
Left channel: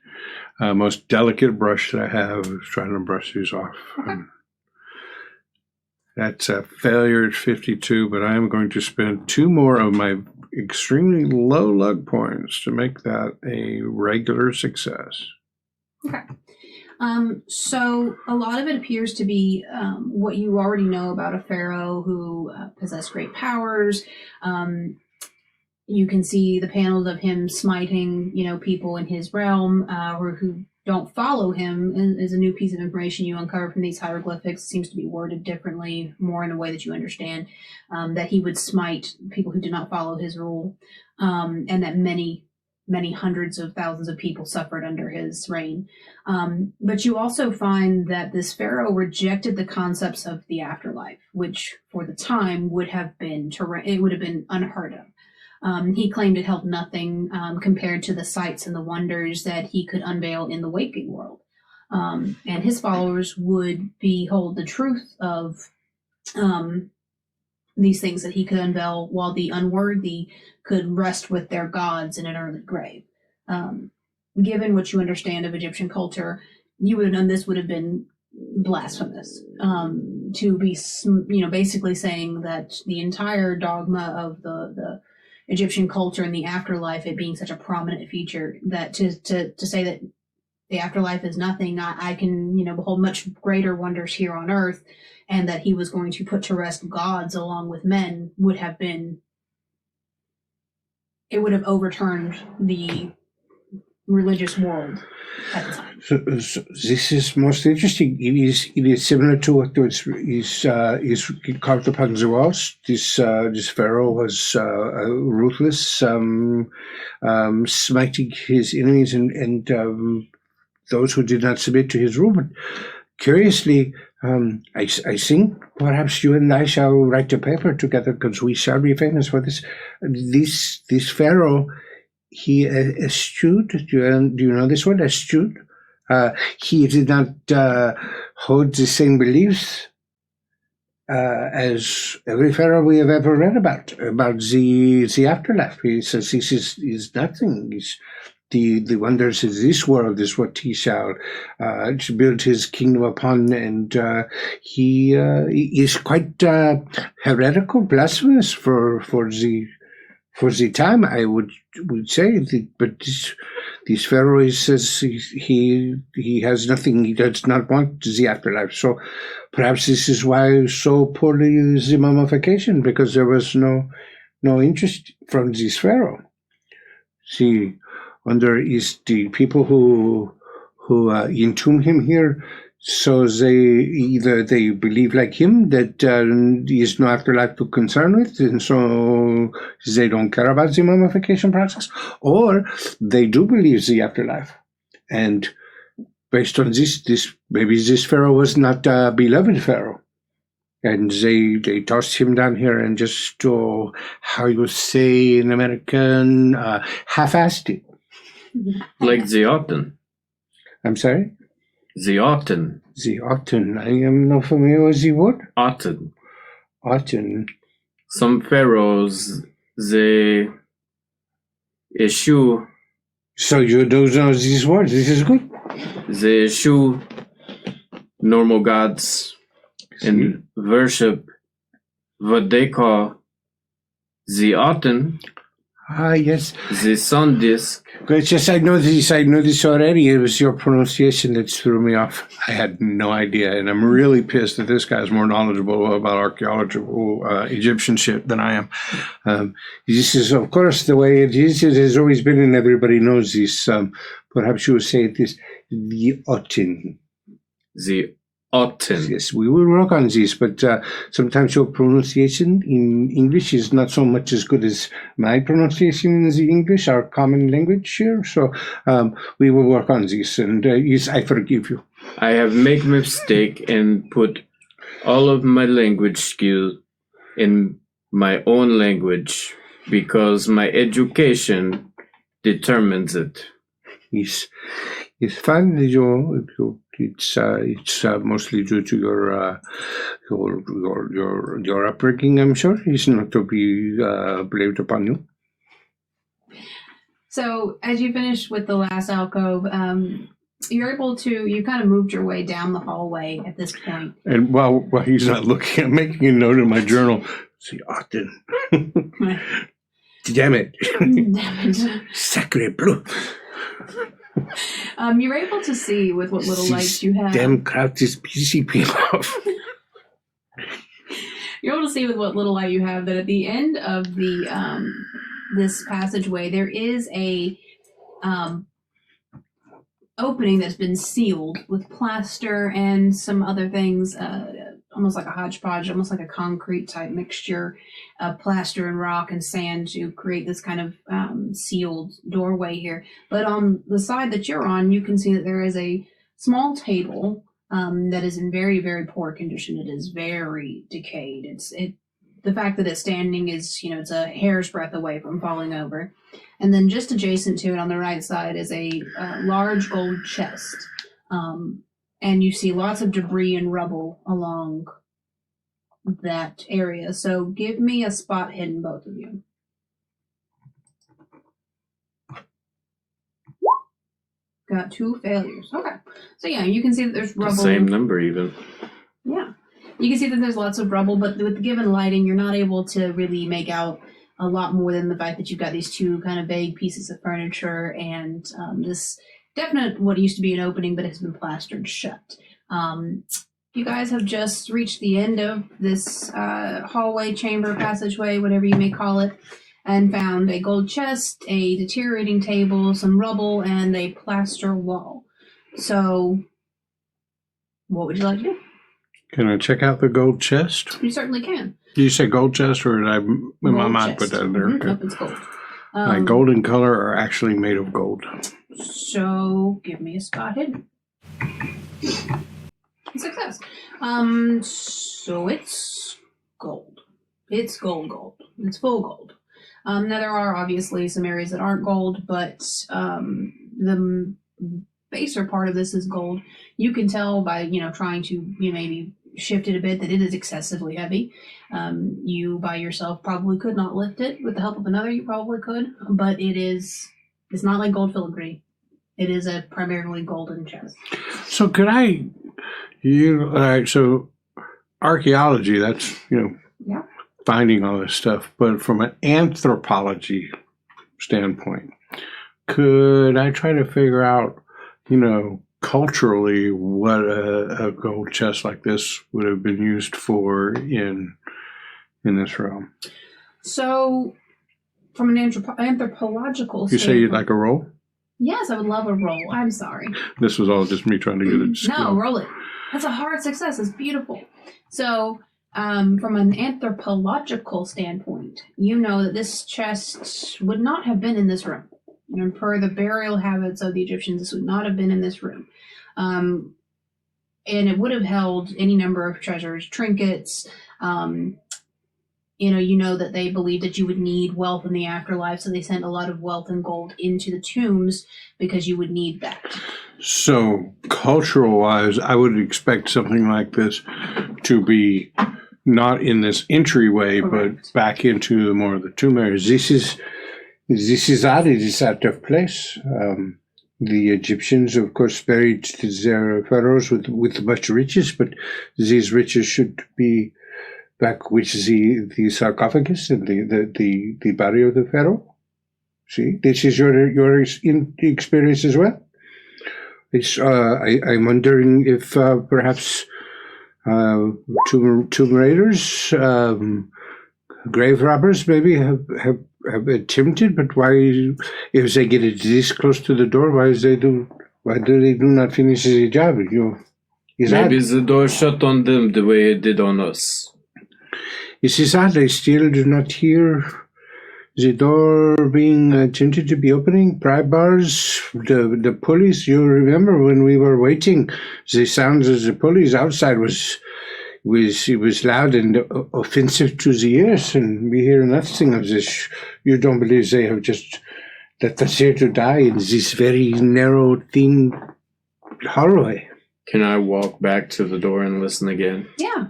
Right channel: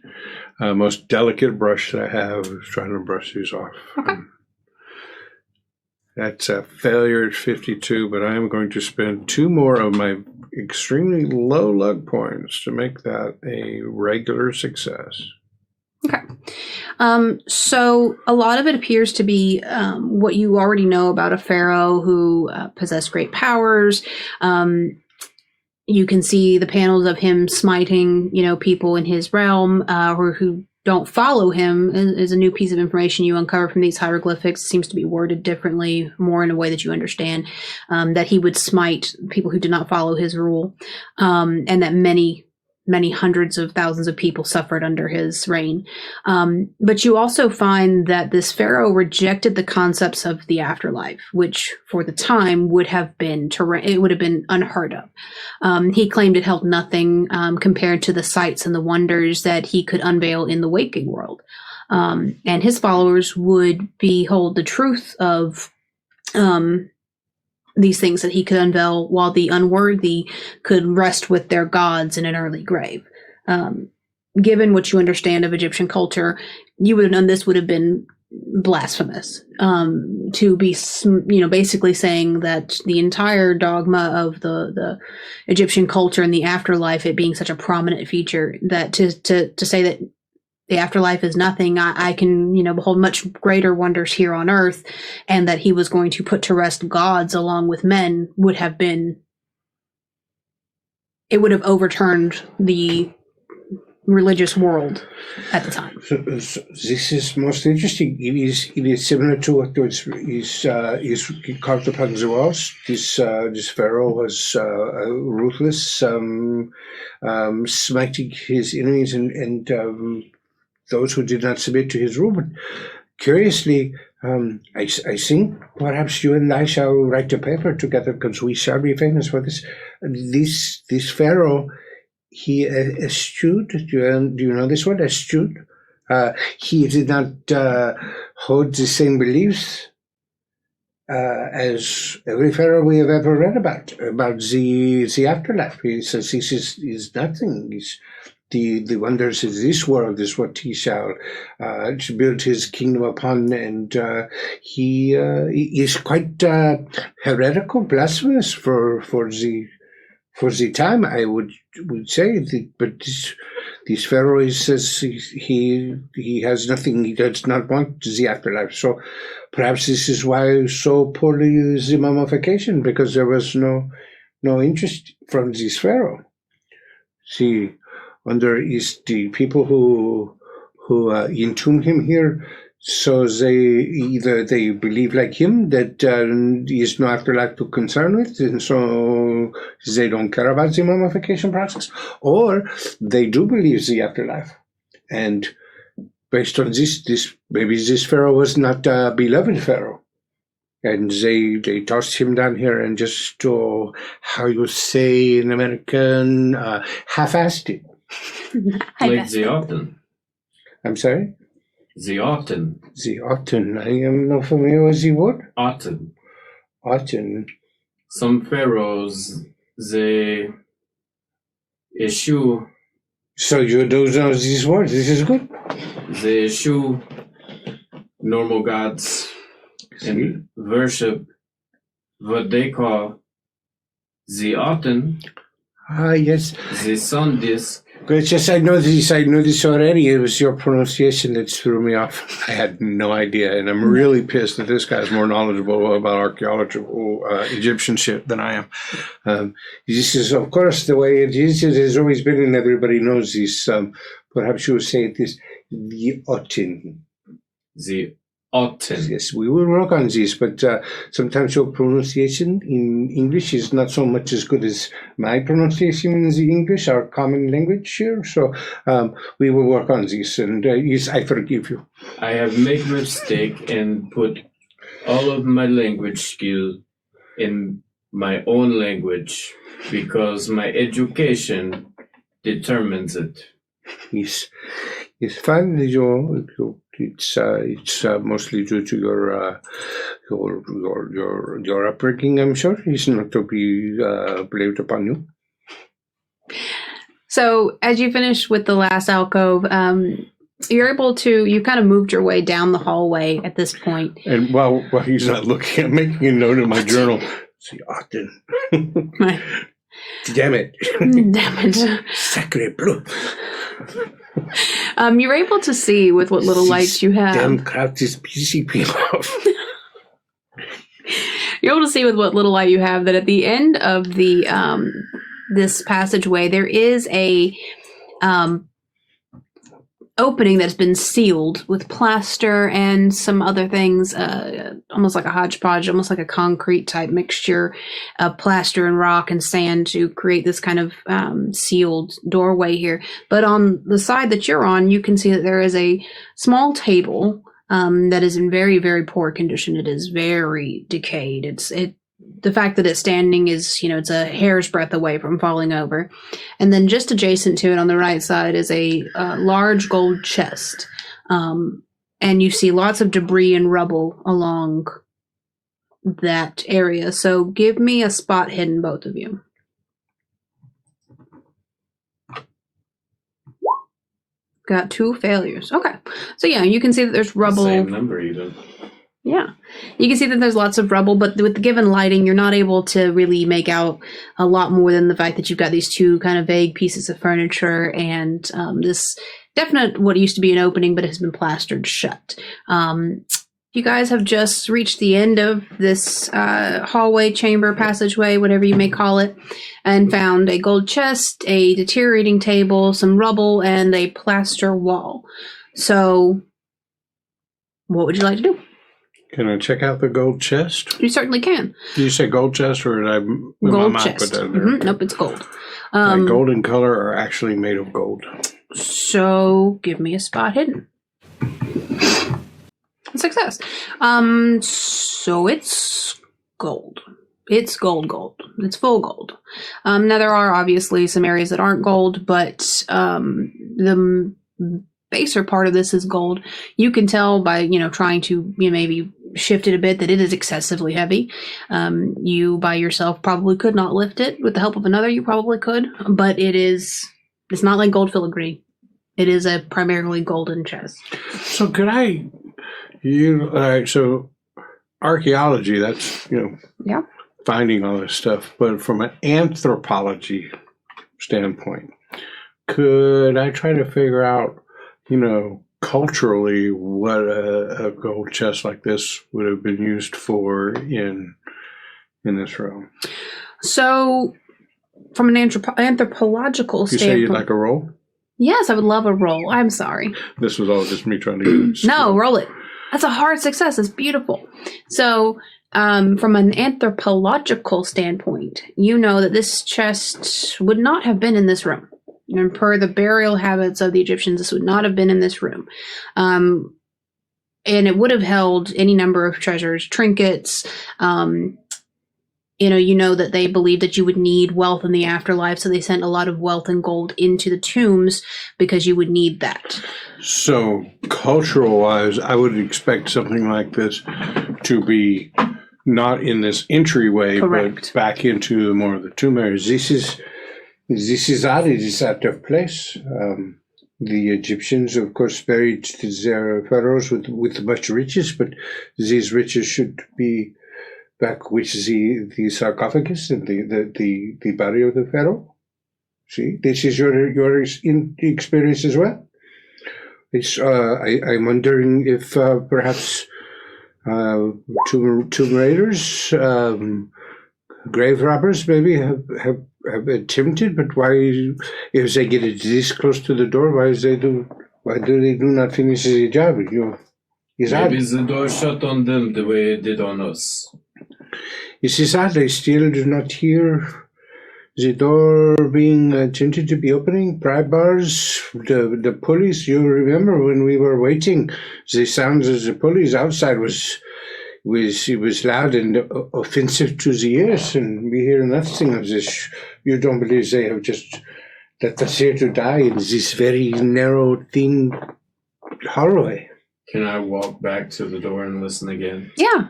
most delicate brush that I have is trying to brush these off. Okay. That's a failure at 52, but I am going to spend 2 more of my extremely low luck points to make that a regular success. Okay. So a lot of it appears to be what you already know about a pharaoh who possessed great powers. You can see the panels of him smiting, people in his realm or who don't follow him is a new piece of information you uncover from these hieroglyphics. It seems to be worded differently, more in a way that you understand, that he would smite people who did not follow his rule, and that many hundreds of thousands of people suffered under his reign. But you also find that this pharaoh rejected the concepts of the afterlife, which for the time would have been unheard of. He claimed it held nothing compared to the sights and the wonders that he could unveil in the waking world. And his followers would behold the truth of these things that he could unveil, while the unworthy could rest with their gods in an early grave. Given what you understand of Egyptian culture, you would have known this would have been blasphemous, to be, basically saying that the entire dogma of the Egyptian culture and the afterlife, it being such a prominent feature, that to say that the afterlife is nothing. I can, behold much greater wonders here on earth, and that he was going to put to rest gods along with men would have overturned the religious world at the time. So this is most interesting. It is similar to what is carved upon the walls. This pharaoh was ruthless, smiting his enemies and those who did not submit to his rule. But curiously, I think perhaps you and I shall write a paper together, because we shall be famous for this. This pharaoh, he eschewed. Do you know this word, eschewed? He did not hold the same beliefs as every pharaoh we have ever read about the afterlife. He says this is nothing. The wonders of this world is what he shall build his kingdom upon, and he is quite heretical, blasphemous for the time, I would say. But this pharaoh says he has nothing. He does not want the afterlife. So perhaps this is why so poorly is the mummification, because there was no interest from this pharaoh. See. Under is the people who entomb him here, so they believe like him that he is no afterlife to concern with, and so they don't care about the mummification process, or they do believe the afterlife, and based on this maybe this pharaoh was not a beloved pharaoh, and they tossed him down here and just how you say in American, half-assed it. Like the Otten. I'm sorry? The Otten. The Otten. I am not familiar with the word. Otten. Otten. Some pharaohs, they eschew. So you don't know these words. This is good. They eschew normal gods and worship what they call the Otten. Ah, yes. The sun disk. It's just I know this already. It was your pronunciation that threw me off. I had no idea, and I'm really pissed that this guy's more knowledgeable about archaeological Egyptian shit than I am. This is, of course, the way it is. It has always been, and everybody knows this. Perhaps you would say it is the Otten. The Otten. Yes, we will work on this, but sometimes your pronunciation in English is not so much as good as my pronunciation in the English, our common language here. So we will work on this, and yes, I forgive you. I have made a mistake and put all of my language skill in my own language because my education determines it. Yes, it's fine. It's mostly due to your upbringing, I'm sure. It's not to be blamed upon you. So, as you finish with the last alcove, you're able to. You kind of moved your way down the hallway at this point. And while he's not looking, I'm making a note in my journal. See, Otten. Damn it! Damn it! Sacre bleu! You're able to see with what little lights you have. Damn crowd is pissing me off. You're able to see with what little light you have that at the end of the this passageway there is a opening that's been sealed with plaster and some other things, almost like a hodgepodge, almost like a concrete type mixture of plaster and rock and sand to create this kind of sealed doorway here. But on the side that you're on, you can see that there is a small table that is in very, very poor condition. It is very decayed. The fact that it's standing is, it's a hair's breadth away from falling over. And then just adjacent to it on the right side is a large gold chest. And you see lots of debris and rubble along that area. So give me a spot hidden, both of you. Got 2 failures. Okay. So yeah, you can see that there's rubble. Same number even. Yeah. You can see that there's lots of rubble, but with the given lighting, you're not able to really make out a lot more than the fact that you've got these 2 kind of vague pieces of furniture and this definite what used to be an opening, but it has been plastered shut. You guys have just reached the end of this hallway, chamber, passageway, whatever you may call it, and found a gold chest, a deteriorating table, some rubble, and a plaster wall. So, what would you like to do? Can I check out the gold chest? You certainly can. Did you say gold chest, or did I, in my mind, put that in there? Nope, it's gold. Like gold and color are actually made of gold. So, give me a spot hidden. Success. So it's gold. It's gold. It's full gold. Now there are obviously some areas that aren't gold, but the baser part of this is gold. You can tell by, trying to maybe shift it a bit that it is excessively heavy. You by yourself probably could not lift it. With the help of another, you probably could, but it's not like gold filigree. It is a primarily golden chest. So could I... all right, so archaeology, that's, yeah, finding all this stuff. But from an anthropology standpoint, could I try to figure out, culturally what a gold chest like this would have been used for in this realm? So from an anthropological standpoint... You say you'd like a roll? Yes, I would love a roll. I'm sorry. This was all just me trying to get it. No, roll it. That's a hard success. It's beautiful. So, from an anthropological standpoint, you know that this chest would not have been in this room. And per the burial habits of the Egyptians, this would not have been in this room. And it would have held any number of treasures, trinkets. You know that they believed that you would need wealth in the afterlife, so they sent a lot of wealth and gold into the tombs because you would need that. So, cultural-wise, I would expect something like this to be not in this entryway, Correct. But back into more of the tomb areas. This is odd. It is out of place. The Egyptians, of course, buried their pharaohs with much riches, but these riches should be back with the sarcophagus and the body of the pharaoh. See, this is your experience as well. I'm wondering if perhaps tomb raiders, grave robbers, maybe have attempted. But why, if they get it this close to the door, why do they not finish the job? Maybe the door shut on them the way it did on us. It is odd. I still do not hear the door being attempted to be opening. Pry bars, the pulleys. You remember when we were waiting, the sounds of the pulleys outside was loud and offensive to the ears, and we hear nothing of this. You don't believe they have just let us here to die in this very narrow, thin hallway? Can I walk back to the door and listen again? Yeah.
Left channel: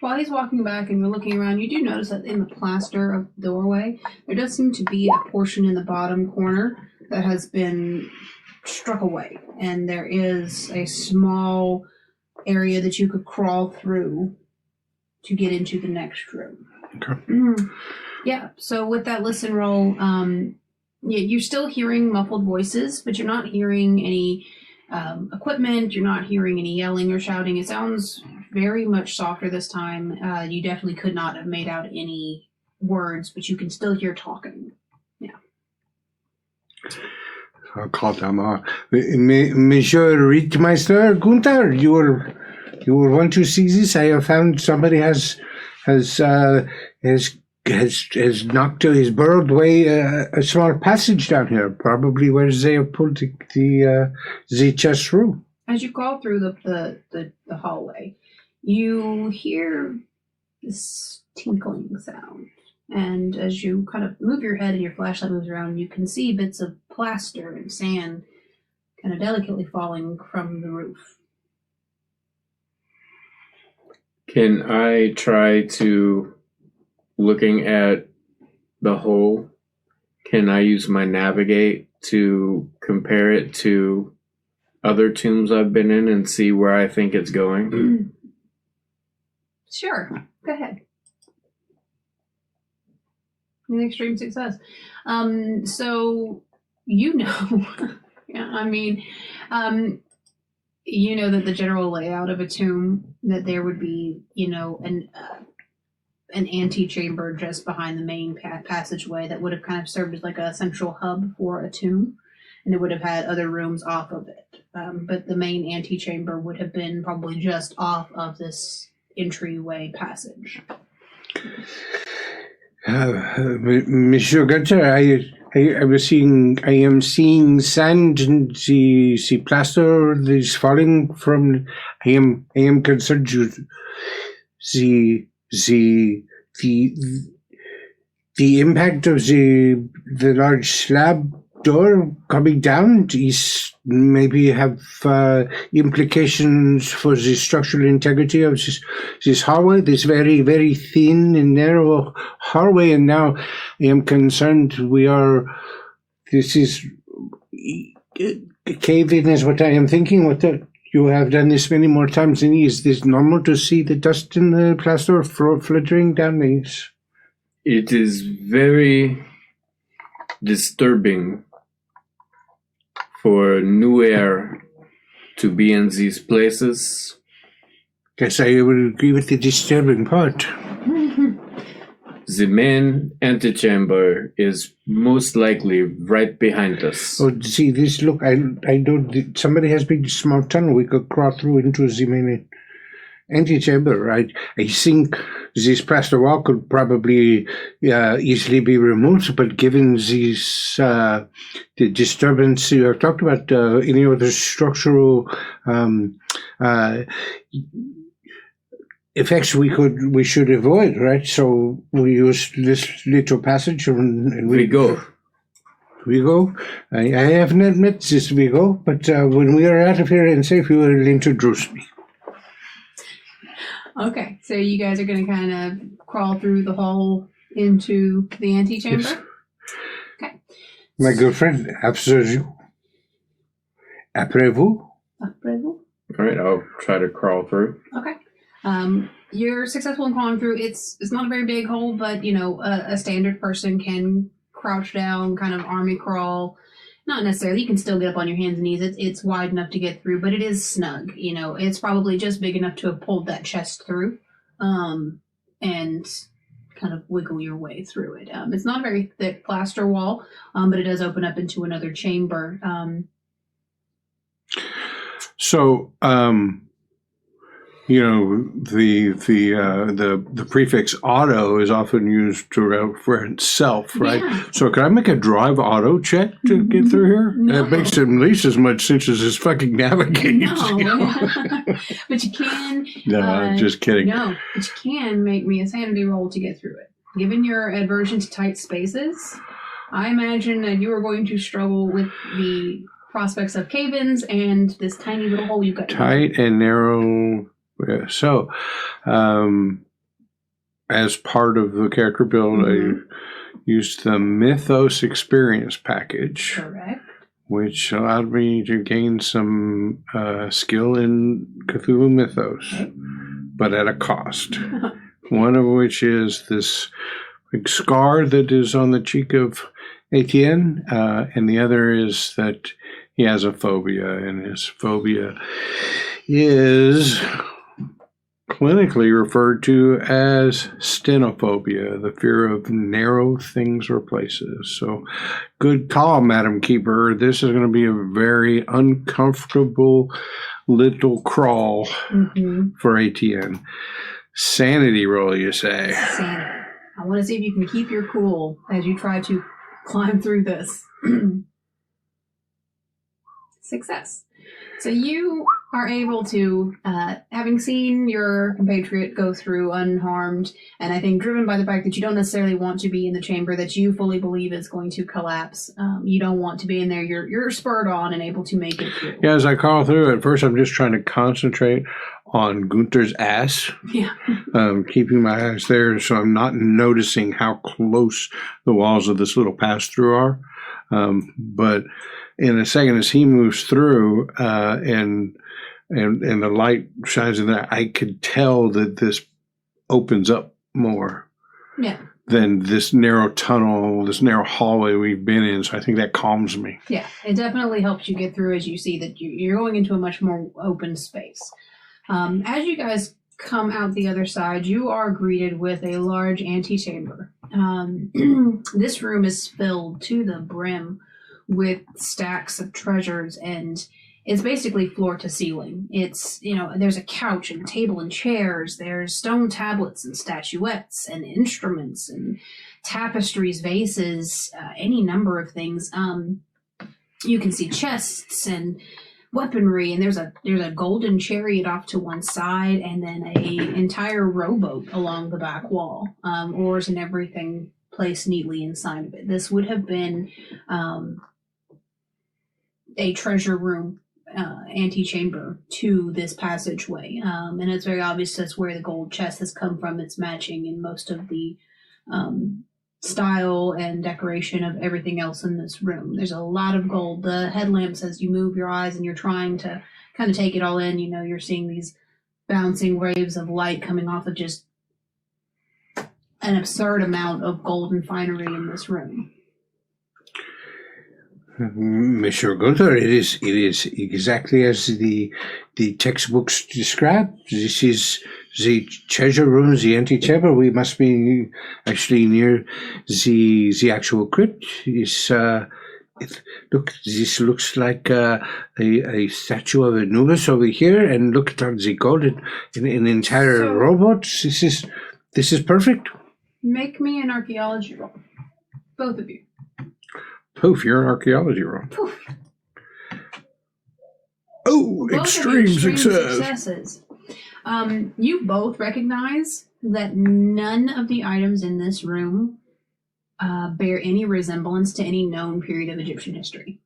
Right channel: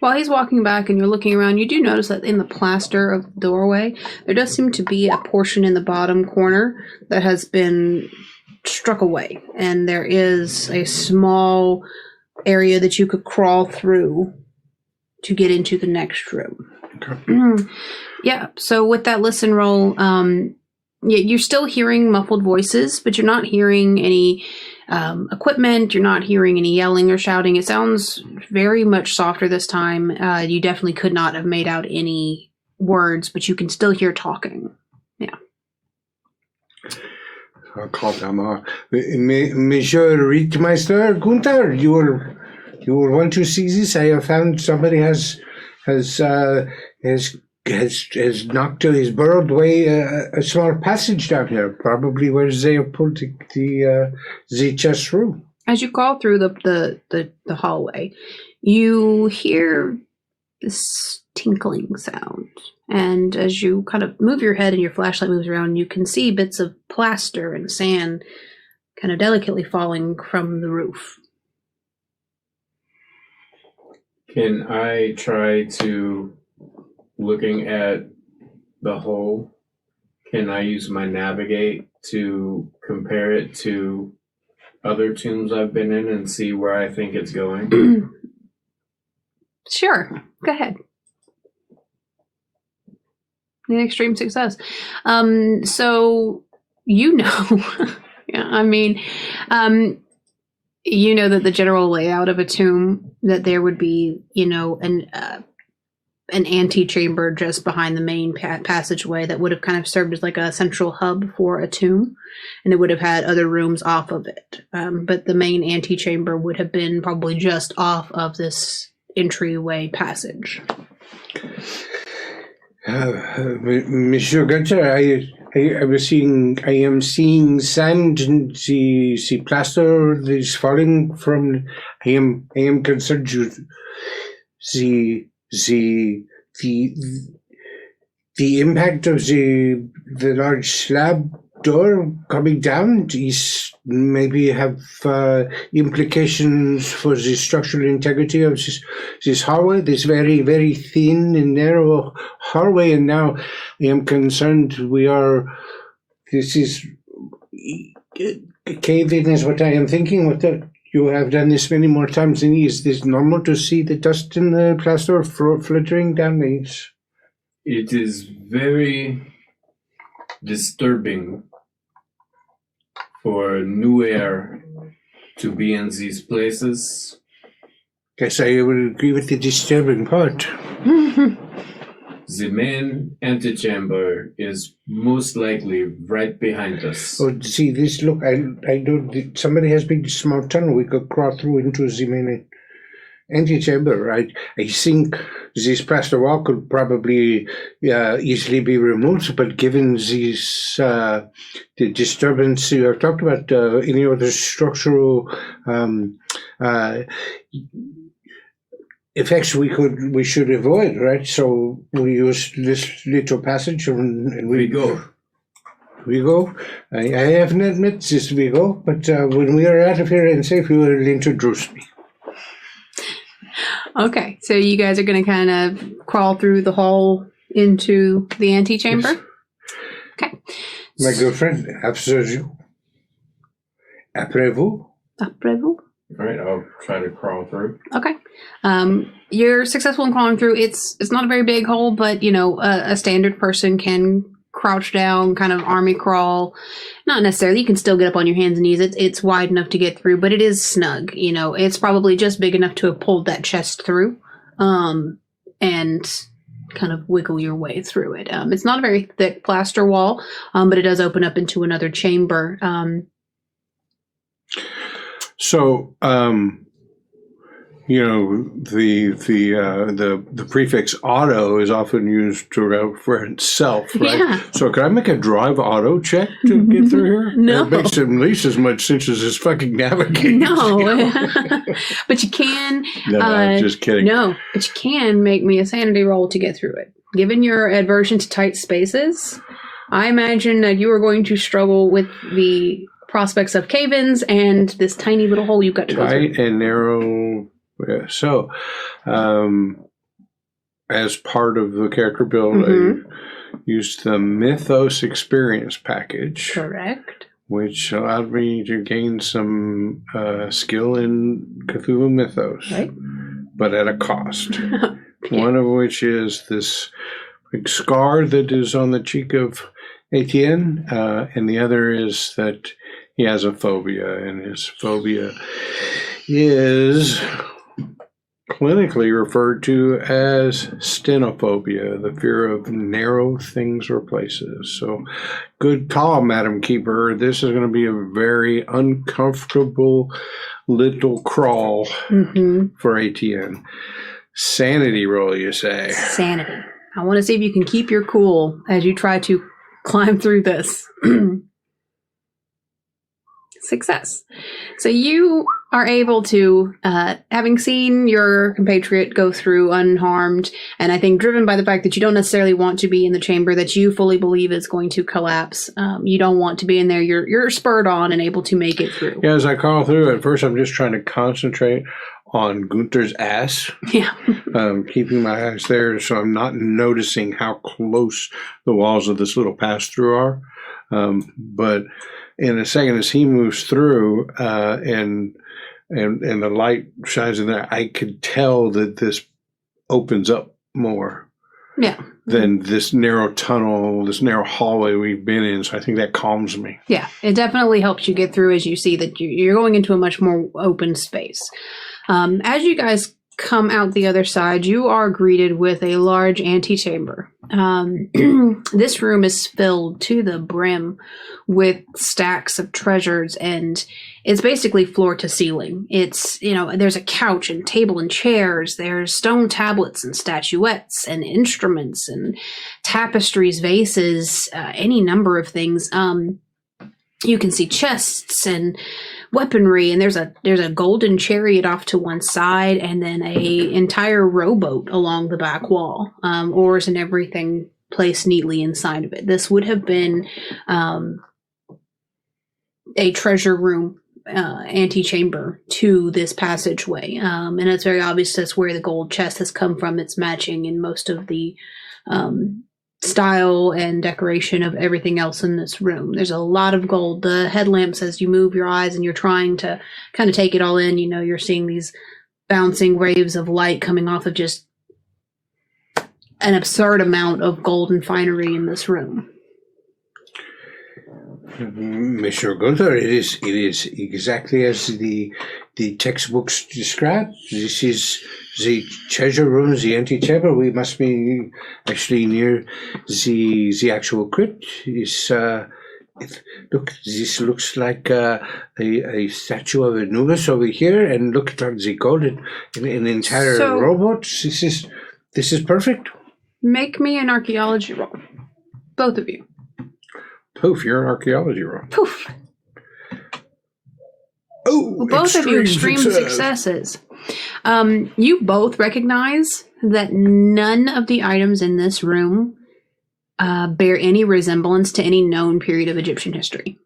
While he's walking back and you're looking around, you do notice that in the plaster of the doorway, there does seem to be a portion in the bottom corner that has been struck away. And there is a small area that you could crawl through to get into the next room. Okay. Yeah, so with that listen roll, You're still hearing muffled voices, but you're not hearing any equipment. You're not hearing any yelling or shouting. It sounds very much softer this time. You definitely could not have made out any words, but you can still hear talking. Yeah. I'll call down Monsieur Rittmeister, Günther, you will want to see this. I have found somebody has burrowed away a small passage down here, probably where they have pulled the chest through. As you crawl through the hallway, you hear this tinkling sound. And as you kind of move your head and your flashlight moves around, you can see bits of plaster and sand kind of delicately falling from the roof. Can I try to, looking at the hole, can I use my navigate to compare it to other tombs I've been in and see where I think it's going? Sure. Go ahead. An extreme success. So you know, yeah, I mean, you know that the general layout of a tomb, that there would be, you know, an antechamber just behind the main passageway that would have kind of served as like a central hub for a tomb, and it would have had other rooms off of it. But the main antechamber would have been probably just off of this entryway passage. Monsieur Günther, I am seeing sand and the plaster that is falling from. I am concerned. The impact of the large slab door coming down is maybe have implications for the structural integrity of this hallway, this very, very thin and narrow hallway. And now I am concerned this is a cave-in is what I am thinking. You have done this many more times than me. Is this normal to see the dust in the plaster fluttering down these? It is very disturbing for new air to be in these places. Yes, I would agree with the disturbing part. The main antechamber is most likely right behind us. Oh, see this? Look, I know somebody has made a small tunnel. We could crawl through into the main antechamber, right? I think this plaster wall could probably easily be removed, but given these the disturbance you have talked about, any other structural effects we should avoid, right? So we use this little passage and we go. We go. I haven't met this we go, but when we are out of here and safe, you will introduce me. Okay, so you guys are going to kind of crawl through the hole into the antechamber? Yes. Okay. My girlfriend, after you. Après vous? Après vous? All right, I'll try to crawl through. Okay. You're successful in crawling through. It's not a very big hole, but, you know, a standard person can crouch down, kind of army crawl. Not necessarily. You can still get up on your hands and knees. It's wide enough to get through, but it is snug. You know, it's probably just big enough to have pulled that chest through, and kind of wiggle your way through it. It's not a very thick plaster wall, but it does open up into another chamber. You know, the prefix auto is often used to refer itself, right? Yeah. So can I make a drive auto check to get through here? No. It makes at least as much sense as this fucking navigator. No. But you can. No, I'm just kidding. No, but you can make me a sanity roll to get through it. Given your aversion to tight spaces, I imagine that you are going to struggle with the prospects of cave-ins and this tiny little hole you've got to go through. Tight and narrow. Yeah, so, as part of the character build, I used the Mythos Experience package. Correct. Which allowed me to gain some skill in Cthulhu Mythos, but at a cost. One of which is this big scar that is on the cheek of Etienne, and the other is that he has a phobia, and his phobia is clinically referred to as stenophobia, the fear of narrow things or places. So good call, Madam Keeper. This is going to be a very uncomfortable little crawl for Etienne. Sanity roll, you say? Sanity. I want to see if you can keep your cool as you try to climb through this. Success. So you are able to, having seen your compatriot go through unharmed, and I think driven by the fact that you don't necessarily want to be in the chamber that you fully believe is going to collapse. You don't want to be in there. You're spurred on and able to make it through. Yeah, as I crawl through, at first I'm just trying to concentrate on Günther's ass. Yeah. Keeping my eyes there so I'm not noticing how close the walls of this little pass-through are. But in a second, as he moves through and the light shines in there, I could tell that this opens up more than this narrow tunnel, this narrow hallway we've been in. So I think that calms me. Yeah, it definitely helps you get through as you see that you're going into a much more open space. As you guys come out the other side, you are greeted with a large antechamber. This room is filled to the brim with stacks of treasures, and it's basically floor to ceiling. It's, there's a couch and table and chairs. There's stone tablets and statuettes and instruments and tapestries, vases, any number of things. You can see chests and weaponry, and there's a golden chariot off to one side, and then a entire rowboat along the back wall, oars and everything placed neatly inside of it. This would have been a treasure room antechamber to this passageway, and it's very obvious that's where the gold chest has come from. It's matching in most of the style and decoration of everything else in this room. There's a lot of gold. The headlamps, as you move your eyes and you're trying to kind of take it all in, you're seeing these bouncing waves of light coming off of just an absurd amount of gold and finery in this room. Monsieur Günther, it is exactly as the textbooks describe. This is the treasure room, the antechamber. We must be actually near the actual crypt. Look, this looks like a statue of Anubis over here, and look at the gold in an entire robot. This is perfect. Make me an archaeology roll, both of you. Poof, you're an archaeology roll. Poof. Oh, both extreme successes. You both recognize that none of the items in this room bear any resemblance to any known period of Egyptian history.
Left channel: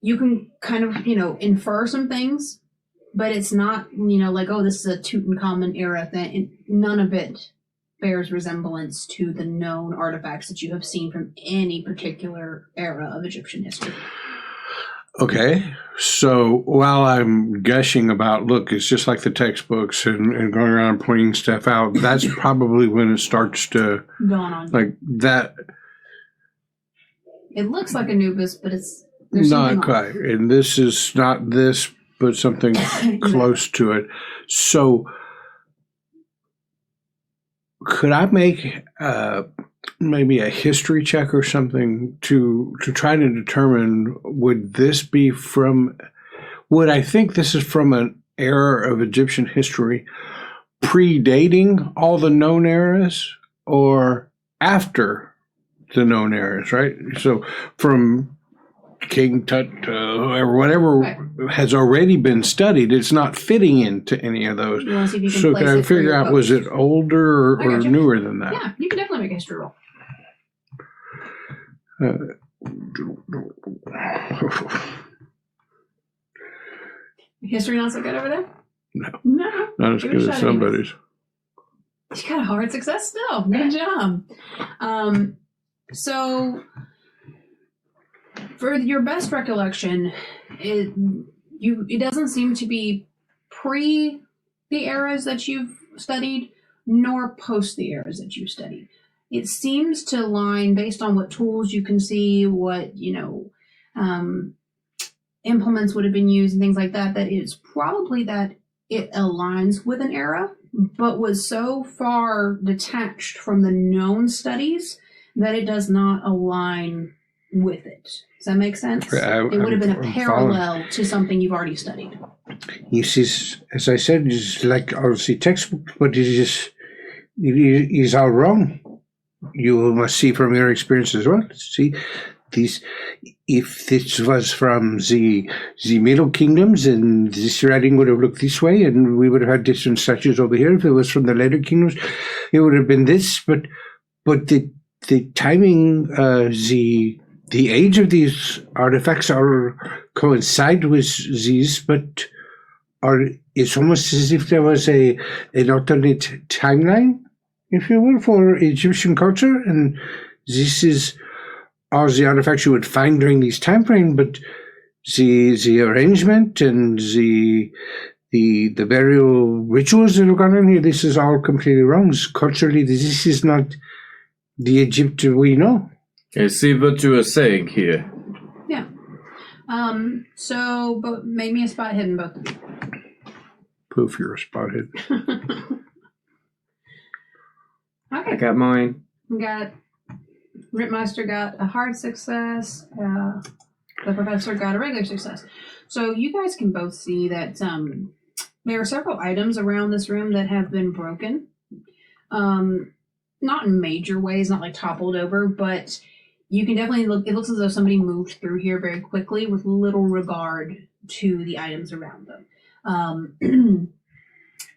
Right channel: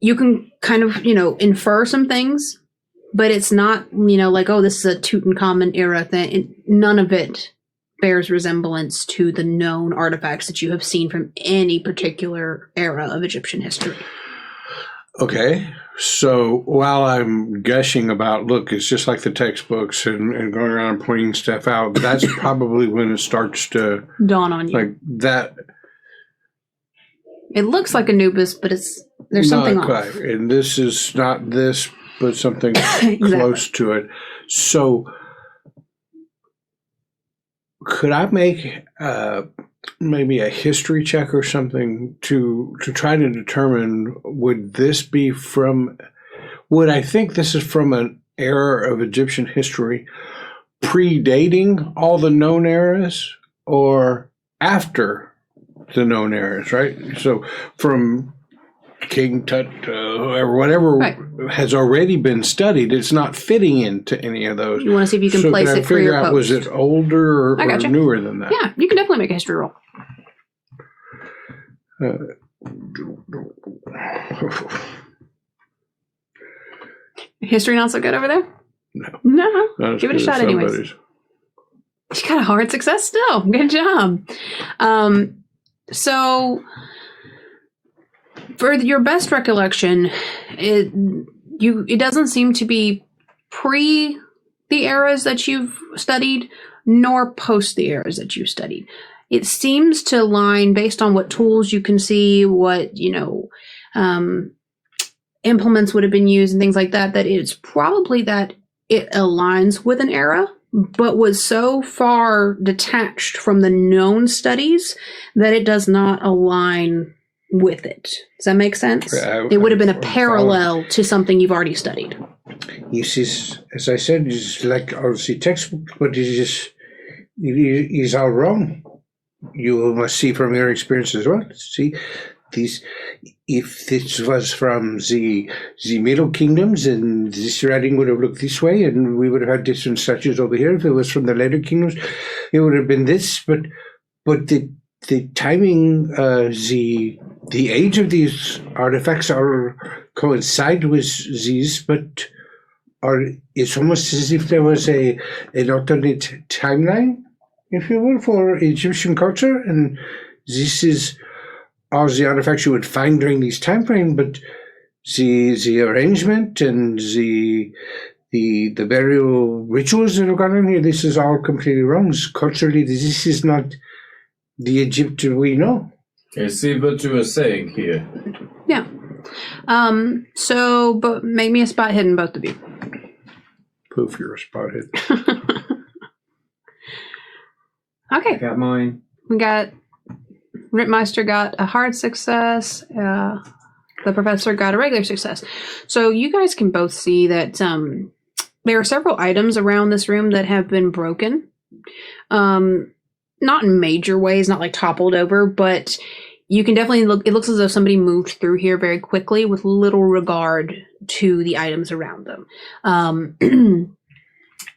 You can kind of, infer some things, but it's not, like, oh, this is a Tutankhamun era thing. None of it bears resemblance to the known artifacts that you have seen from any particular era of Egyptian history. Okay, so while I'm gushing about, look, it's just like the textbooks and going around and pointing stuff out, that's probably when it starts to dawn on you. Like that. It looks like Anubis, but there's not something quite. off. And this is not this, but something exactly. Close to it. So could I make maybe a history check or something to try to determine would I think this is from an era of Egyptian history predating all the known eras or after the known eras, right? So from King Tut or whatever has already been studied, it's not fitting into any of those. You want to see if you can so place can I it for figure your out post. Was it older or newer than that? Yeah, you can definitely make a history roll. History not so good over there? No. Not as Give good it a as shot somebody's. anyways. You got a hard success still. Good job. So, for your best recollection, it doesn't seem to be pre the eras that you've studied, nor post the eras that you studied. It seems to align based on what tools you can see, what, implements would have been used and things like that, that it's probably that it aligns with an era, but was so far detached from the known studies that it does not align with it. Does that make sense? It would have been a parallel to something you've already studied. This is, as I said, it's like obviously textbook, but it is all wrong. You must see from your experience as well. See, if this was from the Middle Kingdoms, and this writing would have looked this way, and we would have had different statues over here. If it was from the later kingdoms, it would have been this. But the timing, the age of these artifacts coincide with these, but it's almost as if there was an alternate timeline, if you will, for Egyptian culture, and this is all the artifacts you would find during these time frames, but the arrangement and the burial rituals that have gone on here, this is all completely wrong. Culturally, this is not the Egypt we know. I see what you are saying here. Yeah. So, but make me a spot hidden, both of you. Poof, you're a spot hidden. Okay. I got mine. We got Rittmeister got a hard success. The professor got a regular success. So you guys can both see that there are several items around this room that have been broken. Not in major ways, not like toppled over, but you can definitely look. It looks as though somebody moved through here very quickly with little regard to the items around them.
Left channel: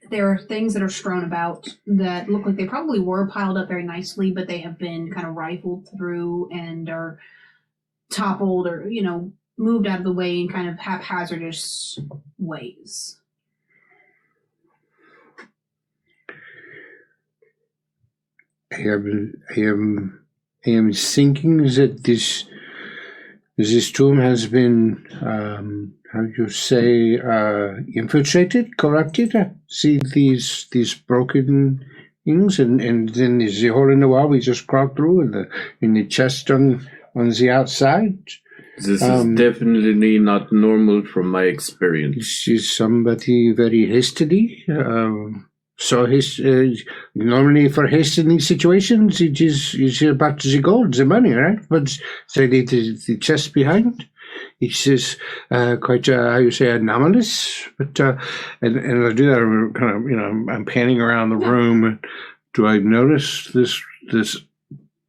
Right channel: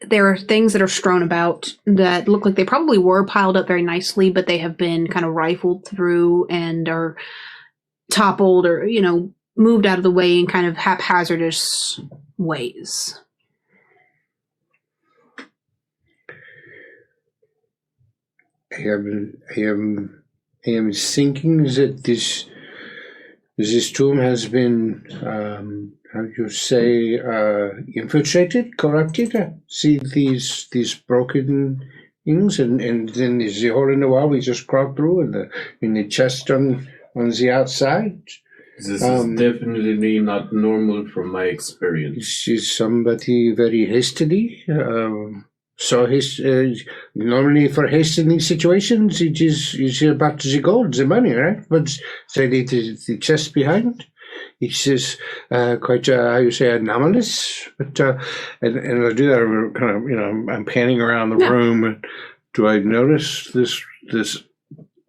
There are things that are strewn about that look like they probably were piled up very nicely, but they have been kind of rifled through and are toppled or, moved out of the way in kind of haphazardous ways. I am thinking that this tomb has been, how do you say, infiltrated, corrupted? See these broken things, and then there's the hole in the wall we just crawled through, and the chest on the outside. This is definitely not normal from my experience. This is somebody very hastily. Normally for haste in these situations, it is about the gold, the money, right? But say the chest behind, it's just quite how you say anomalous. But and I do that. I'm kind of I'm panning around the room. Do I notice this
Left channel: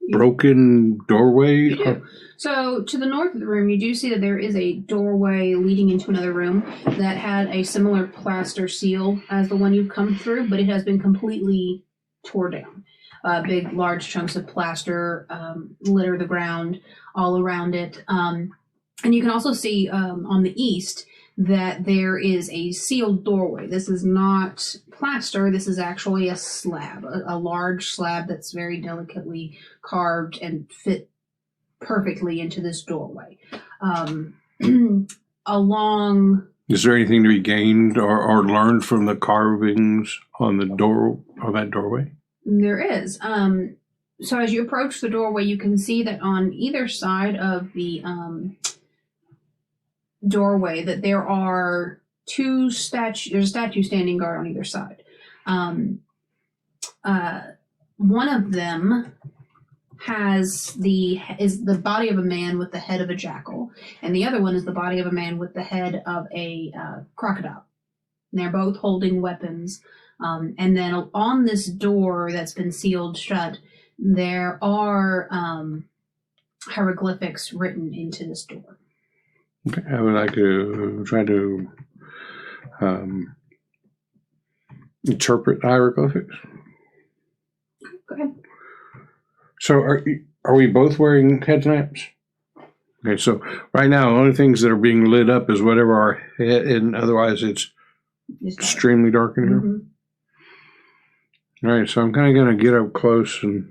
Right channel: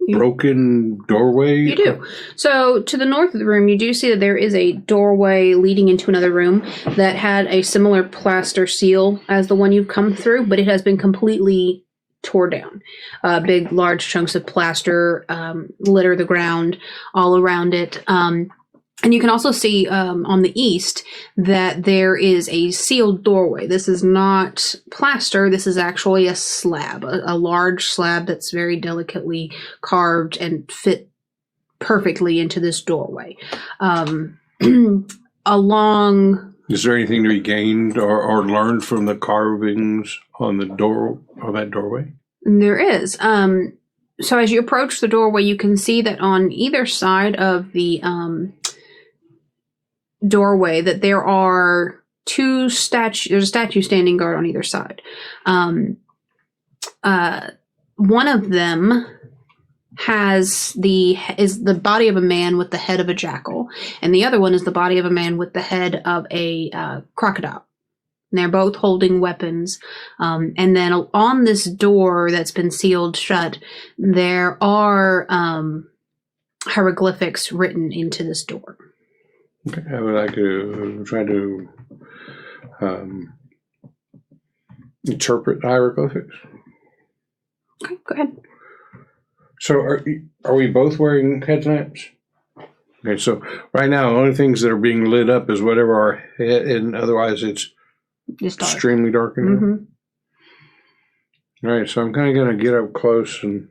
broken doorway? You do. So to the north of the room, you do see that there is a doorway leading into another room that had a similar plaster seal as the one you've come through, but it has been completely tore down. Big, large chunks of plaster litter the ground all around it. And you can also see on the east that there is a sealed doorway. This is not plaster. This is actually a slab, a large slab that's very delicately carved and fit perfectly into this doorway. Along... Is there anything to be gained or learned from the carvings on the door of that doorway? There is. So as you approach the doorway, you can see that on either side of the... doorway that there are two statues. There's a statue standing guard on either side. One of them is the body of a man with the head of a jackal, and the other one is the body of a man with the head of a crocodile. And they're both holding weapons. And then on this door that's been sealed shut, there are hieroglyphics written into this door. Okay, I would like to try to interpret hieroglyphics. Okay, go ahead. So are we both wearing headlamps? Okay, so right now the only things that are being lit up is whatever our head, and otherwise it's extremely dark in here. Mm-hmm. All right, so I'm kind of going to get up close and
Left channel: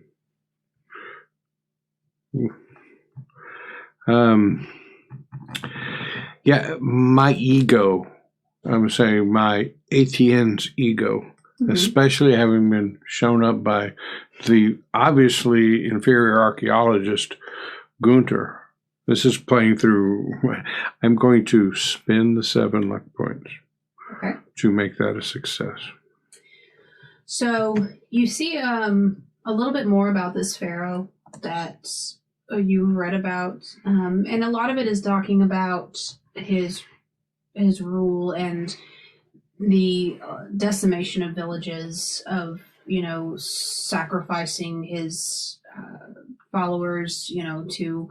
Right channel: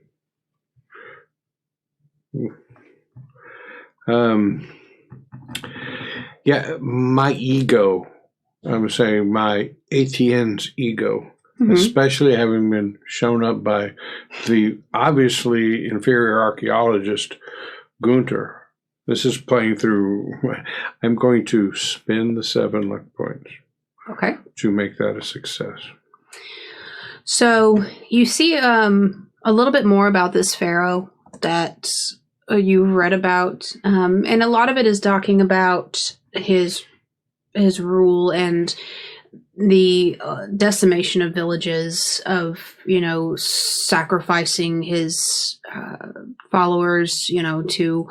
my ego, I'm saying my Etienne's ego especially having been shown up by the obviously inferior archaeologist Günther. This is playing through. I'm going to spend the 7 luck points. Okay. To make that a success. So you see a little bit more about this pharaoh that you read about, and a lot of it is talking about his rule and the decimation of villages, of sacrificing his followers, to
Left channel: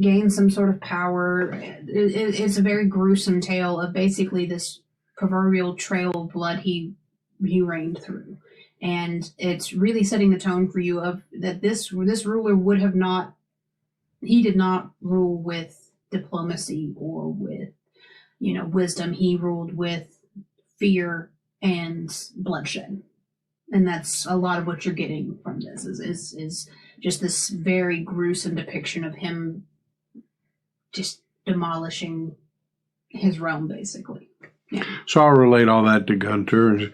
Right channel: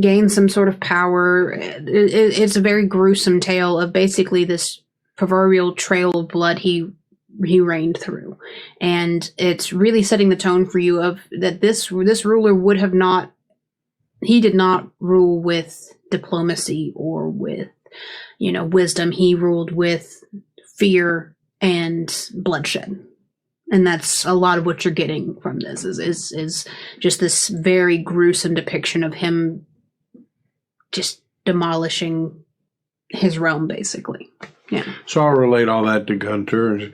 gain some sort of power. It's a very gruesome tale of basically this proverbial trail of blood he reigned through, and it's really setting the tone for you of that this ruler would have not. He did not rule with diplomacy or with wisdom. He ruled with fear and bloodshed. And that's a lot of what you're getting from this is just this very gruesome depiction of him just demolishing his realm, basically. Yeah. So I'll relate all that to Günther.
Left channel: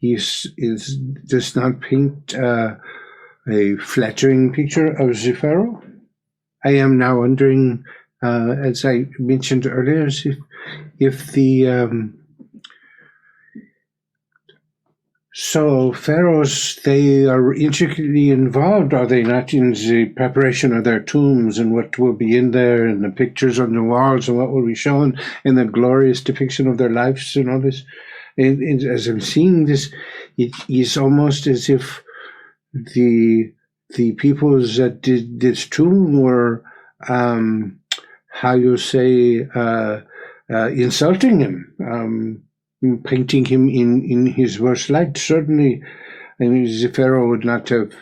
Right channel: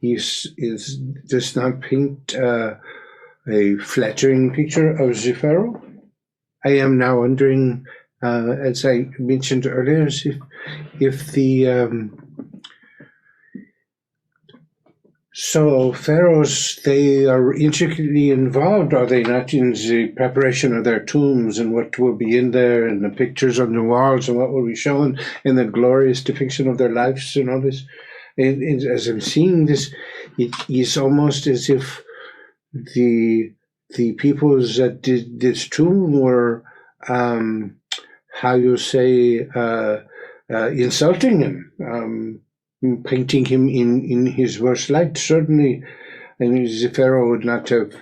He does not paint a flattering picture of the pharaoh. I am now wondering, as I mentioned earlier, if the so pharaohs, they are intricately involved, are they not, in the preparation of their tombs and what will be in there and the pictures on the walls and what will be shown in the glorious depiction of their lives and all this? As I'm seeing this, it is almost as if the peoples that did this tomb were, how you say, insulting him. Painting him in his worst light. Certainly, I mean, the pharaoh would not have.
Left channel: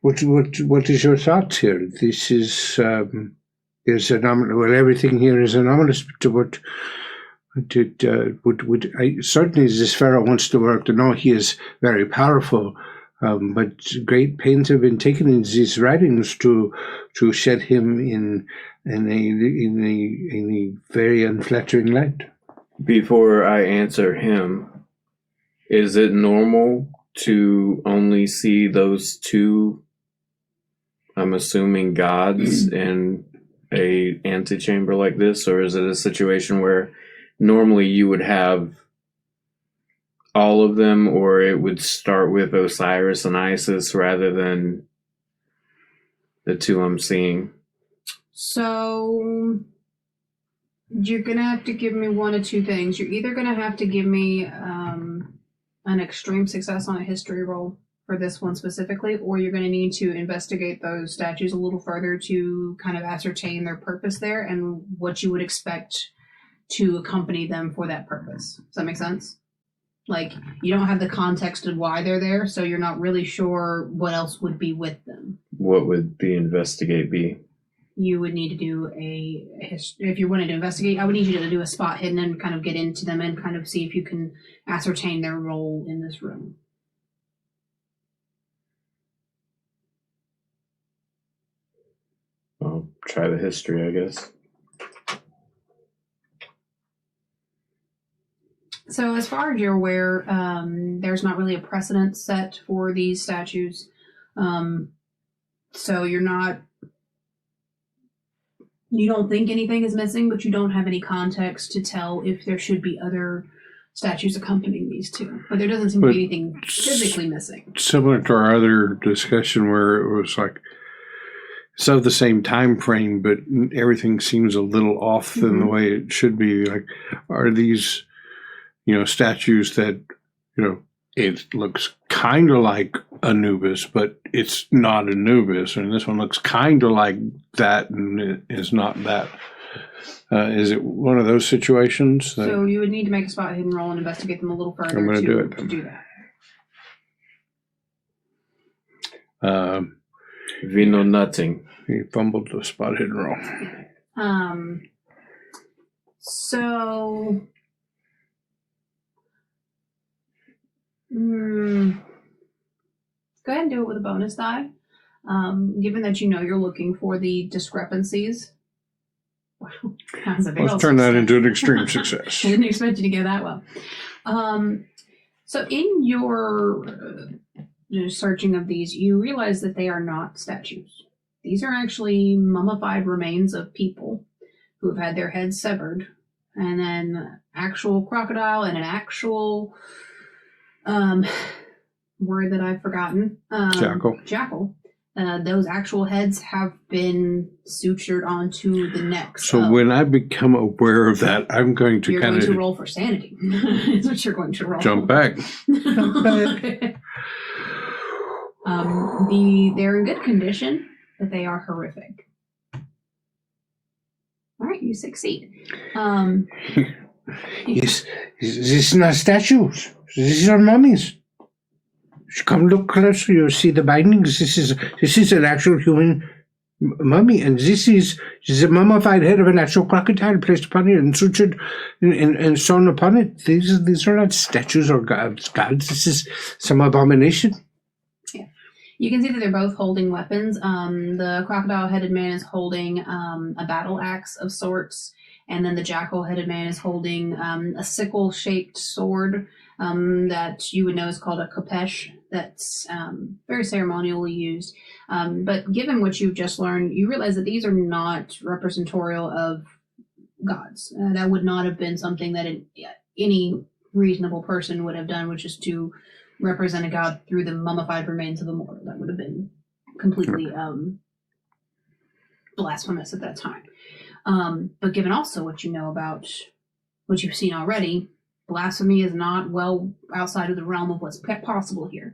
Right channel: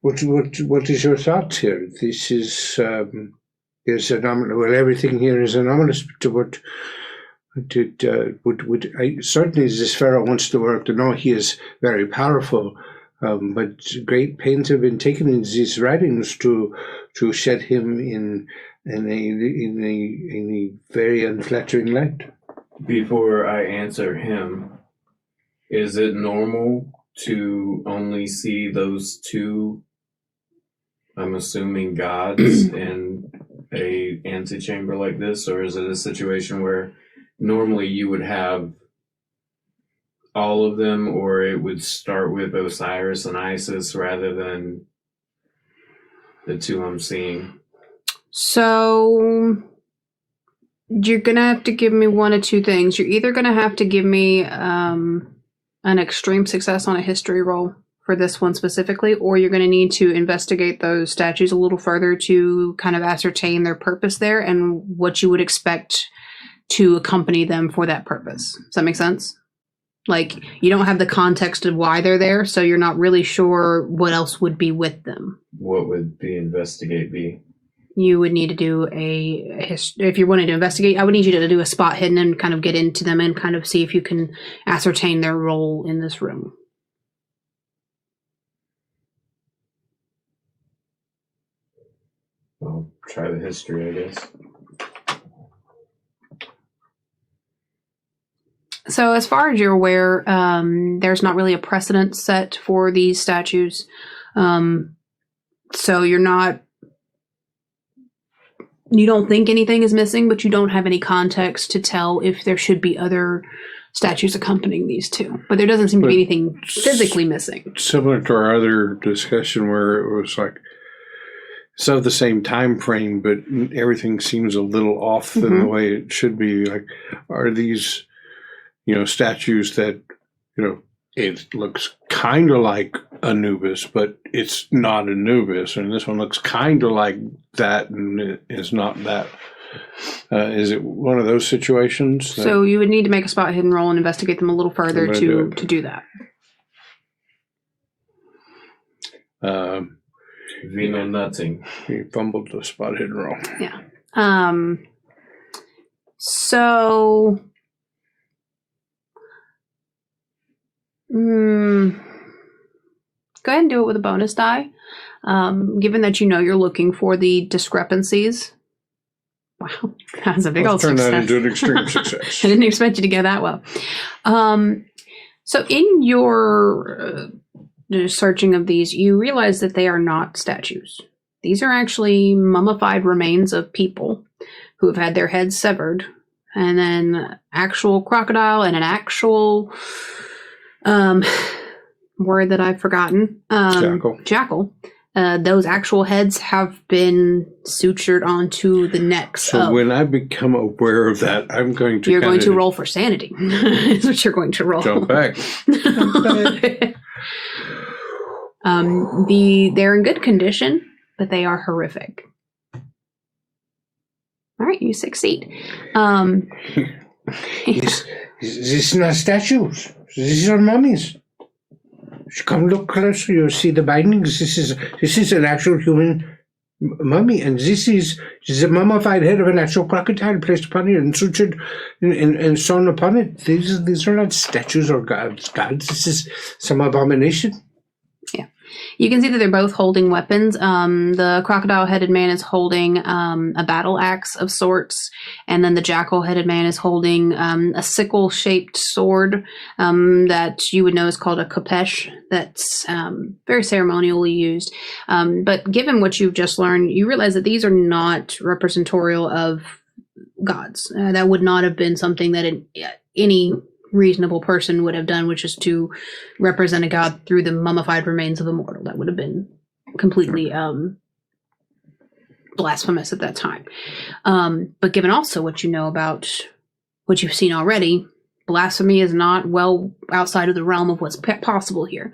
What is your thoughts here? This is anomalous. Well, everything here is anomalous. To what certainly this pharaoh wants to work. To know he is very powerful, but great pains have been taken in these writings to shed him in a very unflattering light. Before I answer him, is it normal to only see those two, I'm assuming, gods in a antechamber like this? Or is it a situation where normally you would have all of them, or it would start with Osiris and Isis rather than the two I'm seeing? So you're going to have to give me one of two things. You're either going to have to give me an extreme success on a history roll for this one specifically, or you're going to need to investigate those statues a little further to kind of ascertain their purpose there and what you would expect to accompany them for that purpose. Does that make sense? Like, you don't have the context of why they're there, so you're not really sure what else would be with them. What would the investigate be? You would need to do if you're wanting to investigate, I would need you to do a spot hidden and kind of get into them and kind of see if you can ascertain their role in this room. I'll try the history, I guess. So as far as you're aware, there's not really a precedent set for these statues. So you don't think anything is missing, but you don't have any context to tell if there should be other statues accompanying these two. But there doesn't seem to be anything physically missing. Similar to our other discussion where it was like, it's of the same time frame, but everything seems a little off than the way it should be. Like, are these, statues that, it looks kind of like Anubis, but it's not Anubis, and this one looks kind of like that, and it is not that. Is it one of those situations? So you would need to make a spot hidden roll and investigate them a little further to do that. We know nothing. He fumbled the spot hidden roll. Yeah. So. Go ahead and do it with a bonus die. Given that you're looking for the discrepancies Wow, that's a big Let's old turn that success. into an extreme success. I didn't expect you to go that well. So in your searching of these, you realize that they are not statues. These are actually mummified remains of people who have had their heads severed, and then actual crocodile and an actual word that I've forgotten. Jackal. Those actual heads have been sutured onto the necks. So when I become aware of that, I'm going to You're going to roll for sanity. That's what you're going to roll. Jump back. They're in good condition, but they are horrific. All right, you succeed. This is not statues. These are mummies. Come look closer. You'll see the bindings. This is an actual human mummy, and this is a mummified head of an actual crocodile placed upon it and sutured and sewn upon it. These are not statues or gods. This is some abomination. Yeah. You can see that they're both holding weapons. The crocodile-headed man is holding a battle axe of sorts, and then the jackal-headed man is holding a sickle-shaped sword that you would know is called a khopesh. That's very ceremonially used. But given what you've just learned, you realize that these are not representational of gods. That would not have been something that any reasonable person would have done, which is to represent a god through the mummified remains of a mortal. That would have been completely blasphemous at that time. But given also what you know about what you've seen already, blasphemy is not well outside of the realm of what's possible here.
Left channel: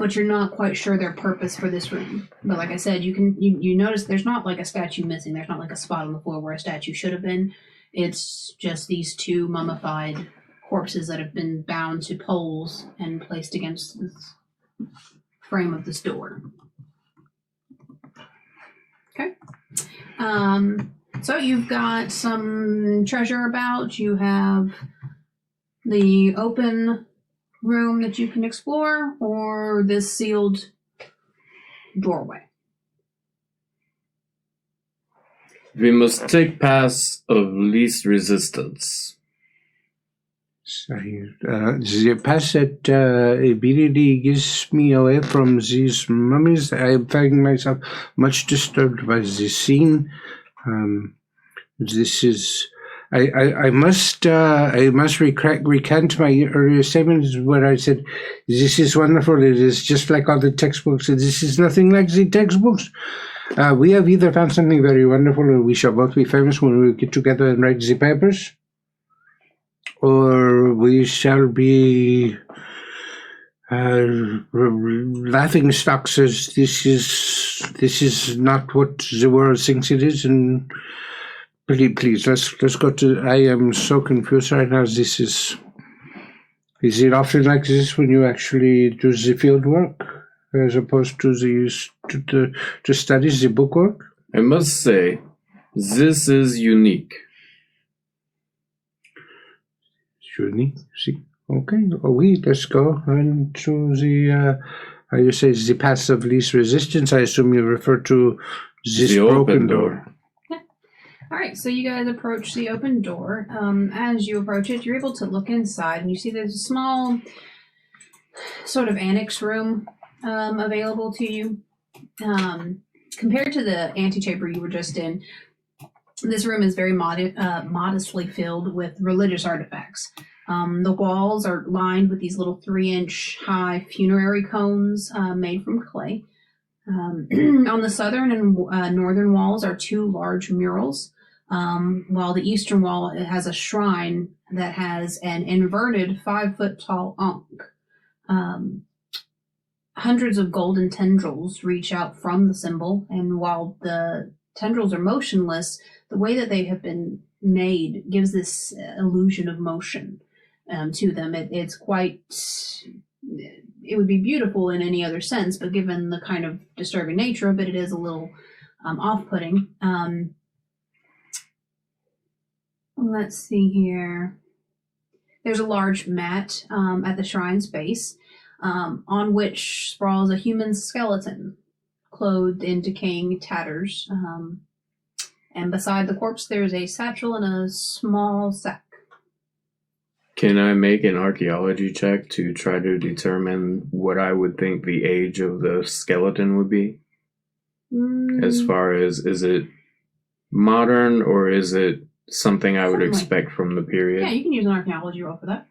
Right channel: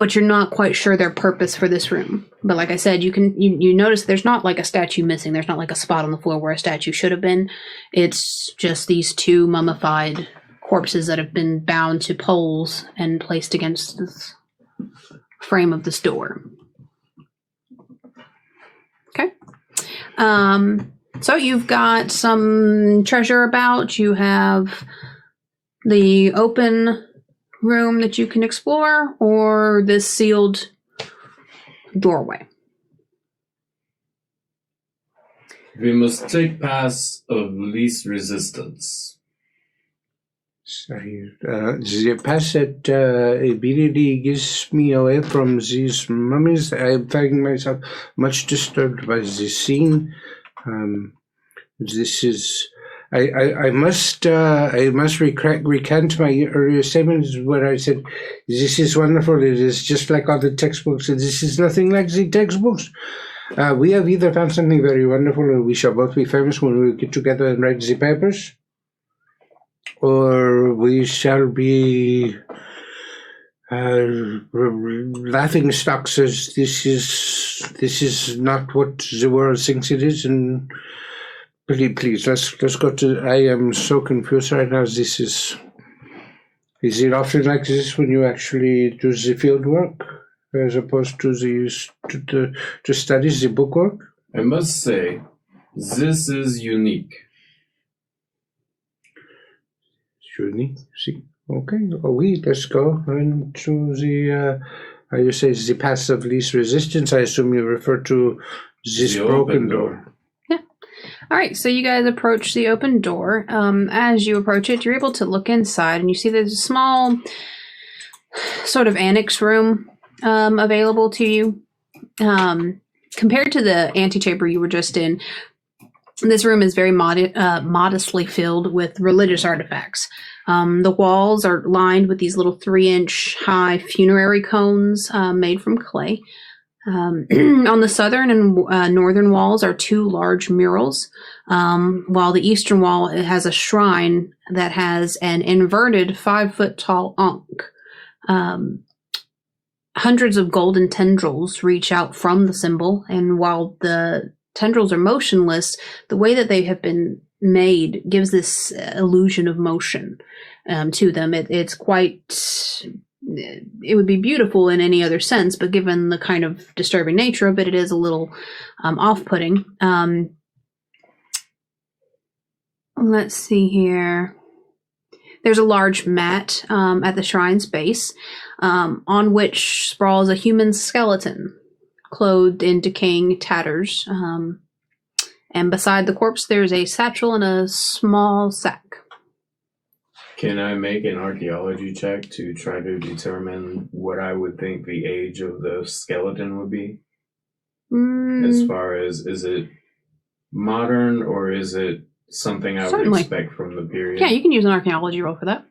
But you're not quite sure their purpose for this room. But like I said, you notice there's not like a statue missing. There's not like a spot on the floor where a statue should have been. It's just these two mummified corpses that have been bound to poles and placed against this frame of this door. Okay. So you've got some treasure about. You have the open room that you can explore, or this sealed doorway. We must take path of least resistance. The path that immediately gets me away from these mummies. I find myself much disturbed by this scene. This is. I must recant my earlier statements where I said, this is wonderful, it is just like all the textbooks, and this is nothing like the textbooks. We have either found something very wonderful, and we shall both be famous when we get together and write the papers, or we shall be laughing stocks as this is not what the world thinks it is, and please, let's go to. I am so confused right now. Is it often like this when you actually do the field work as opposed to to study the book work? I must say, this is unique. Unique. See, okay. Let's go into the. How you say the path of least resistance? I assume you refer to this broken door. All right, so you guys approach the open door. As you approach it, you're able to look inside, and you see there's a small sort of annex room available to you. Compared to the antechamber you were just in, this room is very modestly filled with religious artifacts. The walls are lined with these little 3-inch high funerary cones made from clay. On the southern and northern walls are 2 large murals, while the eastern wall has a shrine that has an inverted 5-foot-tall ankh. Hundreds of golden tendrils reach out from the symbol, and while the tendrils are motionless, the way that they have been made gives this illusion of motion to them. It's quite... It would be beautiful in any other sense, but given the kind of disturbing nature of it, it is a little off-putting. Let's see here. There's a large mat at the shrine's base, on which sprawls a human skeleton, clothed in decaying tatters. And beside the corpse, there's a satchel and a small sack. Can I make an archaeology check to try to determine what I would think the age of the skeleton would be? As far as, is it modern or is it something I would expect from the period? Yeah, you can use an archaeology roll for that.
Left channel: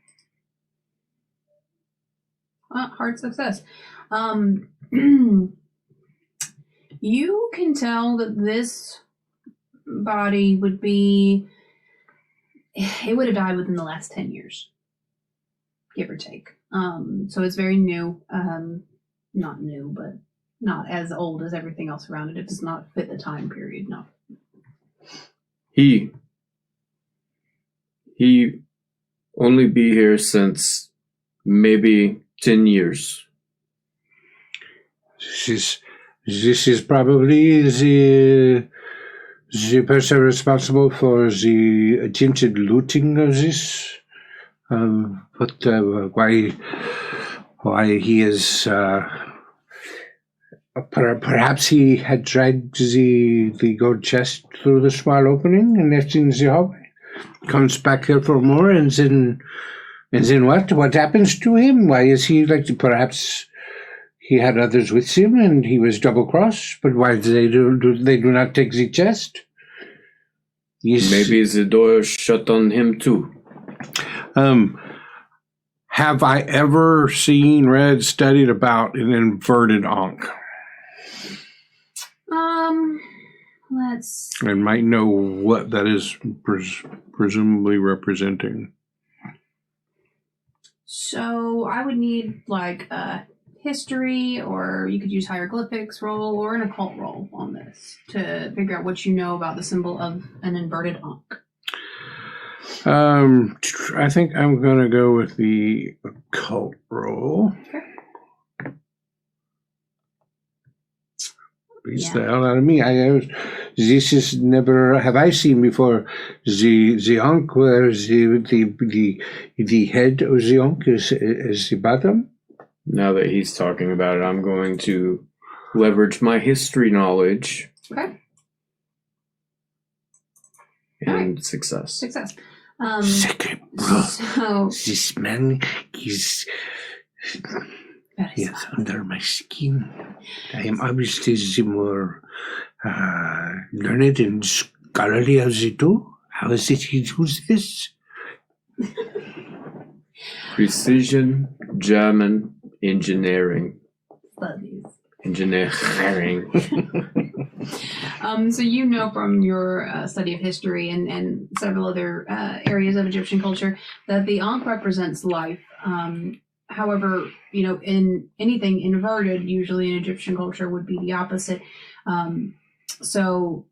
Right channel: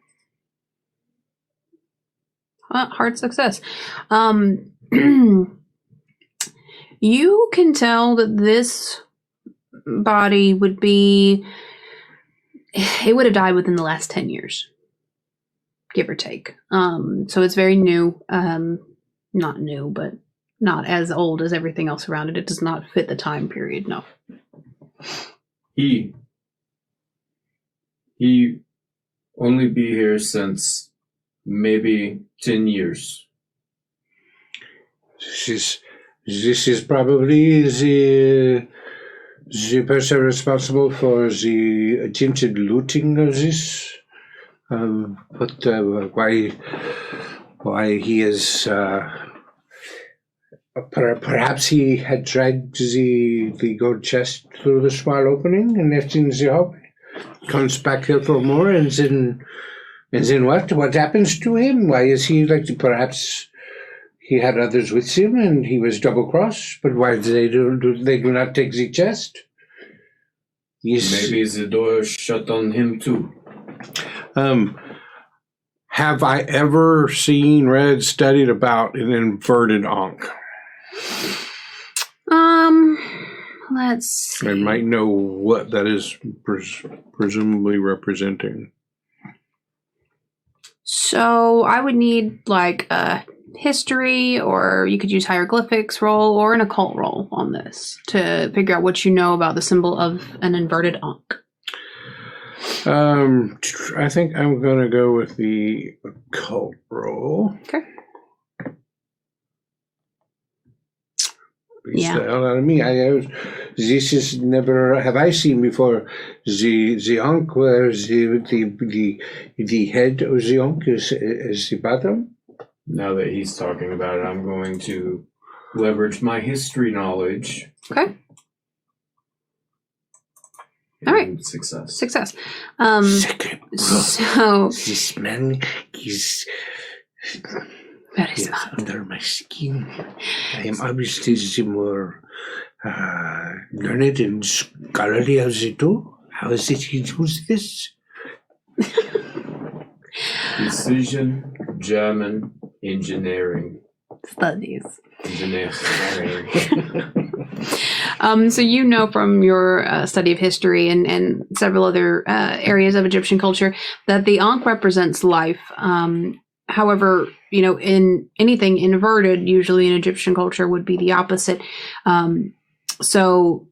Hard success. You can tell that this body would be... It would have died within the last 10 years, give or take. So it's very new. Not new, but not as old as everything else around it. It does not fit the time period, no. He only be here since maybe 10 years. This is probably the person responsible for the attempted looting of this. But why he is... perhaps he had dragged the gold chest through the small opening and left in the hallway. Comes back here for more, and then what? What happens to him? Why is he like? Perhaps he had others with him, and he was double-crossed. But why do they do not take the chest? Maybe the door shut on him too. Have I ever read, studied about an inverted Ankh? Let's see. I might know what that is presumably representing. So I would need like a history, or you could use hieroglyphics roll or an occult roll on this to figure out what you know about the symbol of an inverted Ankh. I think I'm going to go with the occult roll. Okay. Beats the hell out of me. This is never have I seen before. The Ankh where the head of the Ankh is the bottom. Now that he's talking about it, I'm going to leverage my history knowledge. Okay. And all right. Success. Second. So this man is very under my skin. I am obviously the more learned and scholarly of the two. How is it he does this? Precision German engineering. Studies. Engineering. So you know from your study of history and several other areas of Egyptian culture that the Ankh represents life. However, in anything inverted, usually in Egyptian culture would be the opposite. So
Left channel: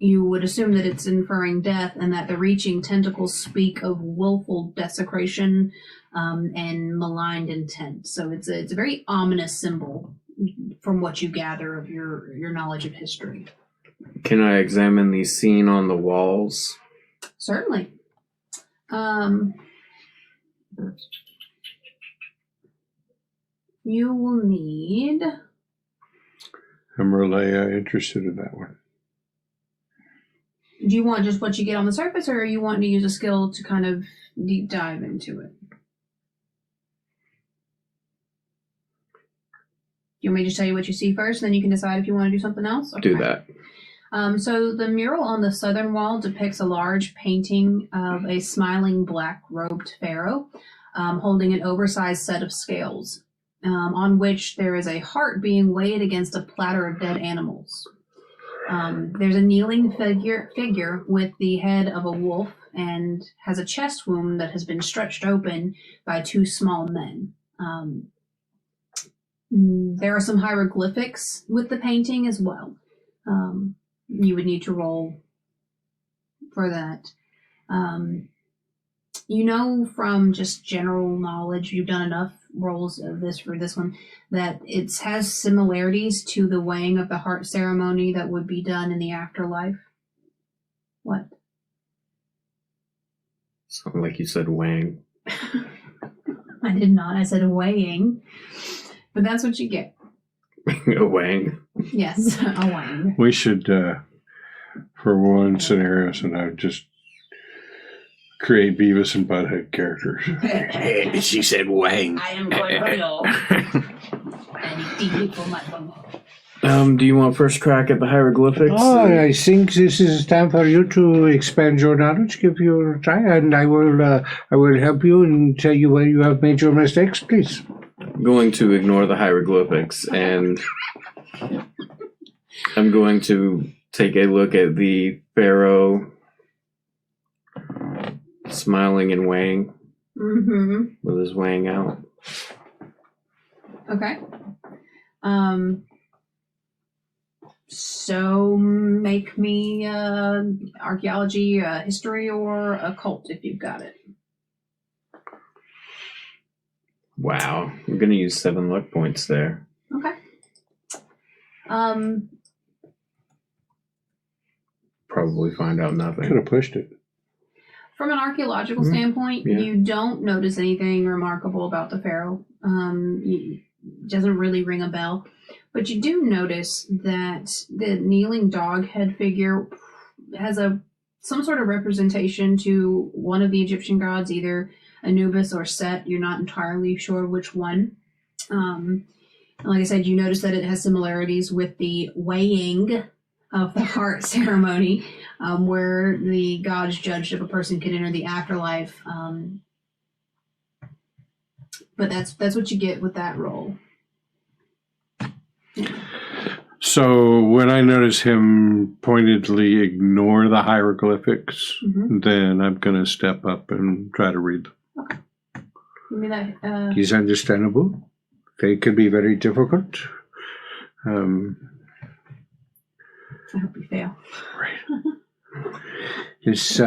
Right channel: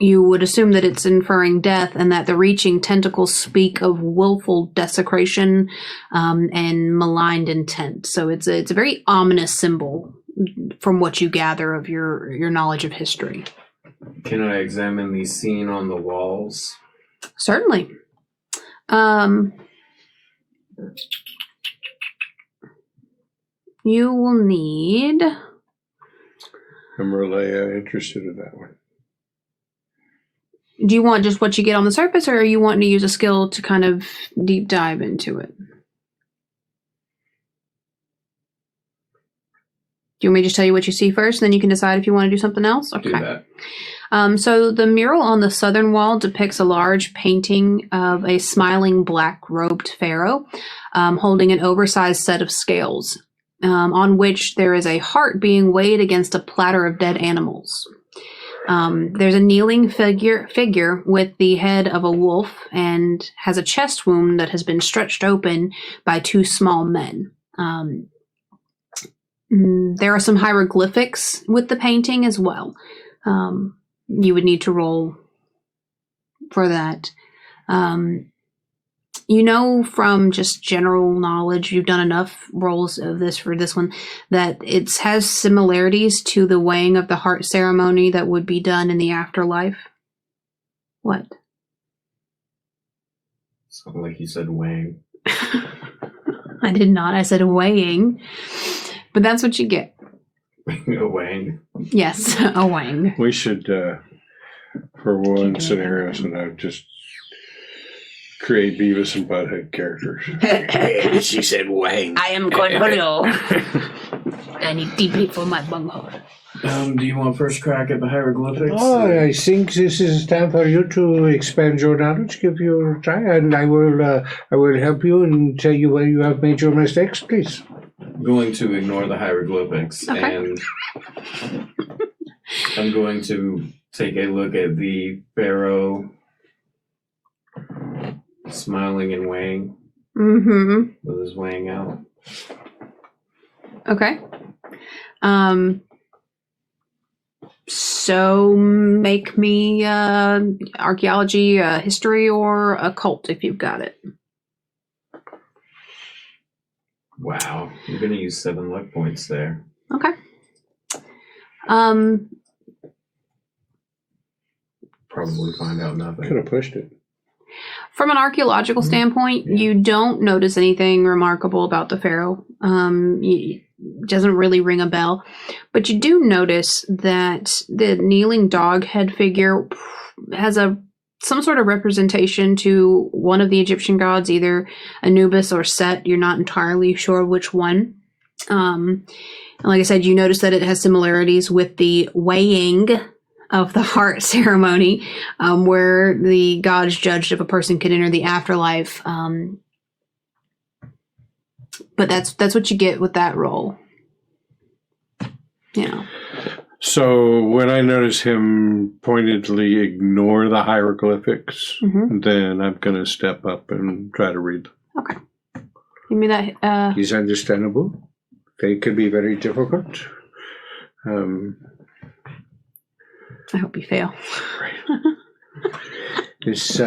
you would assume that it's inferring death, and that the reaching tentacles speak of willful desecration and maligned intent. So it's a very ominous symbol from what you gather of your knowledge of history. Can I examine the scene on the walls? Certainly. You will need... I'm really interested in that one. Do you want just what you get on the surface, or are you wanting to use a skill to kind of deep dive into it? Do you want me to just tell you what you see first, and then you can decide if you want to do something else? Okay. Do that. So the mural on the southern wall depicts a large painting of a smiling black-robed pharaoh holding an oversized set of scales, on which there is a heart being weighed against a platter of dead animals. There's a kneeling figure with the head of a wolf and has a chest wound that has been stretched open by two small men. There are some hieroglyphics with the painting as well. You would need to roll for that. From just general knowledge, you've done enough rolls of this for this one, that it has similarities to the weighing of the heart ceremony that would be done in the afterlife. What? Something like you said weighing. I did not. I said weighing. But that's what you get. A weighing. Yes, a weighing. We should for one scenario, so now just create Beavis and Butthead characters. Hey, she said wang. I am Cornholio. I need deeply for my bunghole. Do you want first crack at the hieroglyphics? Oh, I think this is time for you to expand your knowledge, give you a try, and I will help you and tell you where you have made your mistakes, please. I'm going to ignore the hieroglyphics, and I'm going to take a look at the pharaoh smiling and weighing with his weighing out. Okay. So make me archaeology, history, or occult if you've got it. Wow, you're going to use 7 luck points there. Okay. Probably find out nothing. Could have pushed it. From an archaeological standpoint, Yeah. you don't notice anything remarkable about the pharaoh. It doesn't really ring a bell. But you do notice that the kneeling dog head figure has some sort of representation to one of the Egyptian gods, either Anubis or Set. You're not entirely sure which one. And like I said, you notice that it has similarities with the weighing of the heart ceremony, where the gods judged if a person could enter the afterlife. But that's what you get with that roll. Yeah. So when I notice him pointedly ignore the hieroglyphics, then I'm going to step up and try to read them. Okay. Give me that. It's understandable. They could be very difficult. I hope you fail. This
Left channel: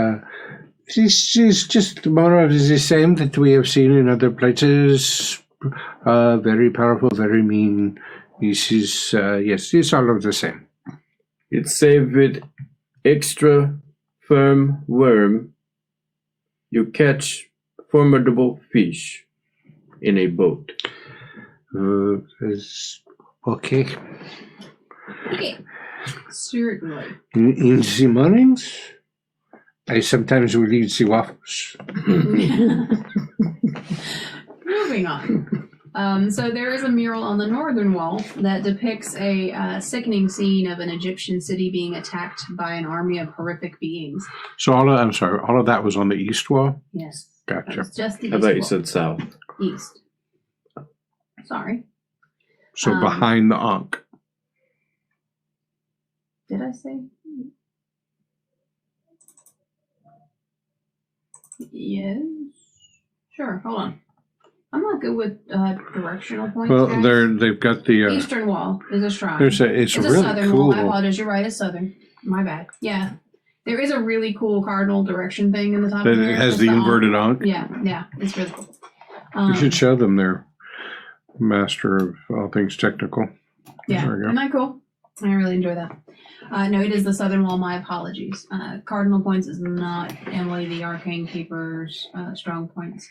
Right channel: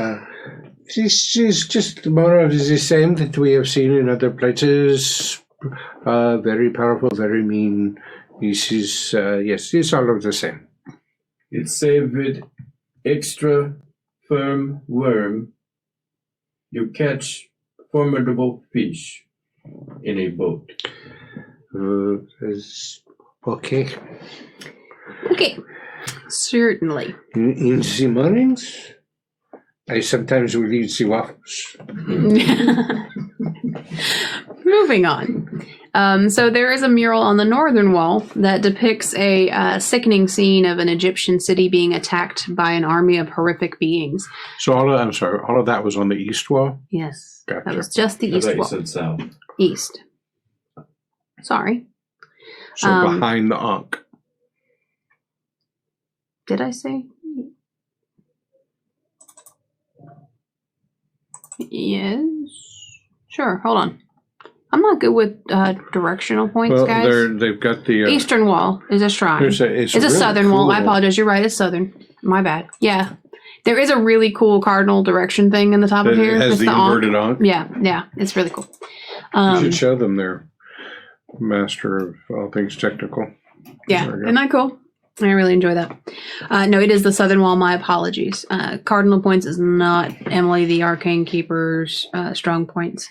is just more of the same that we have seen in other places. Very powerful, very mean. This is, yes, it's all of the same. It's saved with extra firm worm. You catch formidable fish in a boat. Okay. Okay. Certainly. In the mornings, I sometimes will eat the waffles. Moving on. So there is a mural on the northern wall that depicts a sickening scene of an Egyptian city being attacked by an army of horrific beings. So all of that was on the east wall? Yes. Gotcha. That was just the I east thought you wall. said south. East. Sorry. So behind the Ankh. Did I say? Yes. Sure. Hold on. I'm not good with directional points, Well, guys. they've got the Eastern wall is a shrine. it's a It's a really southern cool. wall. I apologize. You're right. It's southern. My bad. Yeah. There is a really cool cardinal direction thing in the top of That here. has It's the inverted Ankh. Ankh. Yeah. It's really cool. You should show them their master of all things technical. Yeah. There we go. Isn't that cool? I really enjoy that. No, it is the southern wall. My apologies. Cardinal points is not Emily the Arcane Keeper's strong points.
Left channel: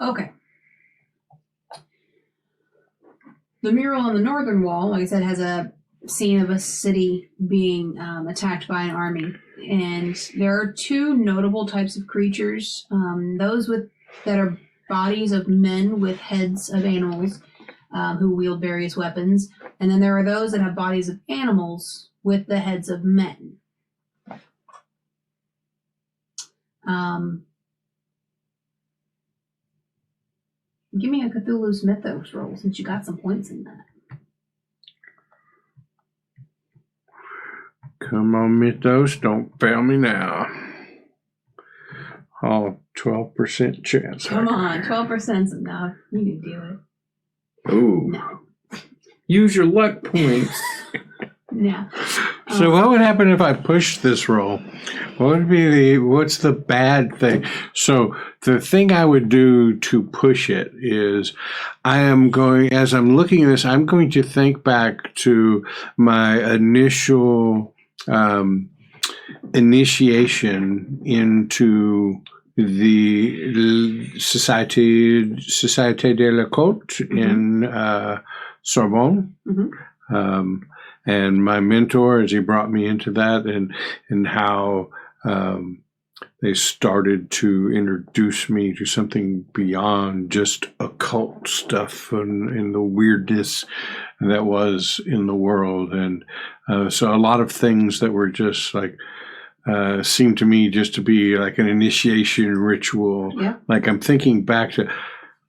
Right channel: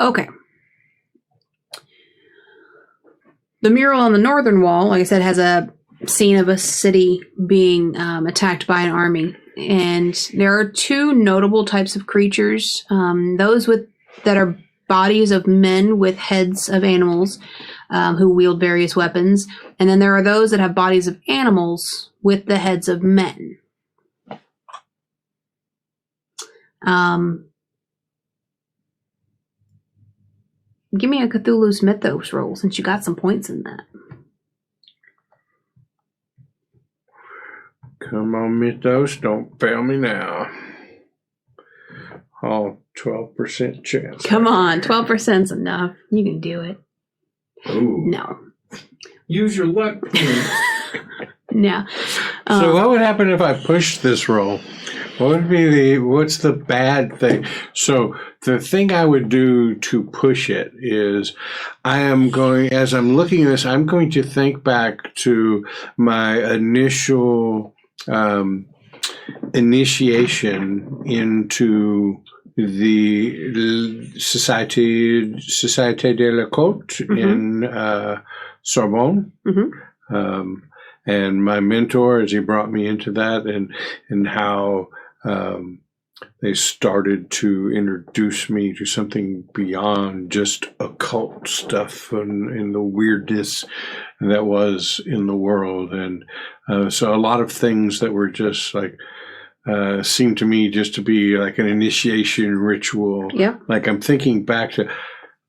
Okay. The mural on the northern wall, like I said, has a scene of a city being attacked by an army. And there are 2 notable types of creatures. Those that are bodies of men with heads of animals who wield various weapons. And then there are those that have bodies of animals with the heads of men. Give me a Cthulhu's Mythos roll since you got some points in that. Come on, Mythos, don't fail me now. Oh, 12% chance. Come on, 12%'s enough. You can do it. Ooh. No. Use your luck points. No. So what would happen if I pushed this roll? What's the bad thing? So the thing I would do to push it is as I'm looking at this, I'm going to think back to my initial initiation into the Société de la Côte in Sorbonne. Mm-hmm. And my mentor, as he brought me into that, and how they started to introduce me to something beyond just occult stuff and the weirdness that was in the world. And so a lot of things that were just like, seemed to me just to be like an initiation ritual. Yeah. Like I'm thinking back to,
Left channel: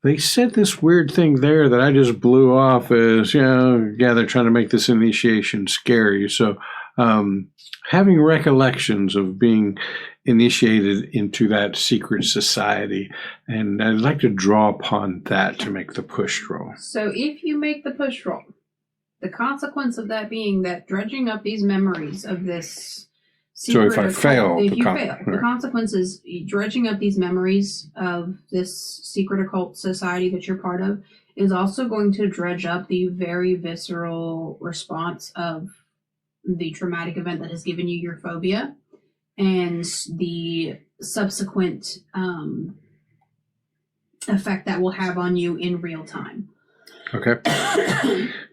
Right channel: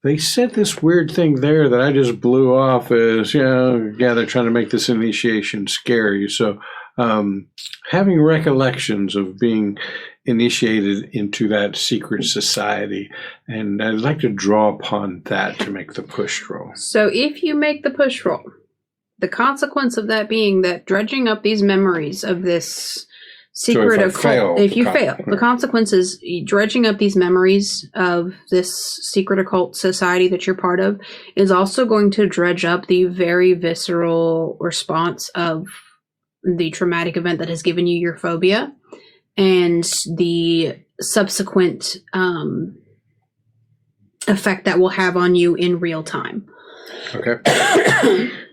they said this weird thing there that I just blew off as, they're trying to make this initiation scary. So having recollections of being initiated into that secret society, and I'd like to draw upon that to make the push roll. So if you make the push roll, the consequence of that being that dredging up these memories of this secret so if I fail, the consequence is dredging up these memories of this secret occult society that you're part of is also going to dredge up the very visceral response of the traumatic event that has given you your phobia and the subsequent effect that will have on you in real time. Okay.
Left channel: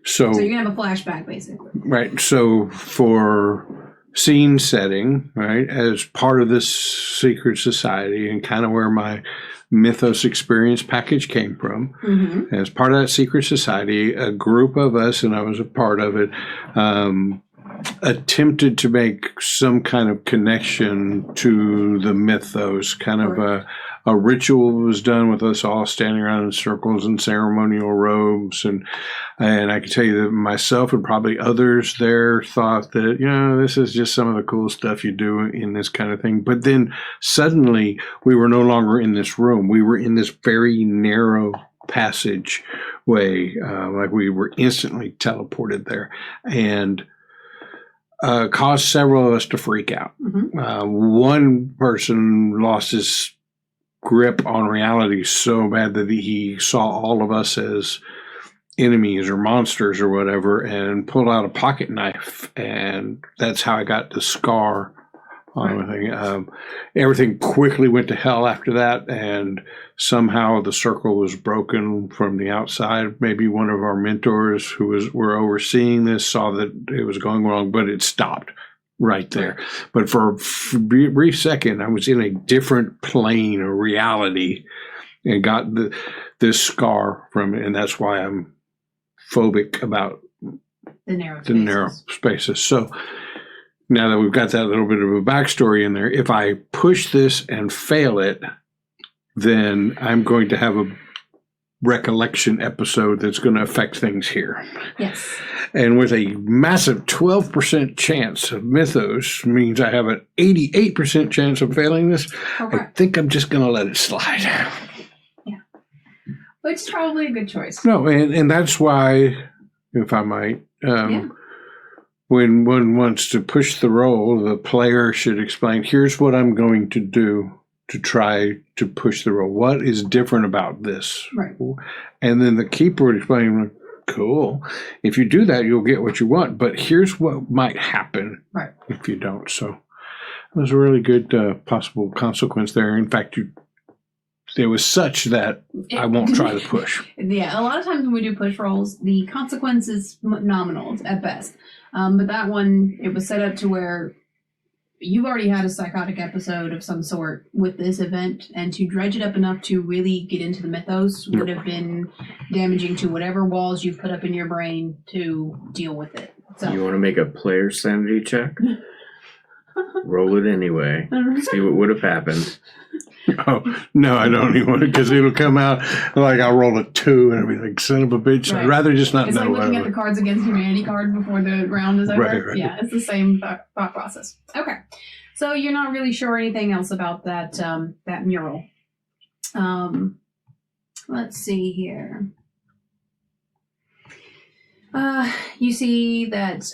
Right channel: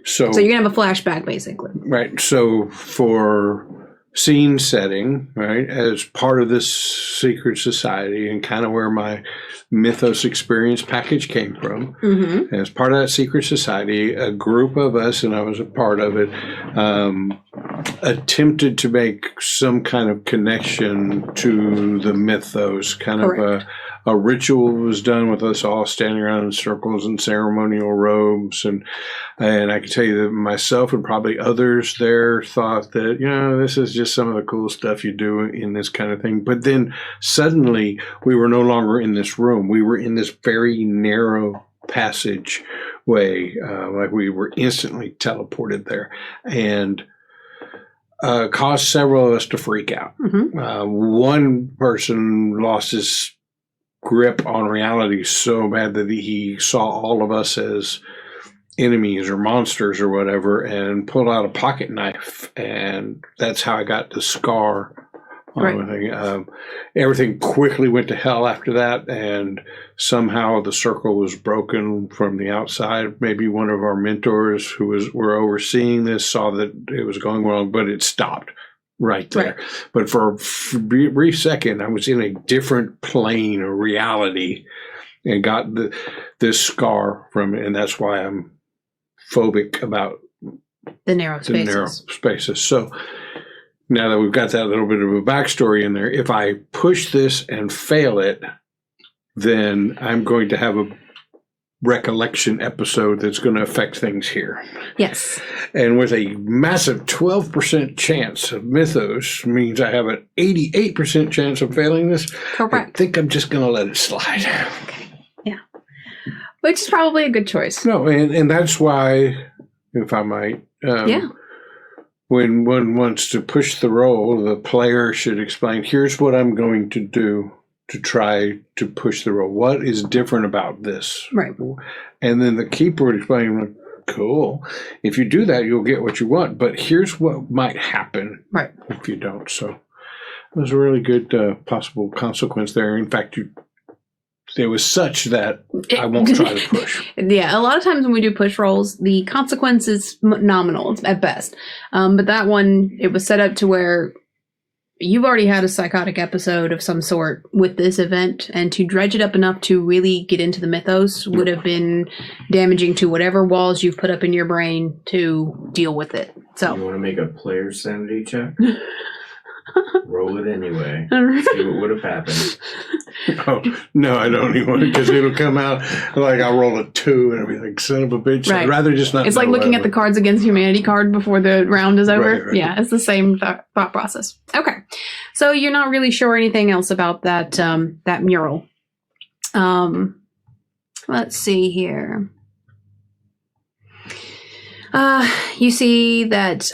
So you're going to have a flashback, basically. Right. So for scene setting, right, as part of this secret society and kind of where my mythos experience package came from, as part of that secret society, a group of us, and I was a part of it, attempted to make some kind of connection to the mythos. Kind of a ritual was done with us all standing around in circles and ceremonial robes, and I can tell you that myself and probably others there thought that this is just some of the cool stuff you do in this kind of thing. But then suddenly we were no longer in this room. We were in this very narrow passage way, like we were instantly teleported there, and caused several of us to freak out. One person lost his grip on reality so bad that he saw all of us as enemies or monsters or whatever, and pulled out a pocket knife, and that's how I got the scar on everything. Everything quickly went to hell after that, and somehow the circle was broken from the outside. Maybe one of our mentors who were overseeing this saw that it was going wrong, but it stopped right there. But for a brief second, I was in a different plane of reality and got this scar from it, and that's why I'm phobic about the narrow spaces. So now that we've got that little bit of a backstory in there, if I push this and fail it, then I'm going to have a recollection episode that's going to affect things here. Yes. And with a massive 12% chance of mythos means I have an 88% chance of failing this. Correct. I think I'm just going to let it slide. Yeah. Which is probably a good choice. No, and that's why, if I might, when one wants to push the roll, the player should explain, here's what I'm going to do to try to push the roll. What is different about this? Right. And then the keeper would explain, cool. If you do that, you'll get what you want. But here's what might happen if you don't. So it was a really good possible consequence there. In fact, it was such that I won't try to push. Yeah, a lot of times when we do push rolls, the consequence is nominal at best. But that one, it was set up to where you've already had a psychotic episode of some sort with this event, and to dredge it up enough to really get into the mythos would have been damaging to whatever walls you've put up in your brain to deal with it. So you want to make a player sanity check? Roll it anyway. See what would have happened. Oh, no, I don't even want it, because it'll come out like I'll roll a 2 and I'll be like, son of a bitch. I'd rather just not It's know like looking whatever. at the Cards Against Humanity card before the round is over. Right. Yeah, it's the same thought process. Okay. So you're not really sure anything else about that that mural. Let's see here. You see that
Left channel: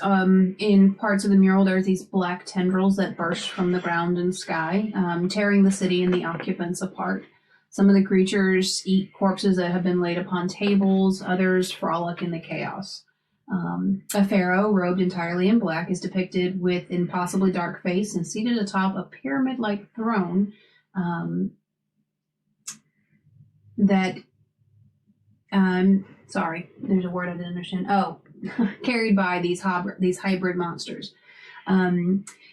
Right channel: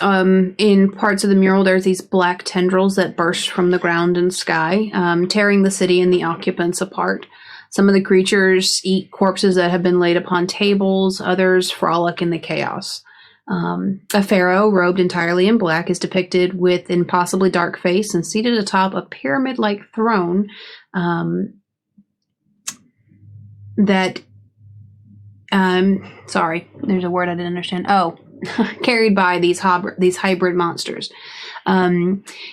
in parts of the mural there's these black tendrils that burst from the ground and sky, tearing the city and the occupants apart. Some of the creatures eat corpses that have been laid upon tables, others frolic in the chaos. A pharaoh, robed entirely in black, is depicted with impossibly dark face and seated atop a pyramid-like throne that... sorry, there's a word I didn't understand. Oh, carried by these hybrid monsters.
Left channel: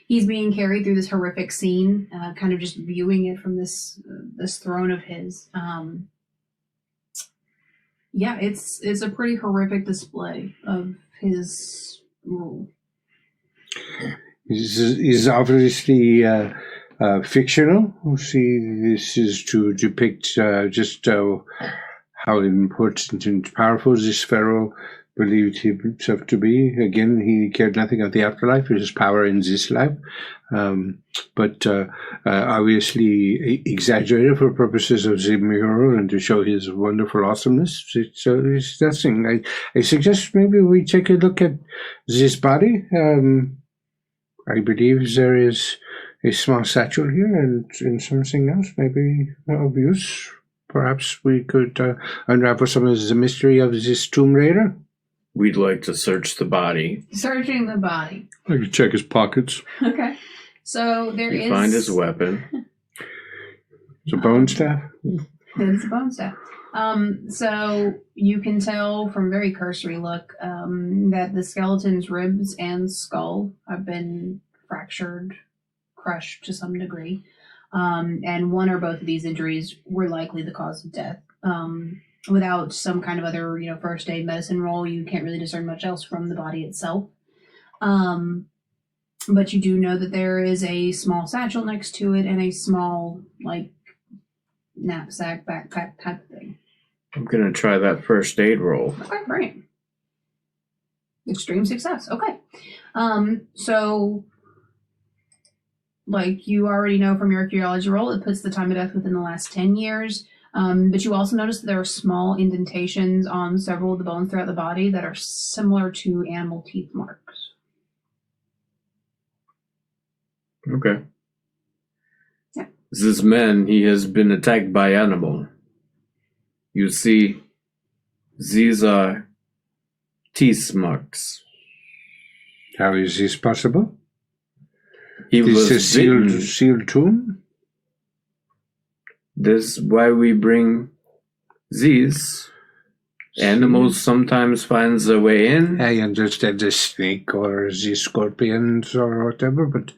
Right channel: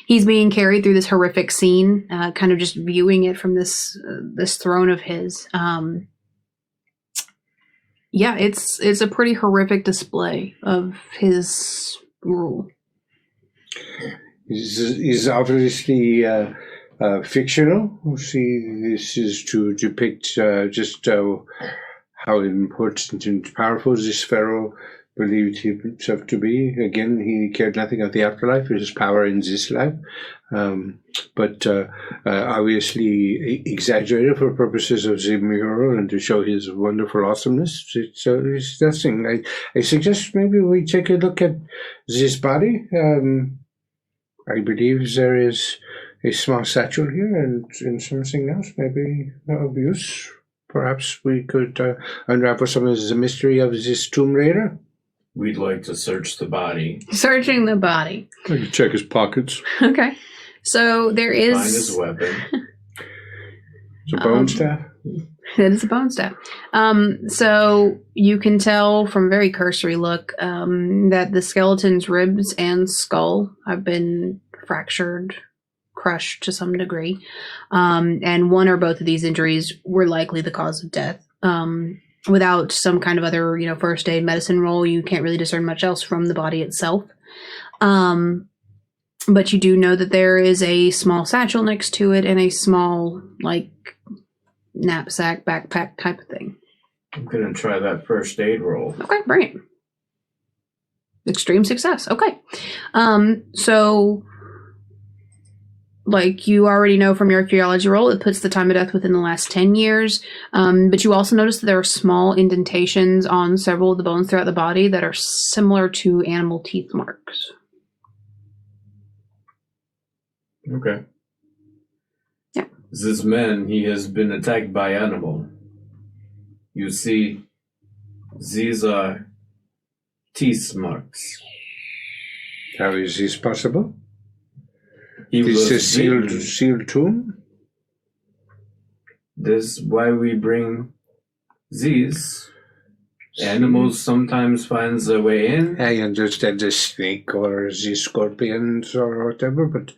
He's being carried through this horrific scene, kind of just viewing it from this throne of his. Yeah, it's a pretty horrific display of his rule. He's obviously fictional. See, this is to depict just how important and powerful this pharaoh believed himself to be. Again, he cared nothing of the afterlife, his power in this life, but obviously exaggerated for purposes of the mural and to show his wonderful awesomeness. It's nothing. I suggest maybe we take a look at this body. I believe there is a small satchel here and something else, maybe of use. Perhaps we could unravel some of the mystery of this tomb raider. We'd like to search the body. Searching the body. I could check his pockets. Okay. So there is... Find his weapon. It's a bone staff? It is a bone staff. So you can tell from very cursory look that the skeleton's ribs and skull have been fractured, crushed to some degree. And one or both of these injuries were likely the cause of death. Without some kind of other, first aid medicine roll, you can't really discern much else from the body itself. But you do know that there is a small satchel next to it and a small, knapsack, backpack type of thing. I'm going to try that first aid roll. Okay, great. Extreme success. Okay. So... you already know from your archaeology roll, it puts the time of death within the last 10 years. But you also notice that there are small indentations on several of the bones throughout the body that are similar to animal teeth marks. Okay. Yeah. This man, he has been attacked by animal. You see, these are teeth marks. How is this possible? Is this a sealed tomb? This is why we bring these. Animals sometimes find their way in. I understand the snake or the scorpions or whatever, but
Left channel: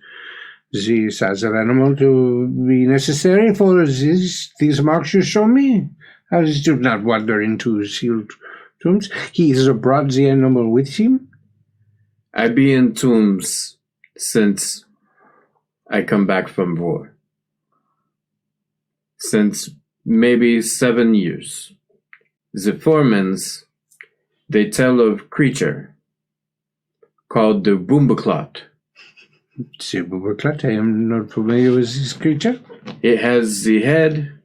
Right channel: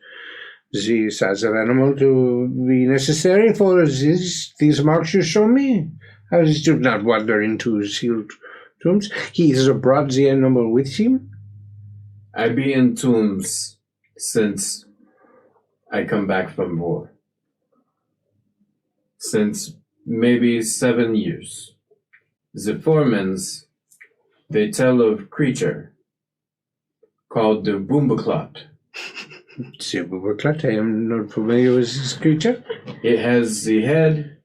these other animal to be necessary for these marks you show me. How does do not wander into sealed tombs? He has brought the animal with him. I be in tombs since I come back from war. Since maybe 7 years. The foremans, they tell of creature called the Boombaclot. The Boombaclot, I am not familiar with this creature. It has the head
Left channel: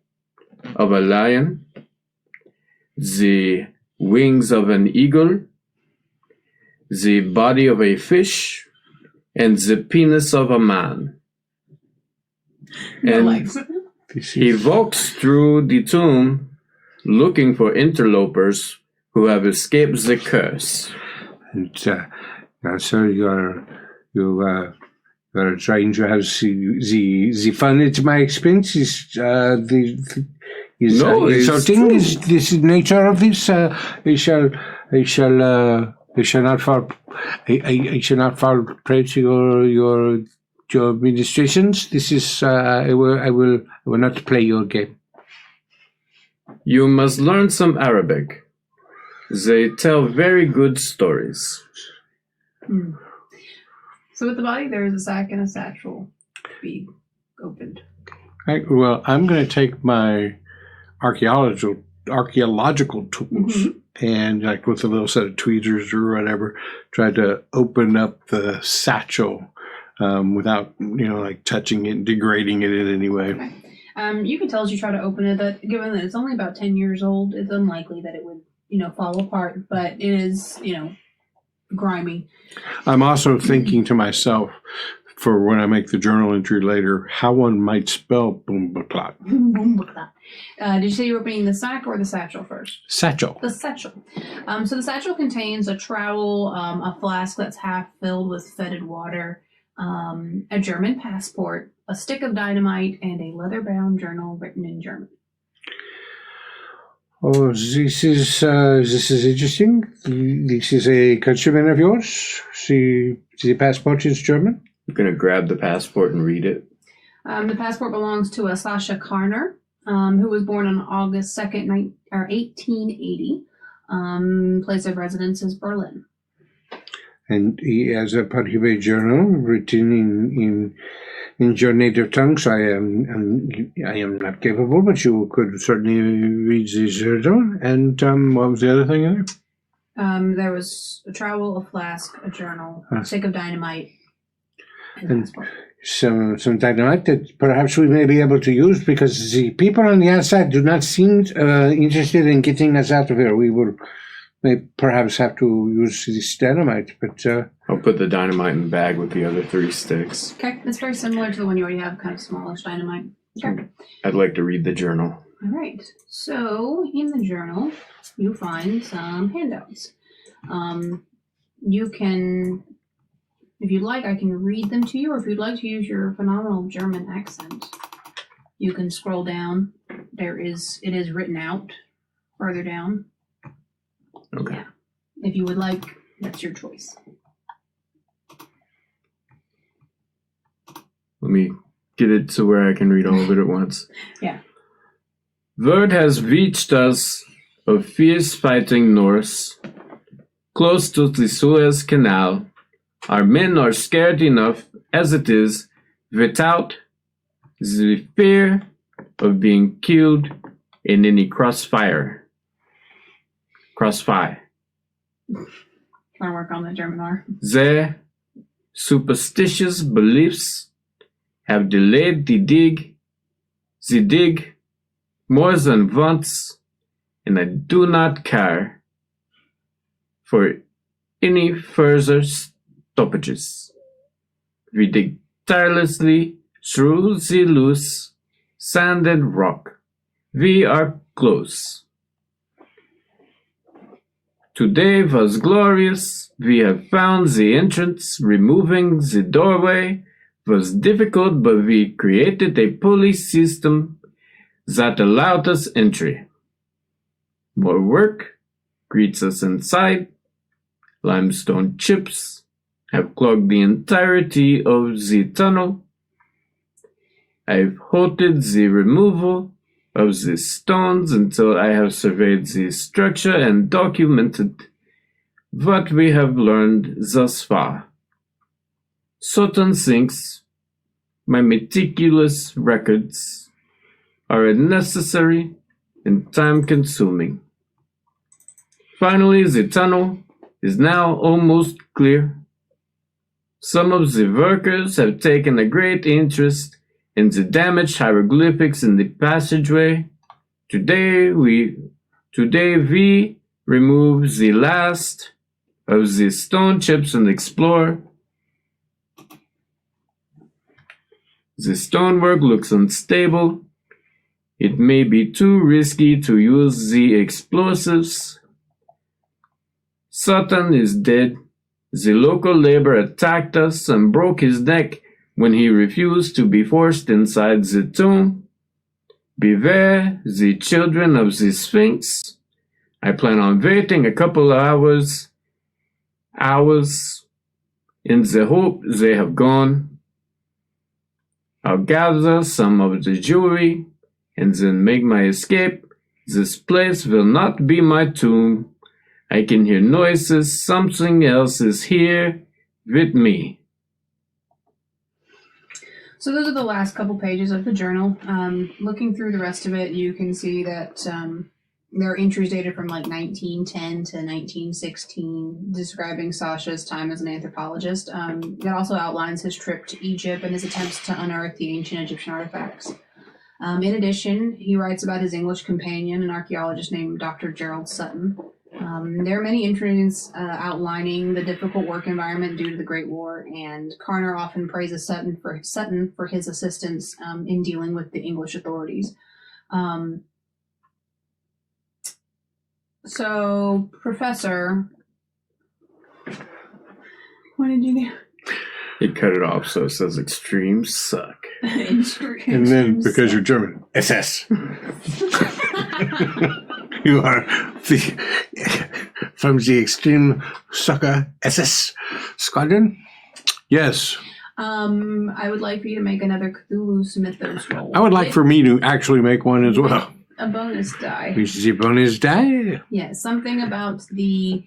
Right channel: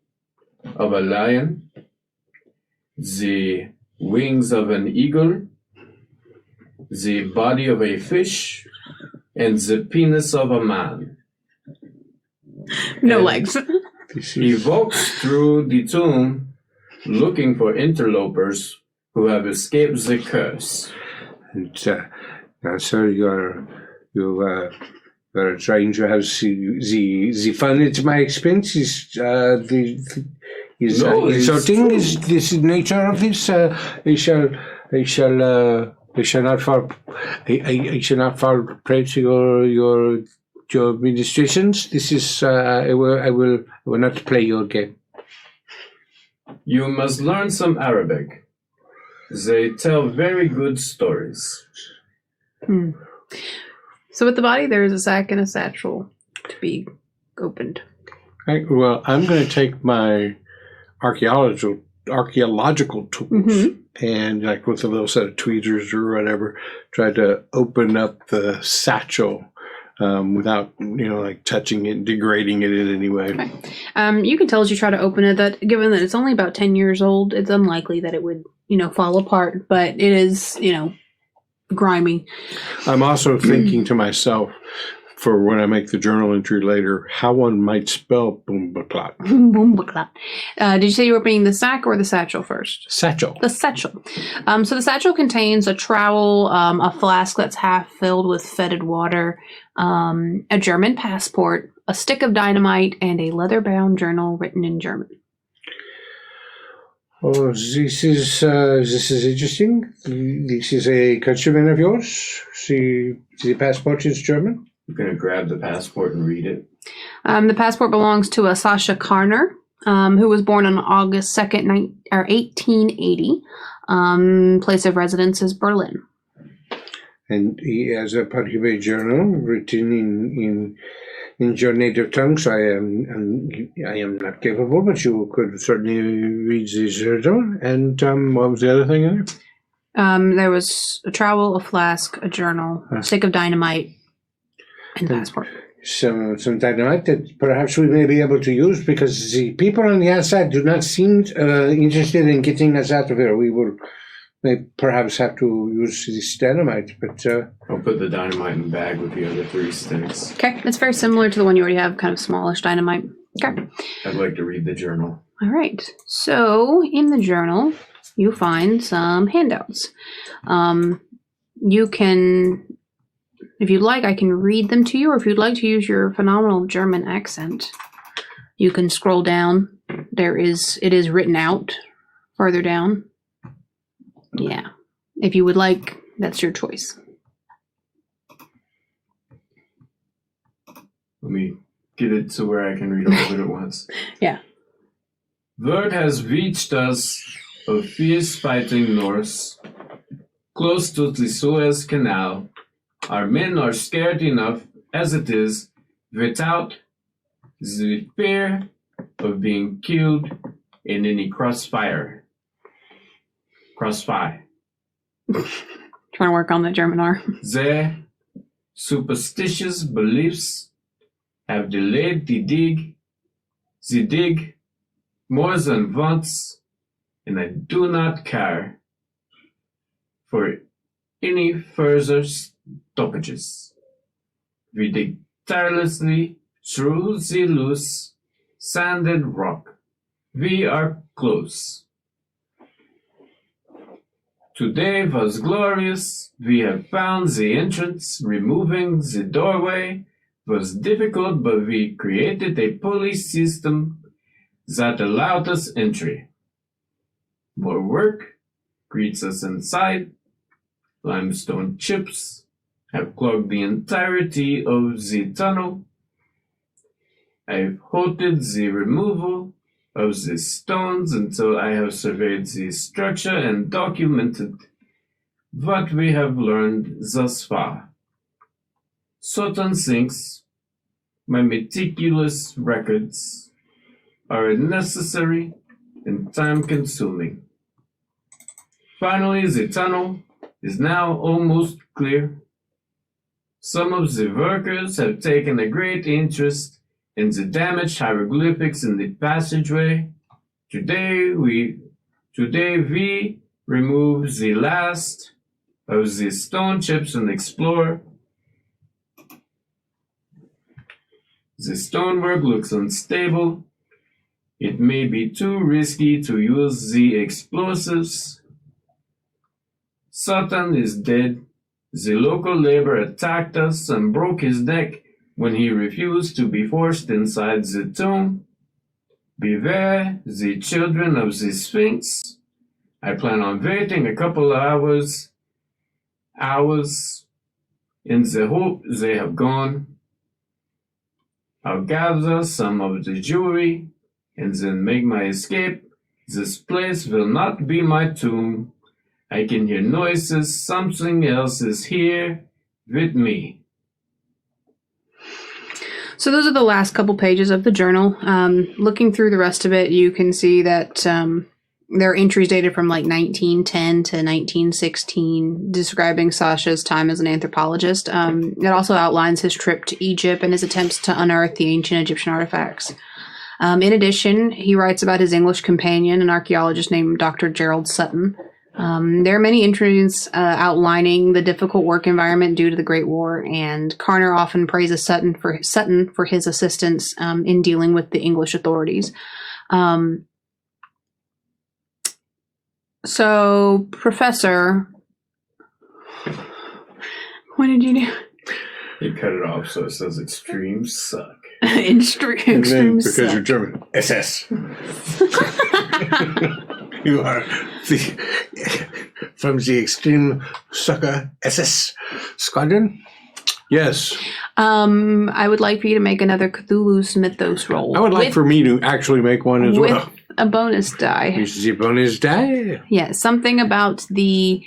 of a lion, the wings of an eagle, the body of a fish, and the penis of a man. No legs. He walks through the tomb looking for interlopers who have escaped the curse. And sir, you are trying to have the fun at my expense. Insulting is this nature of this. I shall not fall prey to your administrations. This is I will not play your game. You must learn some Arabic. They tell very good stories. So with the body, there is a sack and a satchel to be opened. I'm going to take my archaeological tools and, with a little set of tweezers or whatever, try to open up the satchel without, touching it, degrading it in any way. Okay. You can tell as you try to open it that, given that it's only about 10 years old, it's unlikely that it would, fall apart, but it is, grimy. I'm also thinking to myself, for when I make the journal entry later, how one might spell Boombaclot. Boombaclot. Did you say you were opening the sack or the satchel first? Satchel. The satchel. So the satchel contains a trowel, a flask that's half filled with fetid water, a German passport, a stick of dynamite, and a leather-bound journal written in German. Oh, this is interesting. This is a countryman of yours. The passport is German. I'm going to grab the passport and read it. The passport belongs to a Sasha Karner, who was born on August 2nd, 1880. Place of residence is Berlin. And he has a particular journal written in your native tongue, so I am not capable, but you could certainly read the journal. And what was the other thing in there? There was a trowel, a flask, a journal, a stick of dynamite, and a passport. Some dynamite that perhaps we may be able to use, because the people on the outside do not seem interested in getting us out of here. We may perhaps have to use this dynamite, but... I'll put the dynamite in the bag with the other 3 sticks. Okay, it's very similar to the one you already have, kind of smallish dynamite. Okay. I'd like to read the journal. All right. So, in the journal, you find some handouts. You can... If you'd like, I can read them to you, or if you'd like to use your phenomenal German accent, you can scroll down. It is written out further down. Okay. Yeah. If you would like, that's your choice. Let me get it to where I can read all of it at once. Yeah. Word has reached us of fierce fighting Norse, close to the Suez Canal. Our men are scared enough as it is, without the fear of being killed in any crossfire. Trying to work on the German R. Their superstitious beliefs have delayed the dig more than once, and I do not care for any further stoppages. We dig tirelessly through the loose sand and rock. We are close. Today was glorious. We have found the entrance. Removing the doorway was difficult, but we created a police system that allowed us entry. More work greets us inside. Limestone chips have clogged the entirety of the tunnel. I've halted the removal of the stones until I have surveyed the structure and documented what we have learned thus far. Certain things, my meticulous records, are unnecessary and time-consuming. Finally, the tunnel is now almost clear. Some of the workers have taken a great interest in the damaged hieroglyphics in the passageway. Today we remove the last of the stone chips and explore. The stonework looks unstable. It may be too risky to use the explosives. Sutton is dead. The local labor attacked us and broke his neck when he refused to be forced inside the tomb. Beware the children of the Sphinx. I plan on waiting a couple of hours in the hope they have gone. I'll gather some of the jewelry and then make my escape. This place will not be my tomb. I can hear noises. Something else is here with me. So those are the last couple pages of the journal. Looking through the rest of it, you can see that there are entries dated from like 1910 to 1916 describing Sasha's time as an anthropologist. It also outlines his trip to Egypt and his attempts to unearth the ancient Egyptian artifacts. In addition, he writes about his English companion, an archaeologist named Dr. Gerald Sutton. There are many entries outlining the difficult work environment due to the Great War, and Karner often praises Sutton for his assistance in dealing with the English authorities. So, Professor, what did you do? You cut it off so it says extremes suck. And then, because you're German, SS. You are from the Extreme Sucker SS Squadron? Yes. I would like for you to make another Cthulhu's Mythos roll. I would like for me to actually make one as well. A bonus die. Is the bonus die? Yeah, something about the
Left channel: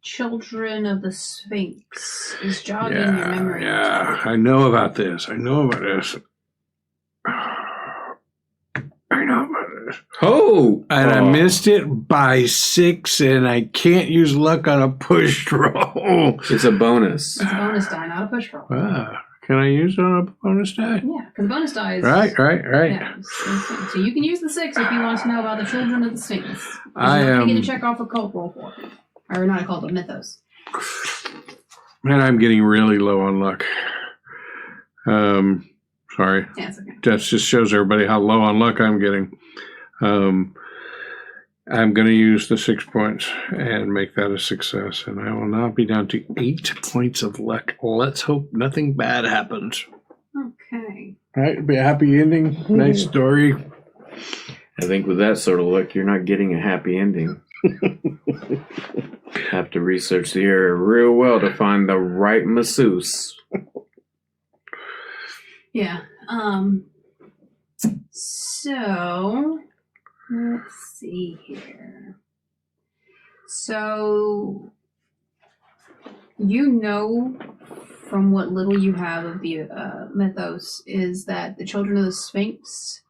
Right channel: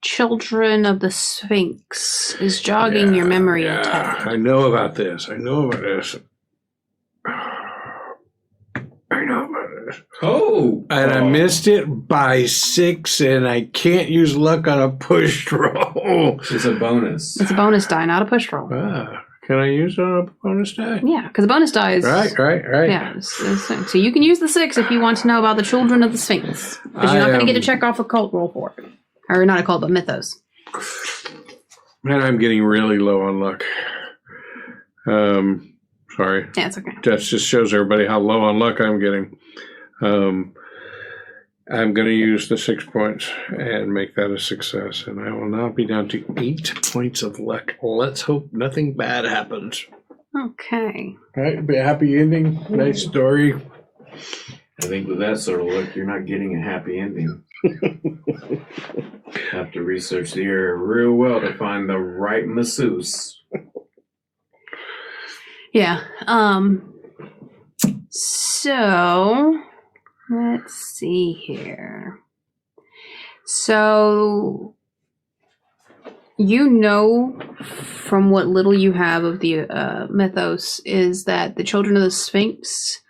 children of the Sphinx is jogging your memory. Yeah, I know about this. Oh! And I missed it by 6, and I can't use luck on a pushed roll. It's a bonus. It's a bonus die, not a push roll. Can I use it on a bonus die? Yeah, because a bonus die is... Right. Yeah, so you can use the 6 if you want to know about the children of the Sphinx. But you're not going to get to check off a cult roll for it. Or not a cult, but Mythos. Man, I'm getting really low on luck. Sorry. Yeah, it's okay. That just shows everybody how low on luck I'm getting. I'm going to use the 6 points and make that a success. And I will now be down to 8 points of luck. Let's hope nothing bad happens. Okay. All right, it'll be a happy ending. Nice story. I think with that sort of luck, you're not getting a happy ending. Have to research the area real well to find the right masseuse. Yeah. So let's see here. So you know from what little you have of the mythos is that the children of the Sphinx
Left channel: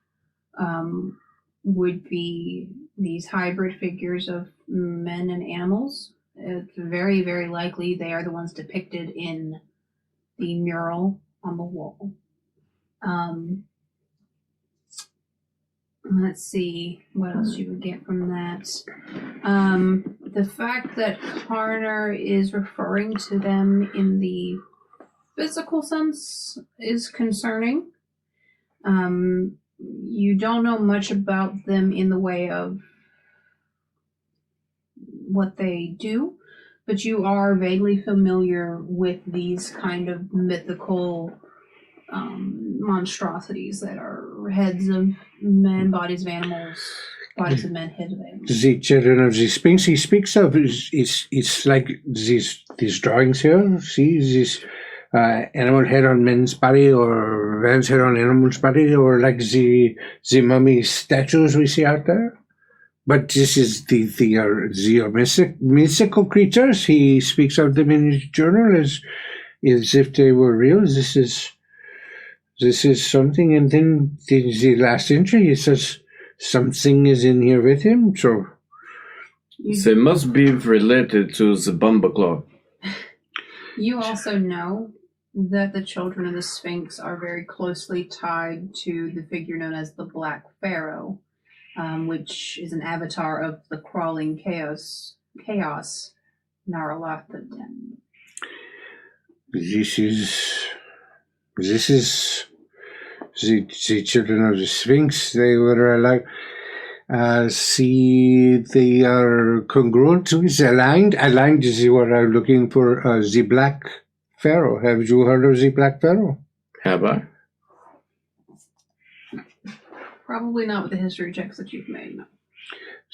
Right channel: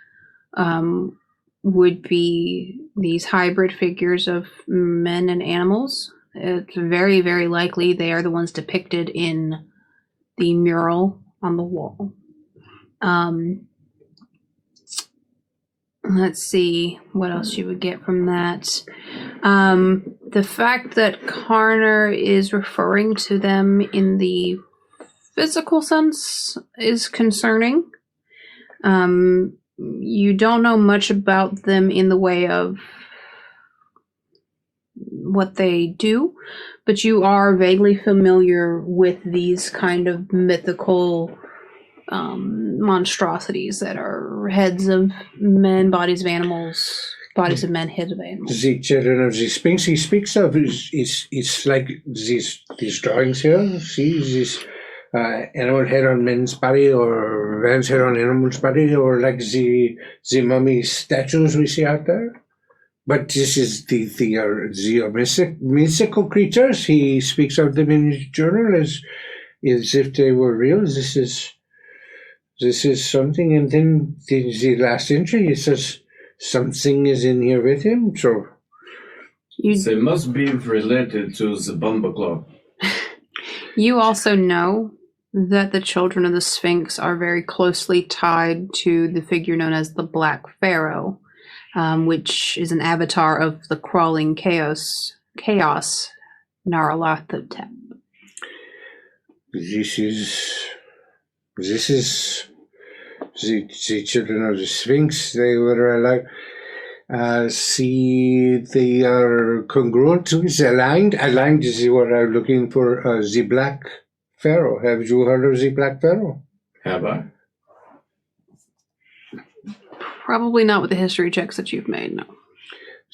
would be these hybrid figures of men and animals. It's very, very likely they are the ones depicted in the mural on the wall. Let's see what else you would get from that. The fact that Karner is referring to them in the physical sense is concerning. You don't know much about them in the way of what they do, but you are vaguely familiar with these kind of mythical monstrosities that are heads of men, bodies of animals, bodies of men, heads of animals. The children of the Sphinx he speaks of it's like these drawings here. See this animal head on men's body, or man's head on animal's body, or like the mummy statues we see out there. But this is the mythical creatures. He speaks of them in his journal as if they were real. This is something, and then the last entry he says something is in here with him. So they must be related to the Bumba Club. You also know that the children of the Sphinx are very closely tied to the figure known as the Black Pharaoh, which is an avatar of the crawling chaos Nyarlathotep. This is the children of the Sphinx. They were like, they are congruent with aligned. Aligned is what I'm looking for. The Black Pharaoh. Have you heard of the Black Pharaoh? Have I? Probably not with the history checks that you've made. No.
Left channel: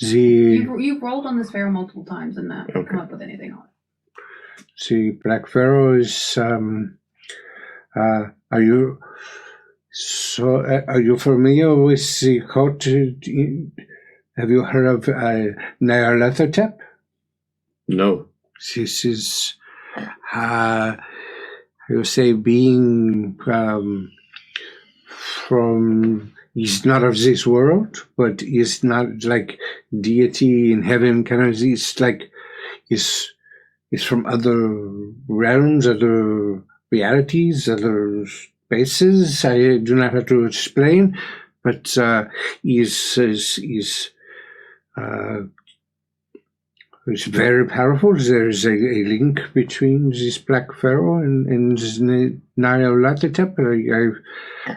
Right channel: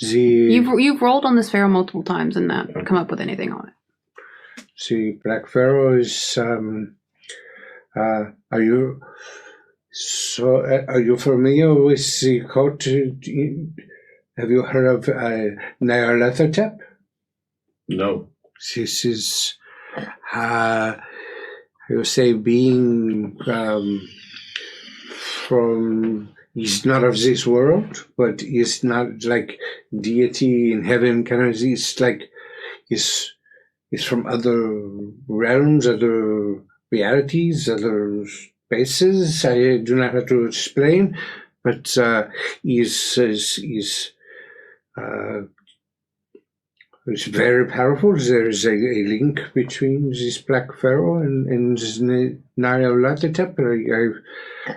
You've rolled on this pharaoh multiple times and not come up with anything on it. The Black Pharaoh is. Are you familiar with the cult? Have you heard of Nyarlathotep? No. This is, I would say, being from. He's not of this world, but he's not like deity in heaven. Kind of, he's like he's from other realms, other realities, other spaces. I do not have to explain, but he's very powerful. There is a link between this Black Pharaoh and this Nyarlathotep.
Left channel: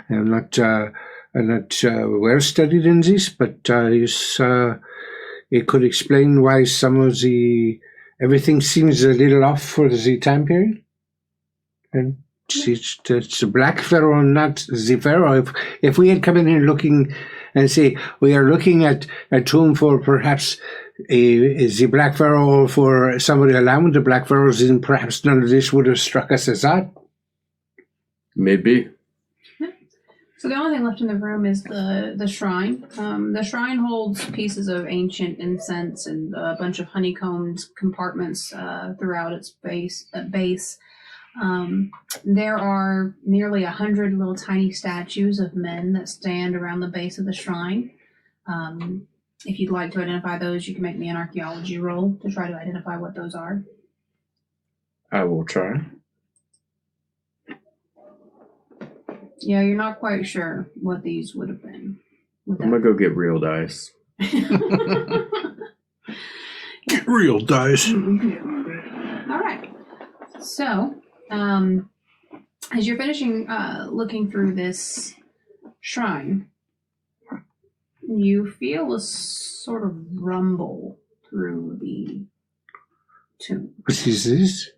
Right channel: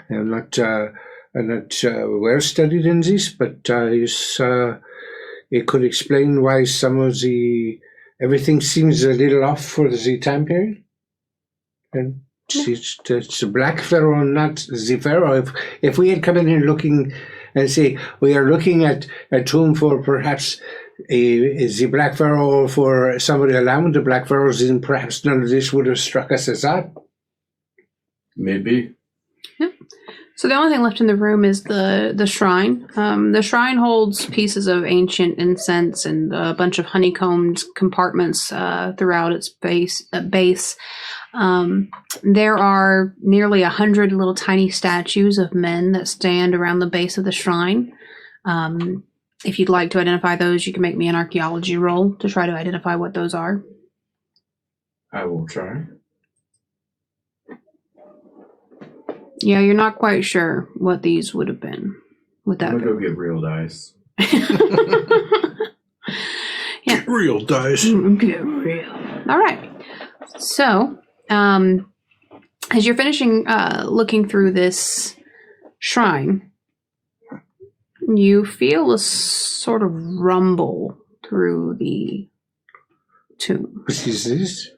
I'm not well studied in this, but it could explain why some of everything seems a little off for the time period. And it's the Black Pharaoh, not the Pharaoh. If we had come in here looking and say, we are looking at a tomb for perhaps the Black Pharaoh, or for somebody along with the Black Pharaohs, and perhaps none of this would have struck us as odd. Maybe. Yep. So the only thing left in the room is the shrine. The shrine holds pieces of ancient incense and a bunch of honeycombed compartments throughout its base. There are nearly 100 little tiny statues of men that stand around the base of the shrine. If you'd like to identify those, you can make me an archaeology roll to try to identify what those are. I will try. Yeah, you're not quite sure what these would have been. I'm gonna go get real dice. Get real dice. Get real. All right. So, as you're finishing looking through this shrine, you feel a sort of rumble through the tomb. What is this?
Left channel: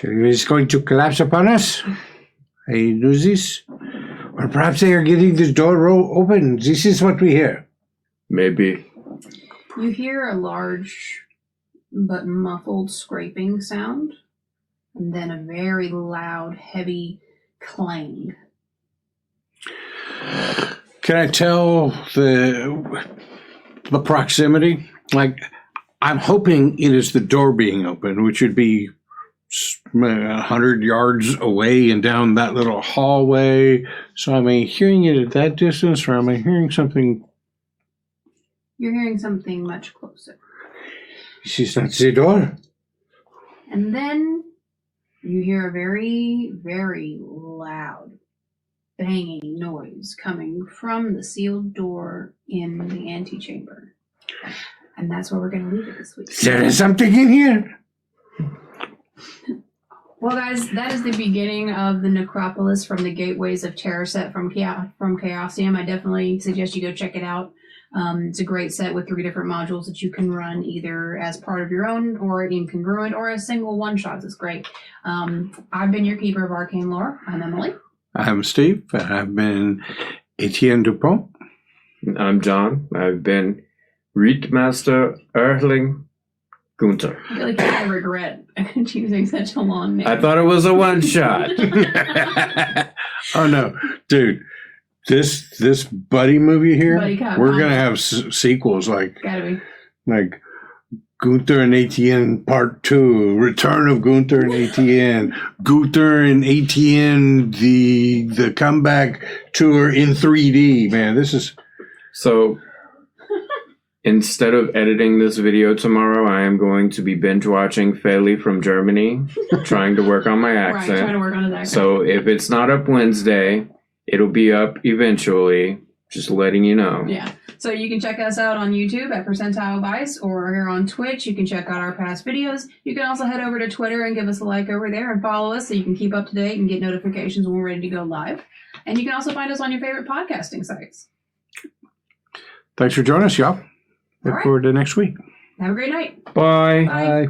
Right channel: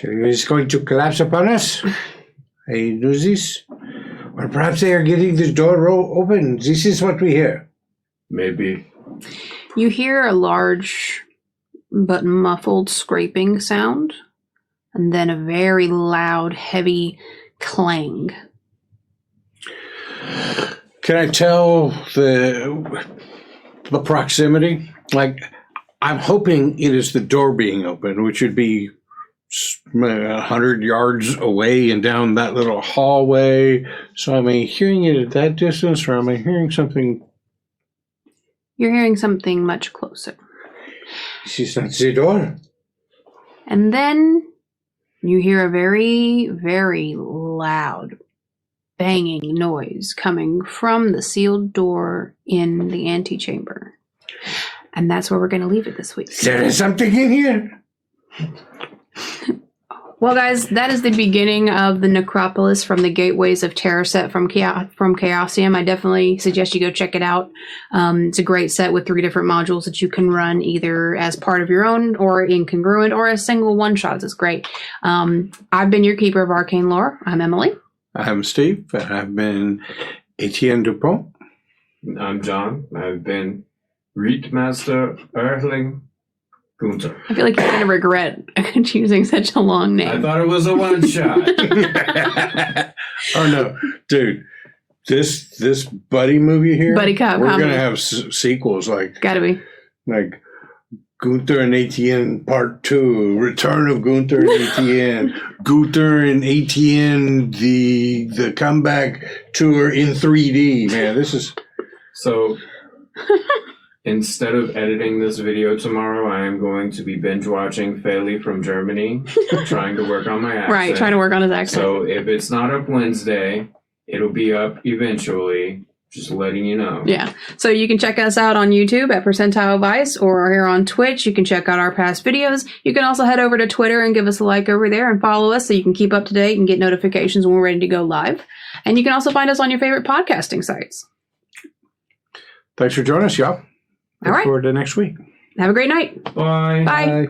It's going to collapse upon us. I do this. Or perhaps they are getting the door open. This is what we hear. Maybe. You hear a large but muffled scraping sound, and then a very loud, heavy clang. Can I tell the proximity? Like, I'm hoping it is the door being open, which would be 100 yards away and down that little hallway. So am I hearing it at that distance, or am I hearing something? You're hearing something much closer. This is not the door. And then you hear a very, very loud banging noise coming from the sealed door in the antechamber. And that's where we're going to leave it this week. There is something in here. Well, guys, that is the beginning of the Necropolis from the Gateways of Terror set from Chaosium. I definitely suggest you go check it out. It's a great set with 3 different modules that you can run either as part of your own or incongruent or as single one-shots. It's great. I've been your keeper of arcane lore. I'm Emily. I'm Steve. I've been Etienne Dupont. I'm John. I've been Readmaster Erling Günther. I feel like you're going to regret choosing such a long name. I thought it was a one-shot. Oh, no. Dude, this buddy movie here, Buddy cop, we're going to have sequels like... Gotta be. Like Günther and Etienne Part 2, Return of Günther and Etienne, Günther and Etienne, the comeback tour in 3D. Man, this is... So... Instead of editing this video tomorrow, I am going to be binge watching Feli from Germany, trying to work on my accent. Right, trying to work on his accent. So if it's not up Wednesday, it'll be up eventually. Just letting you know. Yeah. So you can check us out on YouTube at Percentile Vice, or here on Twitch. You can check out our past videos. You can also head over to Twitter and give us a like over there and follow us so you can keep up to date and get notifications when we're ready to go live. And you can also find us on your favorite podcasting sites. Thanks for joining us, y'all. Look All right. forward to next week. Have a great night. Bye. Bye. Bye.